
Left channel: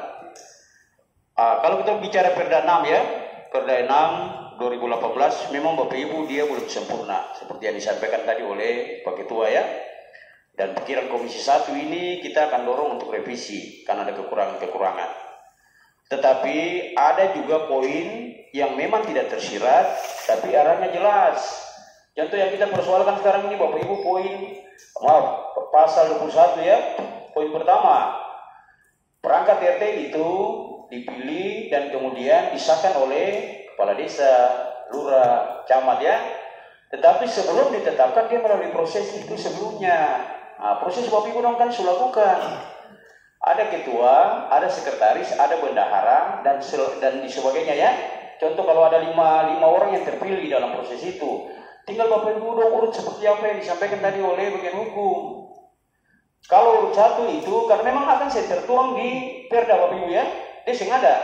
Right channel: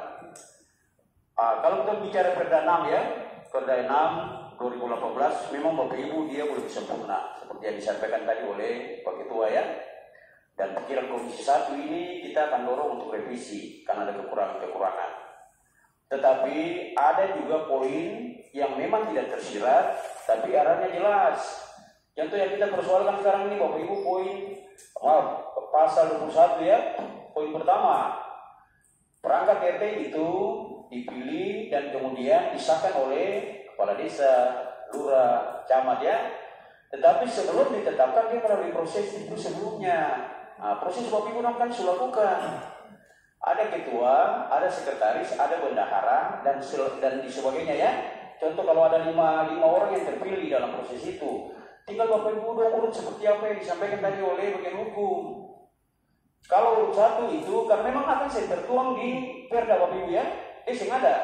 Kalau kita bicara Perda 6 ya, Perda 6 2018 memang Bapak Ibu dia belum sempurna seperti yang disampaikan tadi oleh Pak Ketua ya. Dan pikiran Komisi 1 ini kita akan dorong untuk revisi karena ada kekurangan-kekurangan. Tetapi ada juga poin yang memang tidak tersirat tapi arahnya jelas. Contoh yang kita persoalkan sekarang ini Bapak Ibu pasal 21 ya. Poin pertama, perangkat RT itu dipilih dan kemudian disahkan oleh kepala desa, lurah, camat ya. Tetapi sebelum ditetapkan dia melalui proses itu sebelumnya. Proses Bapak Ibu kan sudah lakukan. Ada ketua, ada sekretaris, ada bendahara dan di sebagainya ya. Contoh kalau ada 5 orang yang terpilih dalam proses itu, tinggal Bapak Ibu dong urut seperti apa yang disampaikan tadi oleh bagian hukum. Kalau urut 1 itu karena memang akan saya tertuang di Perda Bapak Ibu ya, dia sengaja.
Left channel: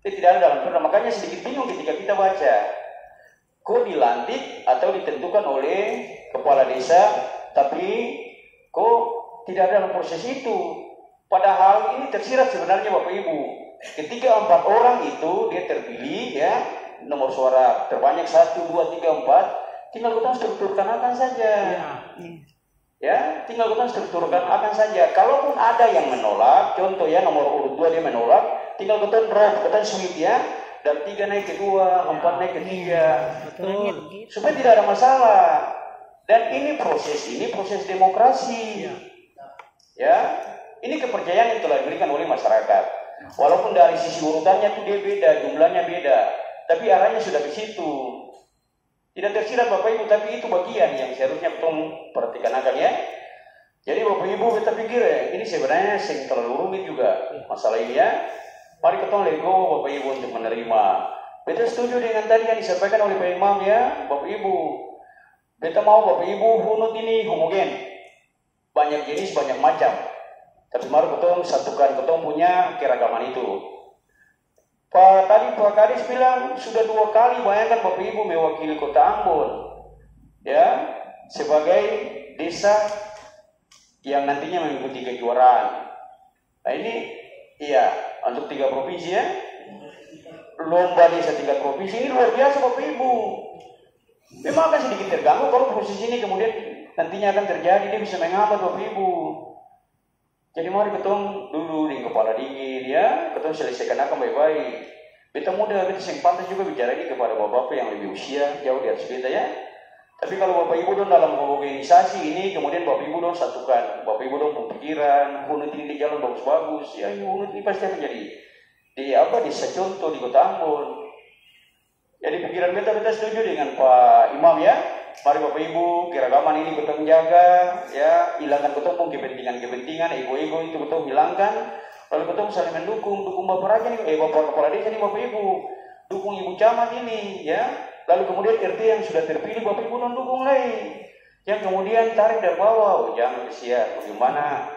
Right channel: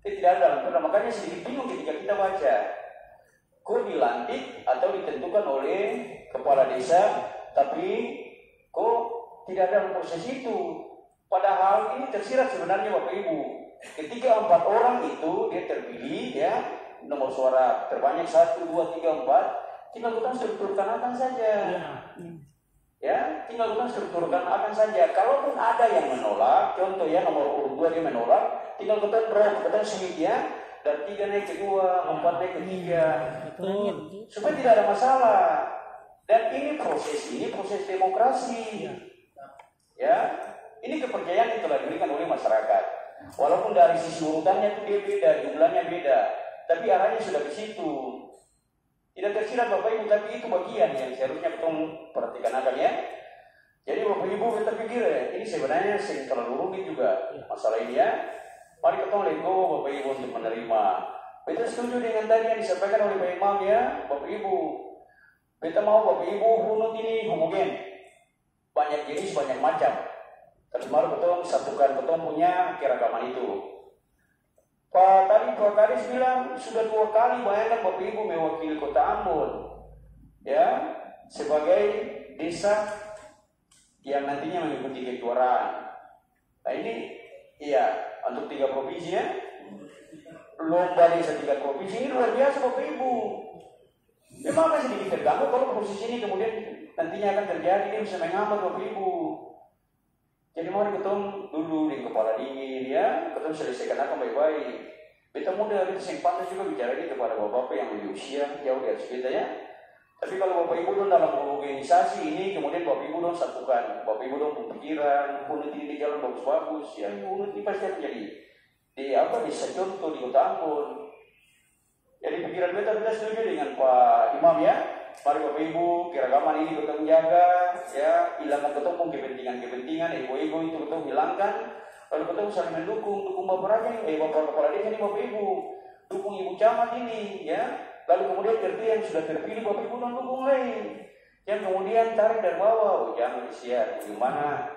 Dia tidak ada dalam Perda, makanya sedikit bingung ketika kita baca. Kok dilantik atau ditentukan oleh kepala desa, tapi kok tidak ada dalam proses itu. Padahal ini tersirat sebenarnya Bapak Ibu. Ketika 4 orang itu dia terpilih ya, nomor suara terbanyak 1, 2, 3, 4, tinggal kita strukturkan akan saja. Ya, tinggal kita strukturkan akan saja. Kalaupun ada yang menolak, contoh ya nomor urut 2 dia menolak, tinggal kita drop, kita sweep ya, dan 3 naik ke 2, 4 naik ke 3. Betul. Supaya tidak ada masalah. Dan ini proses demokrasi. Ya, ini kepercayaan yang telah diberikan oleh masyarakat. Walaupun dari sisi urutannya itu dia beda, jumlahnya beda, tapi arahnya sudah ke situ. Tidak tersirat Bapak Ibu, tapi itu bagian yang seharusnya kita perhatikan akan ya. Jadi Bapak Ibu kita pikir ya, ini sebenarnya terlalu rumit juga masalah ini ya. Mari kita lego Bapak Ibu untuk menerima. Kita setuju dengan tadi yang disampaikan oleh Pak Imam ya, Bapak Ibu. Kita mau Bapak Ibu hunut ini homogen, banyak jenis, banyak macam. Tapi mari kita satukan, kita punya keragaman itu. Tadi Pak Kadis bilang sudah 2 kali, bayangkan Bapak Ibu mewakili Kota Ambon, ya, sebagai desa yang nantinya mengikuti kejuaraan. Nah ini, iya, untuk 3 provinsi ya, lomba desa 3 provinsi ini luar biasa Bapak Ibu. Memang akan sedikit terganggu kalau proses ini kemudian nantinya akan terjadi, dia bisa menghambat Bapak Ibu. Jadi mari ketemu dulu di kepala dingin ya, ketemu selesaikan akan baik-baik. Kita mudah, kita yang pantas juga bicara ini kepada bapak-bapak yang lebih usia jauh di atas kita ya. Tapi kalau Bapak Ibu dong dalam organisasi ini kemudian Bapak Ibu dong satukan, Bapak Ibu dong pemikiran, unit ini jalan bagus-bagus, ya unit ini pasti akan jadi desa contoh di Kota Ambon. Jadi pikiran kita setuju dengan Pak Imam ya. Mari Bapak Ibu, keragaman ini betul jaga, ya, hilangkan ketemu kepentingan-kepentingan, ego-ego itu betul hilangkan. Lalu betul saling mendukung Bapak Raja nih, Bapak Kepala Desa nih Bapak Ibu, dukung Ibu Camat ini, ya. Lalu kemudian RT yang sudah terpilih Bapak Ibu non-dukung lagi. Yang kemudian tarik dari bawah, jangan siap, bagaimana,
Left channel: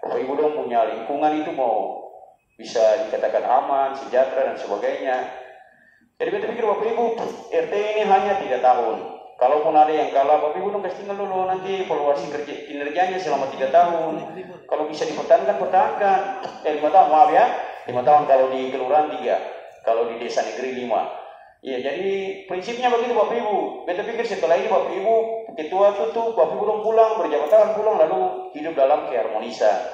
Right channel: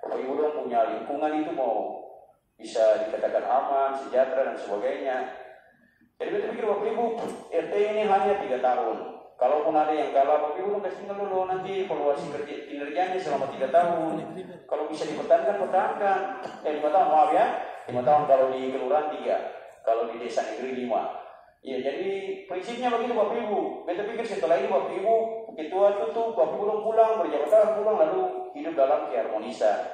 Bapak Ibu dong punya lingkungan itu mau bisa dikatakan aman, sejahtera dan sebagainya. Jadi kita pikir Bapak Ibu, RT ini hanya 3 tahun. Kalaupun ada yang kalah, Bapak Ibu dong kasih tinggal dulu nanti evaluasi kinerjanya selama 3 tahun. Kalau bisa dipertahankan, pertahankan. 5 tahun, maaf ya. 5 tahun kalau di kelurahan 3, kalau di desa negeri 5. Ya, jadi prinsipnya begitu Bapak Ibu. Kita pikir setelah ini Bapak Ibu, ketua tutup, Bapak Ibu dong pulang, berjabat tangan pulang, lalu hidup dalam keharmonisan.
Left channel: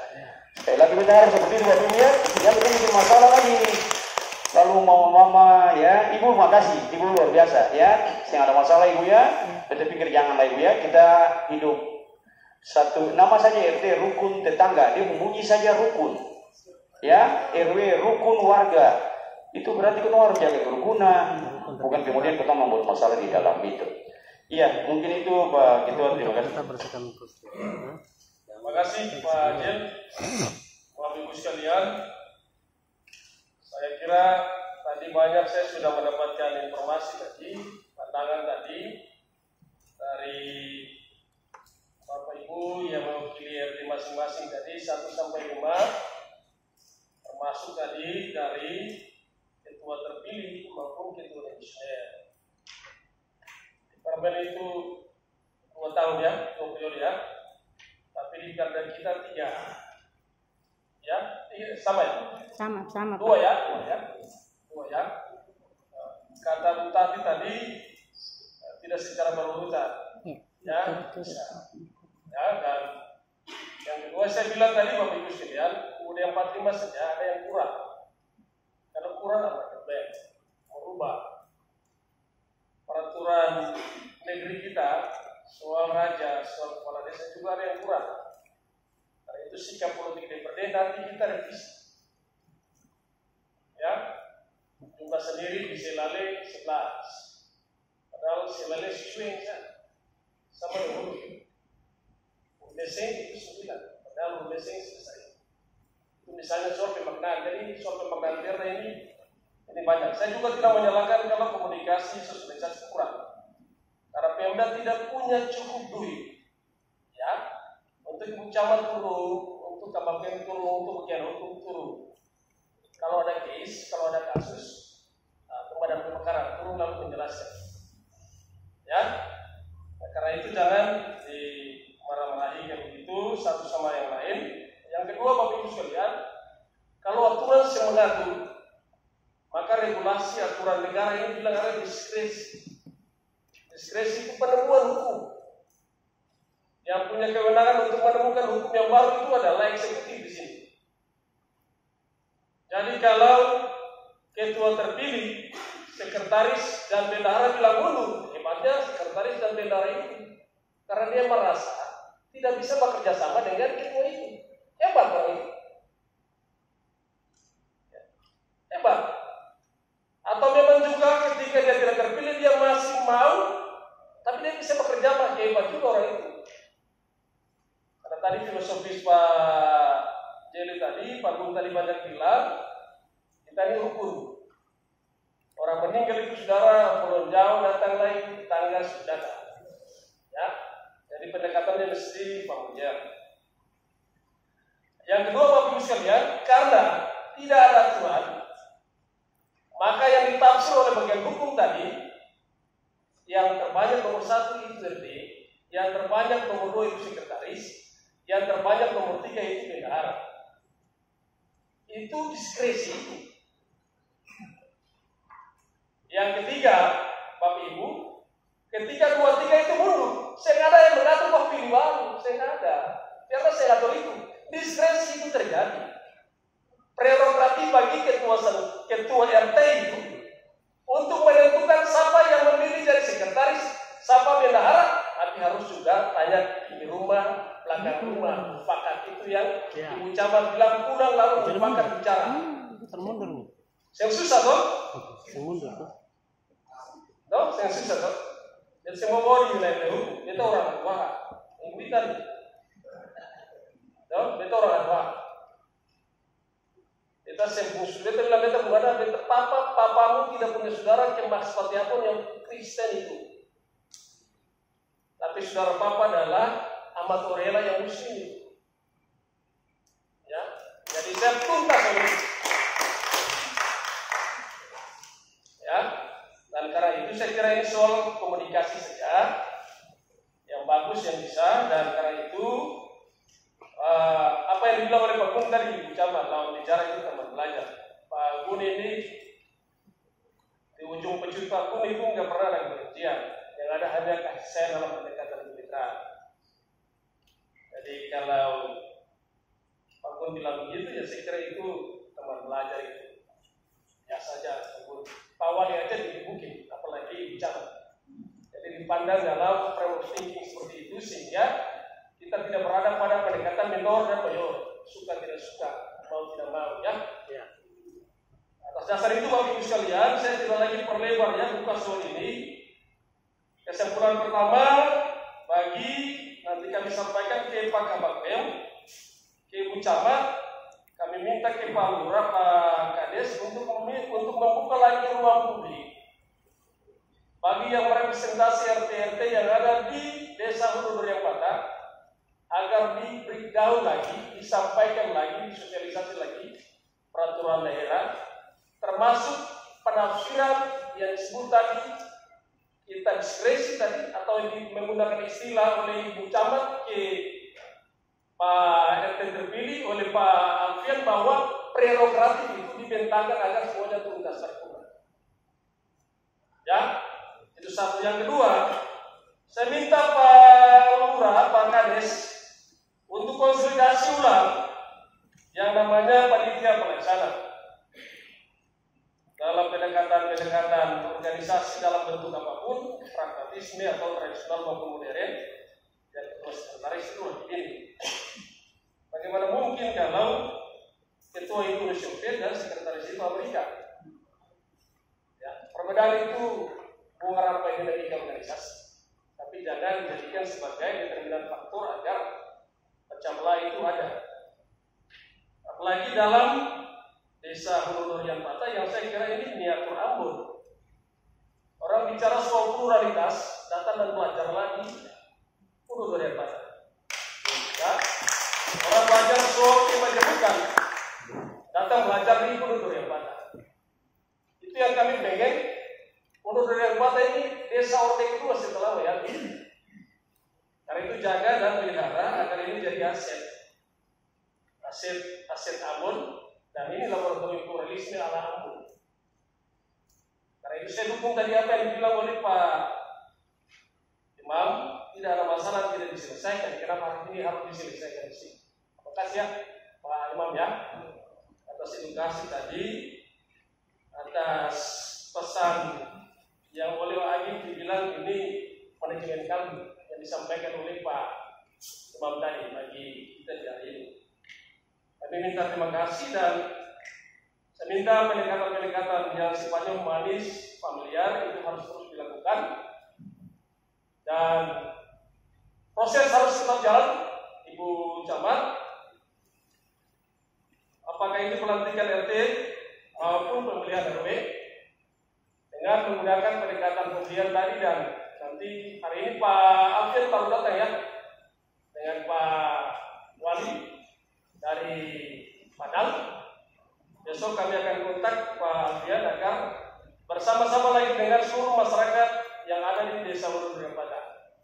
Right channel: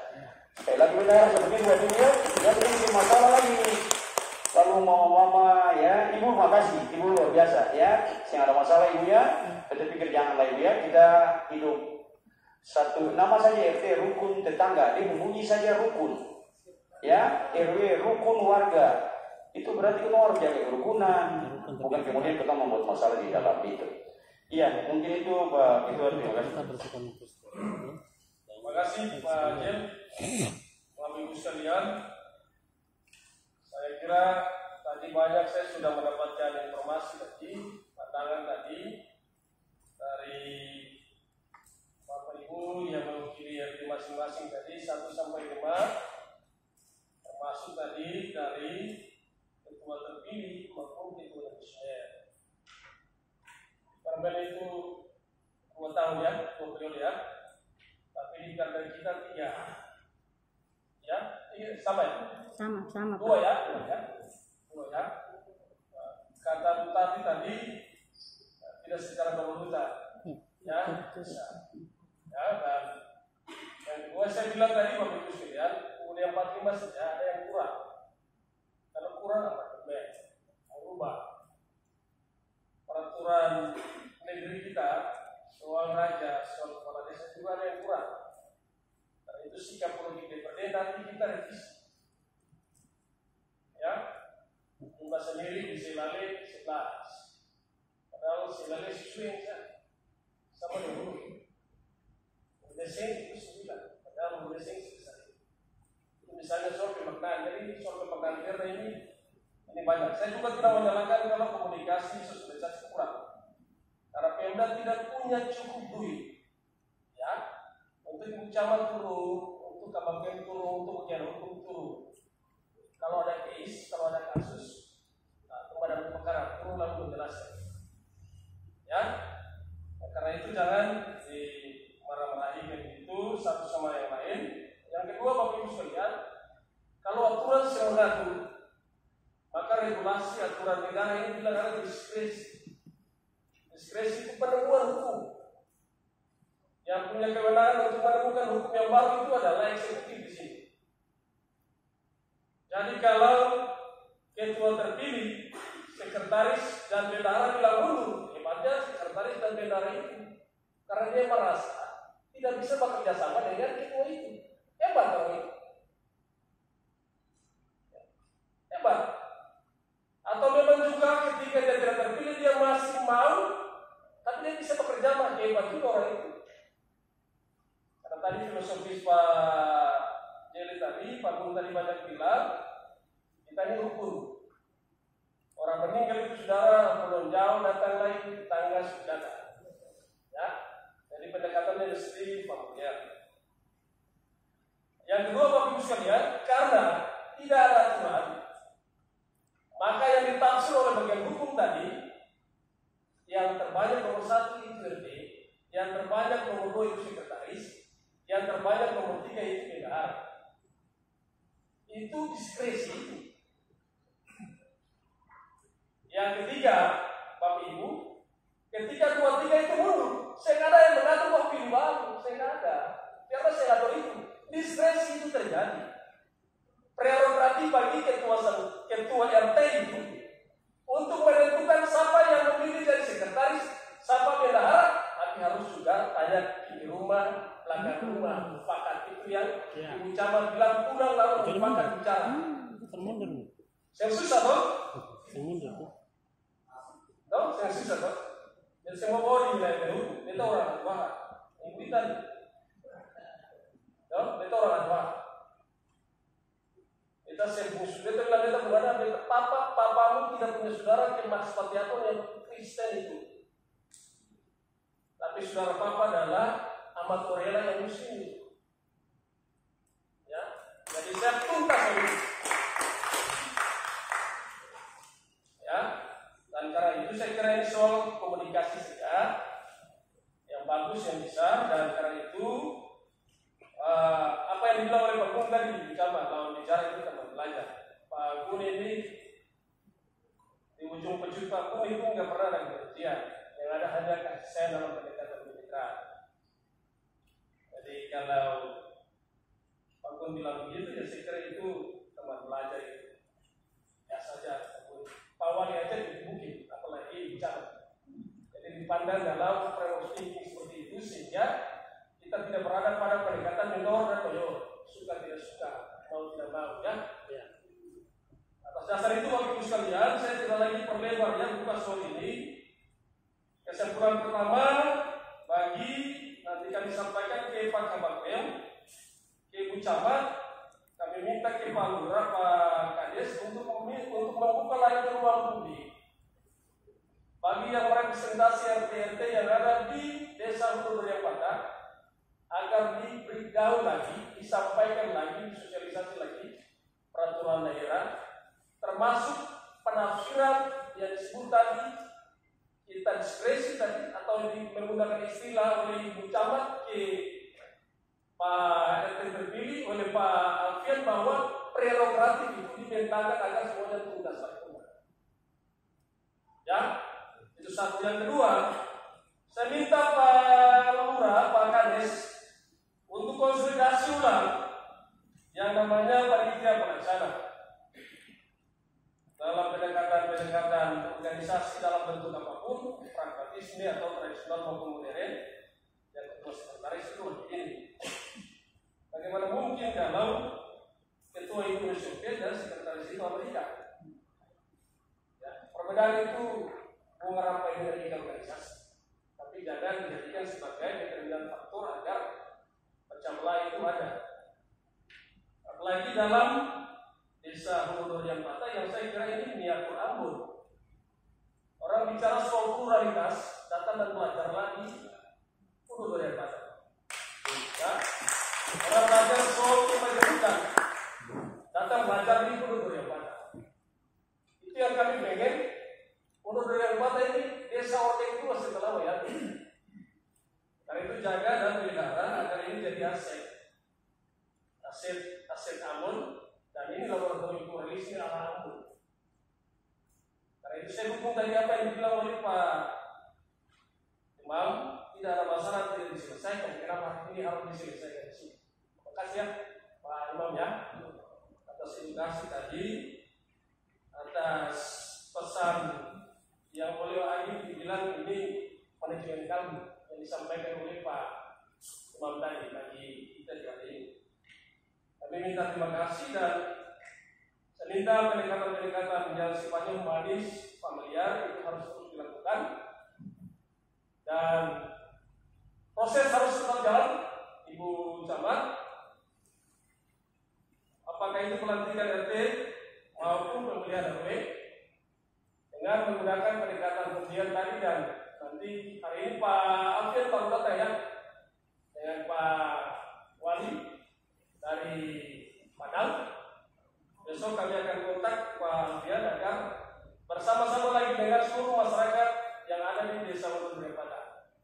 Sekali lagi kita harus seperti itu Bapak Ibu ya. Yang bikin masalah lagi nih. Lalu mama-mama ya, ibu makasih, ibu luar biasa ya. Yang ada masalah ibu ya, kita pikir janganlah ibu ya, kita hidup satu nama saja RT rukun tetangga, dia membunyi saja rukun ya, RW rukun warga. Itu berarti kita harus jaga kerukunan, bukan kemudian kita membuat masalah di dalam itu. Iya, mungkin itu Pak Ketua, terima kasih. Terima kasih Pak Jen, Bapak Ibu sekalian. Saya kira tadi banyak saya sudah mendapatkan informasi tadi, pandangan tadi dari Bapak Ibu yang mewakili RT masing-masing tadi 1 sampai 5, termasuk tadi dari ketua terpilih maupun ketua legislatif. Parlemen itu 2 tahun ya, 2 periode ya, tapi di kandang kita 3. Ya, sama ya? Sama. 2 ya. Kata Bu Tati tadi tidak secara berurutan. Ya. Ya, dan yang kedua saya bilang tadi Bapak Ibu sekalian, udah 45 saja ada yang kurang. Kalau kurang apa? Merubah peraturan negeri kita soal raja, soal kepala desa juga ada yang kurang. Itu sikap politik DPRD nanti kita revisi. Ya, jumlah sendiri di Selale 11, padahal Selale sesuai sama dengan Deseng itu 9, padahal Deseng selesai. Itu misalnya soal pemaknaan. Jadi soal pemaknaan daerah ini banyak. Saya juga tidak menyalahkan kalau komunikasi sosialisasi kurang, karena Pemda tidak punya cukup duit. Ya. Untuk Ibu Camat turun, untuk Kabupaten turun, untuk bagian hukum turun. Kalau ada case, kalau ada kasus, Pemadam Kebakaran turun lalu menjelaskan. Ya, nah, karena itu jangan dimarah-marahi kayak begitu satu sama yang lain. Yang kedua Bapak Ibu sekalian, kalau aturan yang mengatur, maka regulasi aturan negara ini bilang ada diskresi. Diskresi itu penemuan hukum. Yang punya kewenangan untuk menemukan hukum yang baru itu adalah eksekutif di sini. Jadi kalau ketua terpilih, sekretaris dan bendahara bilang mundur, hebatnya sekretaris dan bendahara itu, karena dia merasa tidak bisa bekerja sama dengan ketua itu. Hebat orang itu. Hebat. Atau memang juga ketika dia tidak terpilih dia masih mau, tapi dia bisa bekerja sama, hebat juga orang itu. Tadi filosofis Pak Jeli tadi, Pak Gun tadi banyak bilang, kita ini rukun. Orang meninggal itu saudara, pulau jauh datang lagi, tetangga sudah datang. Ya, jadi pendekatannya mesti familiar. Yang kedua Bapak Ibu sekalian, karena tidak ada aturan, maka yang ditafsir oleh bagian hukum tadi, yang terbanyak nomor 1 itu RT, yang terbanyak nomor 2 itu sekretaris, yang terbanyak nomor 3 itu bendahara. Itu diskresi. Yang ketiga, Bapak Ibu, ketika 2-3 itu mundur, saya nggak ada yang mengatur bahwa pilih baru, saya nggak ada. Karena saya ngatur itu, diskresi itu terjadi. Prerogatif bagi ketua RT itu untuk menentukan siapa yang memilih dari sekretaris, siapa bendahara, tapi harus juga tanya di rumah, belakang rumah, pakat itu yang Ibu Camat bilang pulang lalu berpakat bicara. Termundur. Yang susah toh? Termundur tuh. Toh, yang susah toh? Dan semua bori wilayah hukum, itu orang tua. Ibu tadi, itu orang tua. Kita sembung sudah terlalu kita bukan ada papamu tidak punya saudara kemak seperti apa yang Kristen itu. Tapi saudara papa adalah amatorela yang muslim. Ya, jadi saya tuntas oleh itu. Ya, dan karena itu saya kira ini soal komunikasi saja yang bagus yang bisa, dan karena itu apa yang dibilang oleh Pak Gun tadi bicara lawan bicara itu teman belajar. Pak Gun ini di ujung pecut Pak Gun itu nggak pernah ada kebencian, yang ada hanya kasih sayang dalam pendekatan kemitraan. Jadi kalau Pak Gun bilang begitu ya saya kira itu teman belajar itu ya saja. Pak Wali aja dibukin, apalagi bicara. Jadi dipandang dalam framework thinking seperti itu sehingga kita tidak berada pada pendekatan minor dan mayor, suka tidak suka, mau tidak mau, ya. Atas dasar itu Bapak Ibu sekalian, saya tidak lagi perlebar ya buka soal ini. Kesimpulan pertama bagi nanti kami sampaikan ke Pak Kabakdem, ke Ibu Camat, kami minta ke Pak Lurah, Pak Kades untuk membuka lagi ruang publik bagi yang merepresentasi RT-RT yang ada di Desa Hulu Durian Patah, agar di-breakdown lagi, disampaikan lagi, disosialisasi lagi peraturan daerah, termasuk penafsiran yang disebut tadi, kita diskresi tadi, atau menggunakan istilah oleh Ibu Camat ke Pak RT terpilih oleh Pak Alfian bahwa prerogatif itu dibentangkan agar semuanya tuntas sempurna. Ya, itu satu. Yang kedua, saya minta Pak Lurah, Pak Kades untuk konsolidasi ulang yang namanya panitia pelaksana dalam pendekatan organisasi dalam bentuk apapun, pragmatisme atau tradisional maupun modern, yang ketua sekretaris itu ini. Bagaimana mungkin kalau ketua itu Rusia dan sekretaris itu Amerika? Ya, perbedaan itu bukan apa yang dari organisasi, tapi jangan dijadikan sebagai determinan faktor agar pecah belah itu ada. Apalagi dalam Desa Hulu Durian Patah yang saya kira ini miniatur Ambon. Orang bicara soal pluralitas, datang dan belajar lagi Hulu Durian Patah. Ya. Orang belajar soal kemajemukan, datang belajar di Hulu Durian Patah. Itu yang kami pengen. Hulu Durian Patah ini desa Ordek itu masih telah meyakini. Karena itu jaga dan pelihara agar ini jadi aset Ambon, dan ini laboratorium pluralisme ala Ambon. Karena itu saya dukung tadi apa yang dibilang oleh Pak Imam, tidak ada masalah tidak diselesaikan. Kenapa hari ini harus diselesaikan di sini? Terima kasih ya Pak Imam ya atas edukasi tadi, atas pesan yang oleh Pak Agim dibilang ini manajemen kalbu yang disampaikan oleh Pak Imam tadi bagi kita di hari ini. Kami minta terima kasih, dan saya minta pendekatan-pendekatan yang sifatnya humanis, familiar itu harus terus dilakukan, dan proses harus tetap jalan. Ibu Camat, apakah itu pelantikan RT maupun pemilihan RW dengan menggunakan pendekatan pemilihan tadi, dan nanti hari ini Pak Alfian baru datang ya dengan Pak Wali dari Padang. Besok kami akan kontak Pak Alfian agar bersama-sama lagi dengan seluruh masyarakat yang ada di Desa Hulu Durian Patah.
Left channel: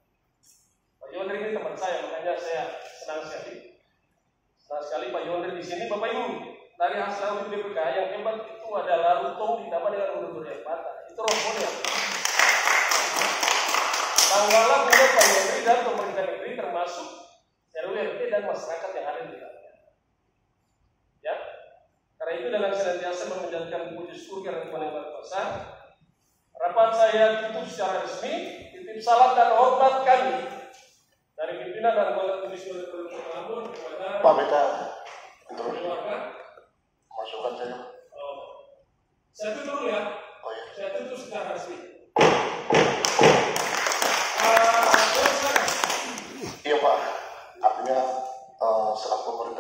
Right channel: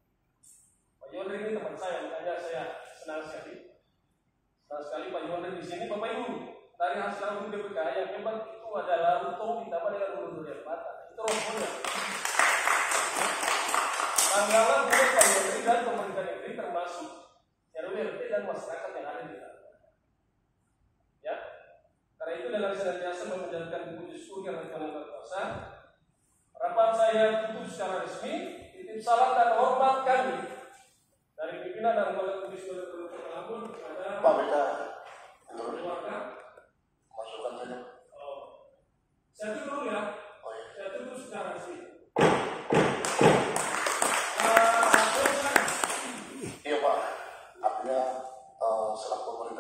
Pak Yondri ini teman saya, makanya saya senang sekali. Senang sekali Pak Yondri di sini. Bapak Ibu, dari hasil audit BPK yang hebat itu adalah Rutong ditambah dengan Hulu Durian Patah. Itu rombongan. Tanggallah juga Pak Yondri dan pemerintah negeri termasuk RW, RT dan masyarakat yang ada di dalamnya. Ya, karena itu dengan senantiasa menjalankan puji syukur dan Tuhan Kuasa, rapat saya tutup secara resmi. Titip salam dan hormat kami dari pimpinan dan anggota Komisi Ambon kepada Pak Beta terus masukkan saja. Saya tutup dulu ya. Oh ya. Saya tutup secara resmi.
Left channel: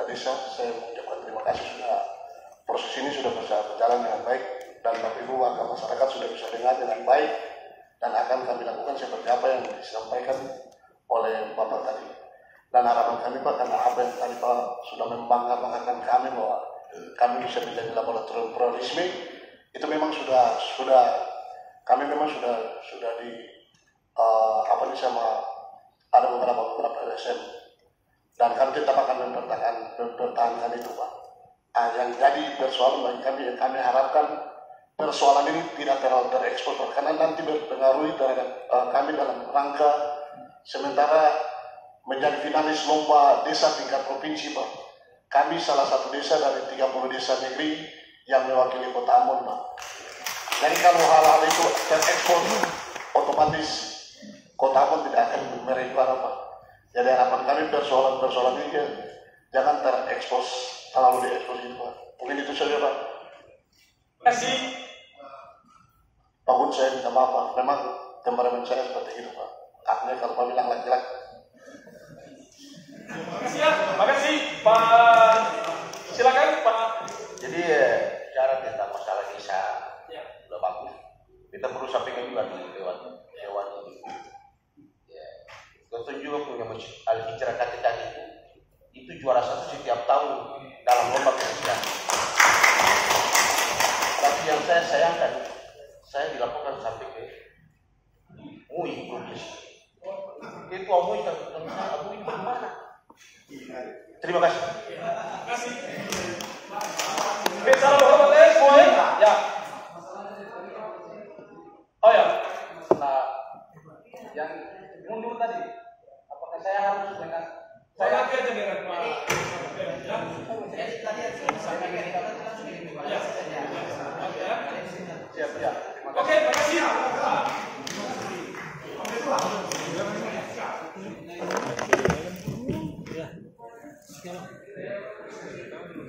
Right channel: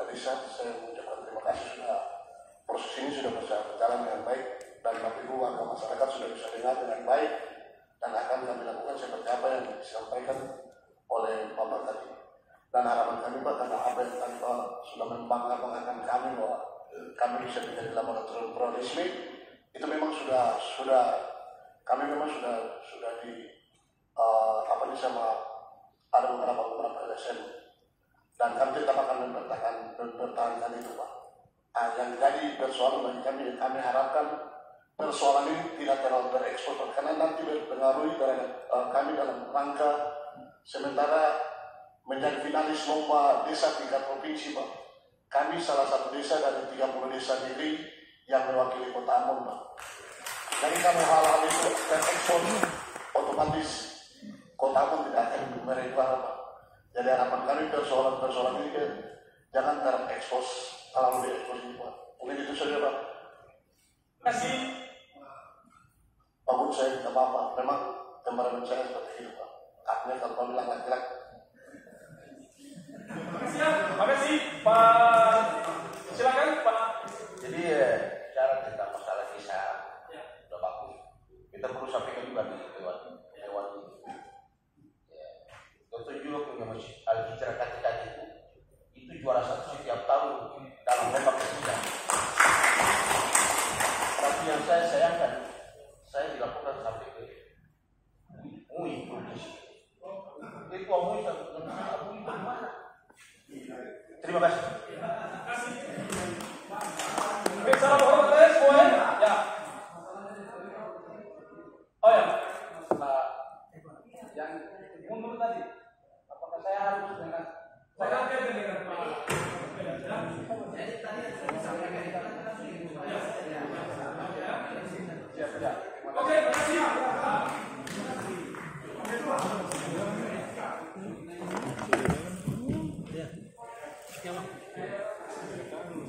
desa, saya mengucapkan terima kasih sudah proses ini sudah berjalan dengan baik dan Bapak Ibu warga masyarakat sudah bisa dengar dengan baik dan akan kami lakukan seperti apa yang disampaikan oleh Bapak tadi. Dan harapan kami Pak, karena apa yang tadi Pak sudah membanggakan kami bahwa kami bisa menjadi laboratorium pluralisme, itu memang sudah kami memang sudah di sama ada beberapa LSM dan kami tetap akan mempertahankan itu Pak. Yang jadi persoalan bagi kami, yang kami harapkan persoalan ini tidak terlalu terekspos karena nanti berpengaruh terhadap kami dalam rangka sementara menjadi finalis lomba desa tingkat provinsi Pak. Kami salah satu desa dari 30 desa negeri yang mewakili Kota Ambon Pak. Jadi kalau hal-hal itu terekspos, otomatis Kota Ambon tidak akan meregular Pak. Jadi harapan kami persoalan ini jangan terekspos, terlalu diekspos itu Pak. Mungkin itu saja Pak. Terima kasih. Pak Bun, saya minta maaf Pak. Memang temperament saya seperti itu Pak. Haknya kalau Pak bilang laki-laki. Terima kasih Pak. Silakan Pak. Jadi cara tentang masalah desa sudah bagus. Kita perlu sampaikan juga di lewat ini. Kita juga punya masjid Al-Hijrah KTK itu juara satu setiap tahun dalam lomba presiden. Tapi yang saya sayangkan, saya dilaporkan sampai ke MUI provinsi. Itu MUI kan, MUI bagaimana? Terima kasih. Terima kasih. Oke, salam hormat semuanya. Ya. Oh ya. Nah, yang mundur tadi, apakah saya harus dengan saya aja dengan Pak. siap ya?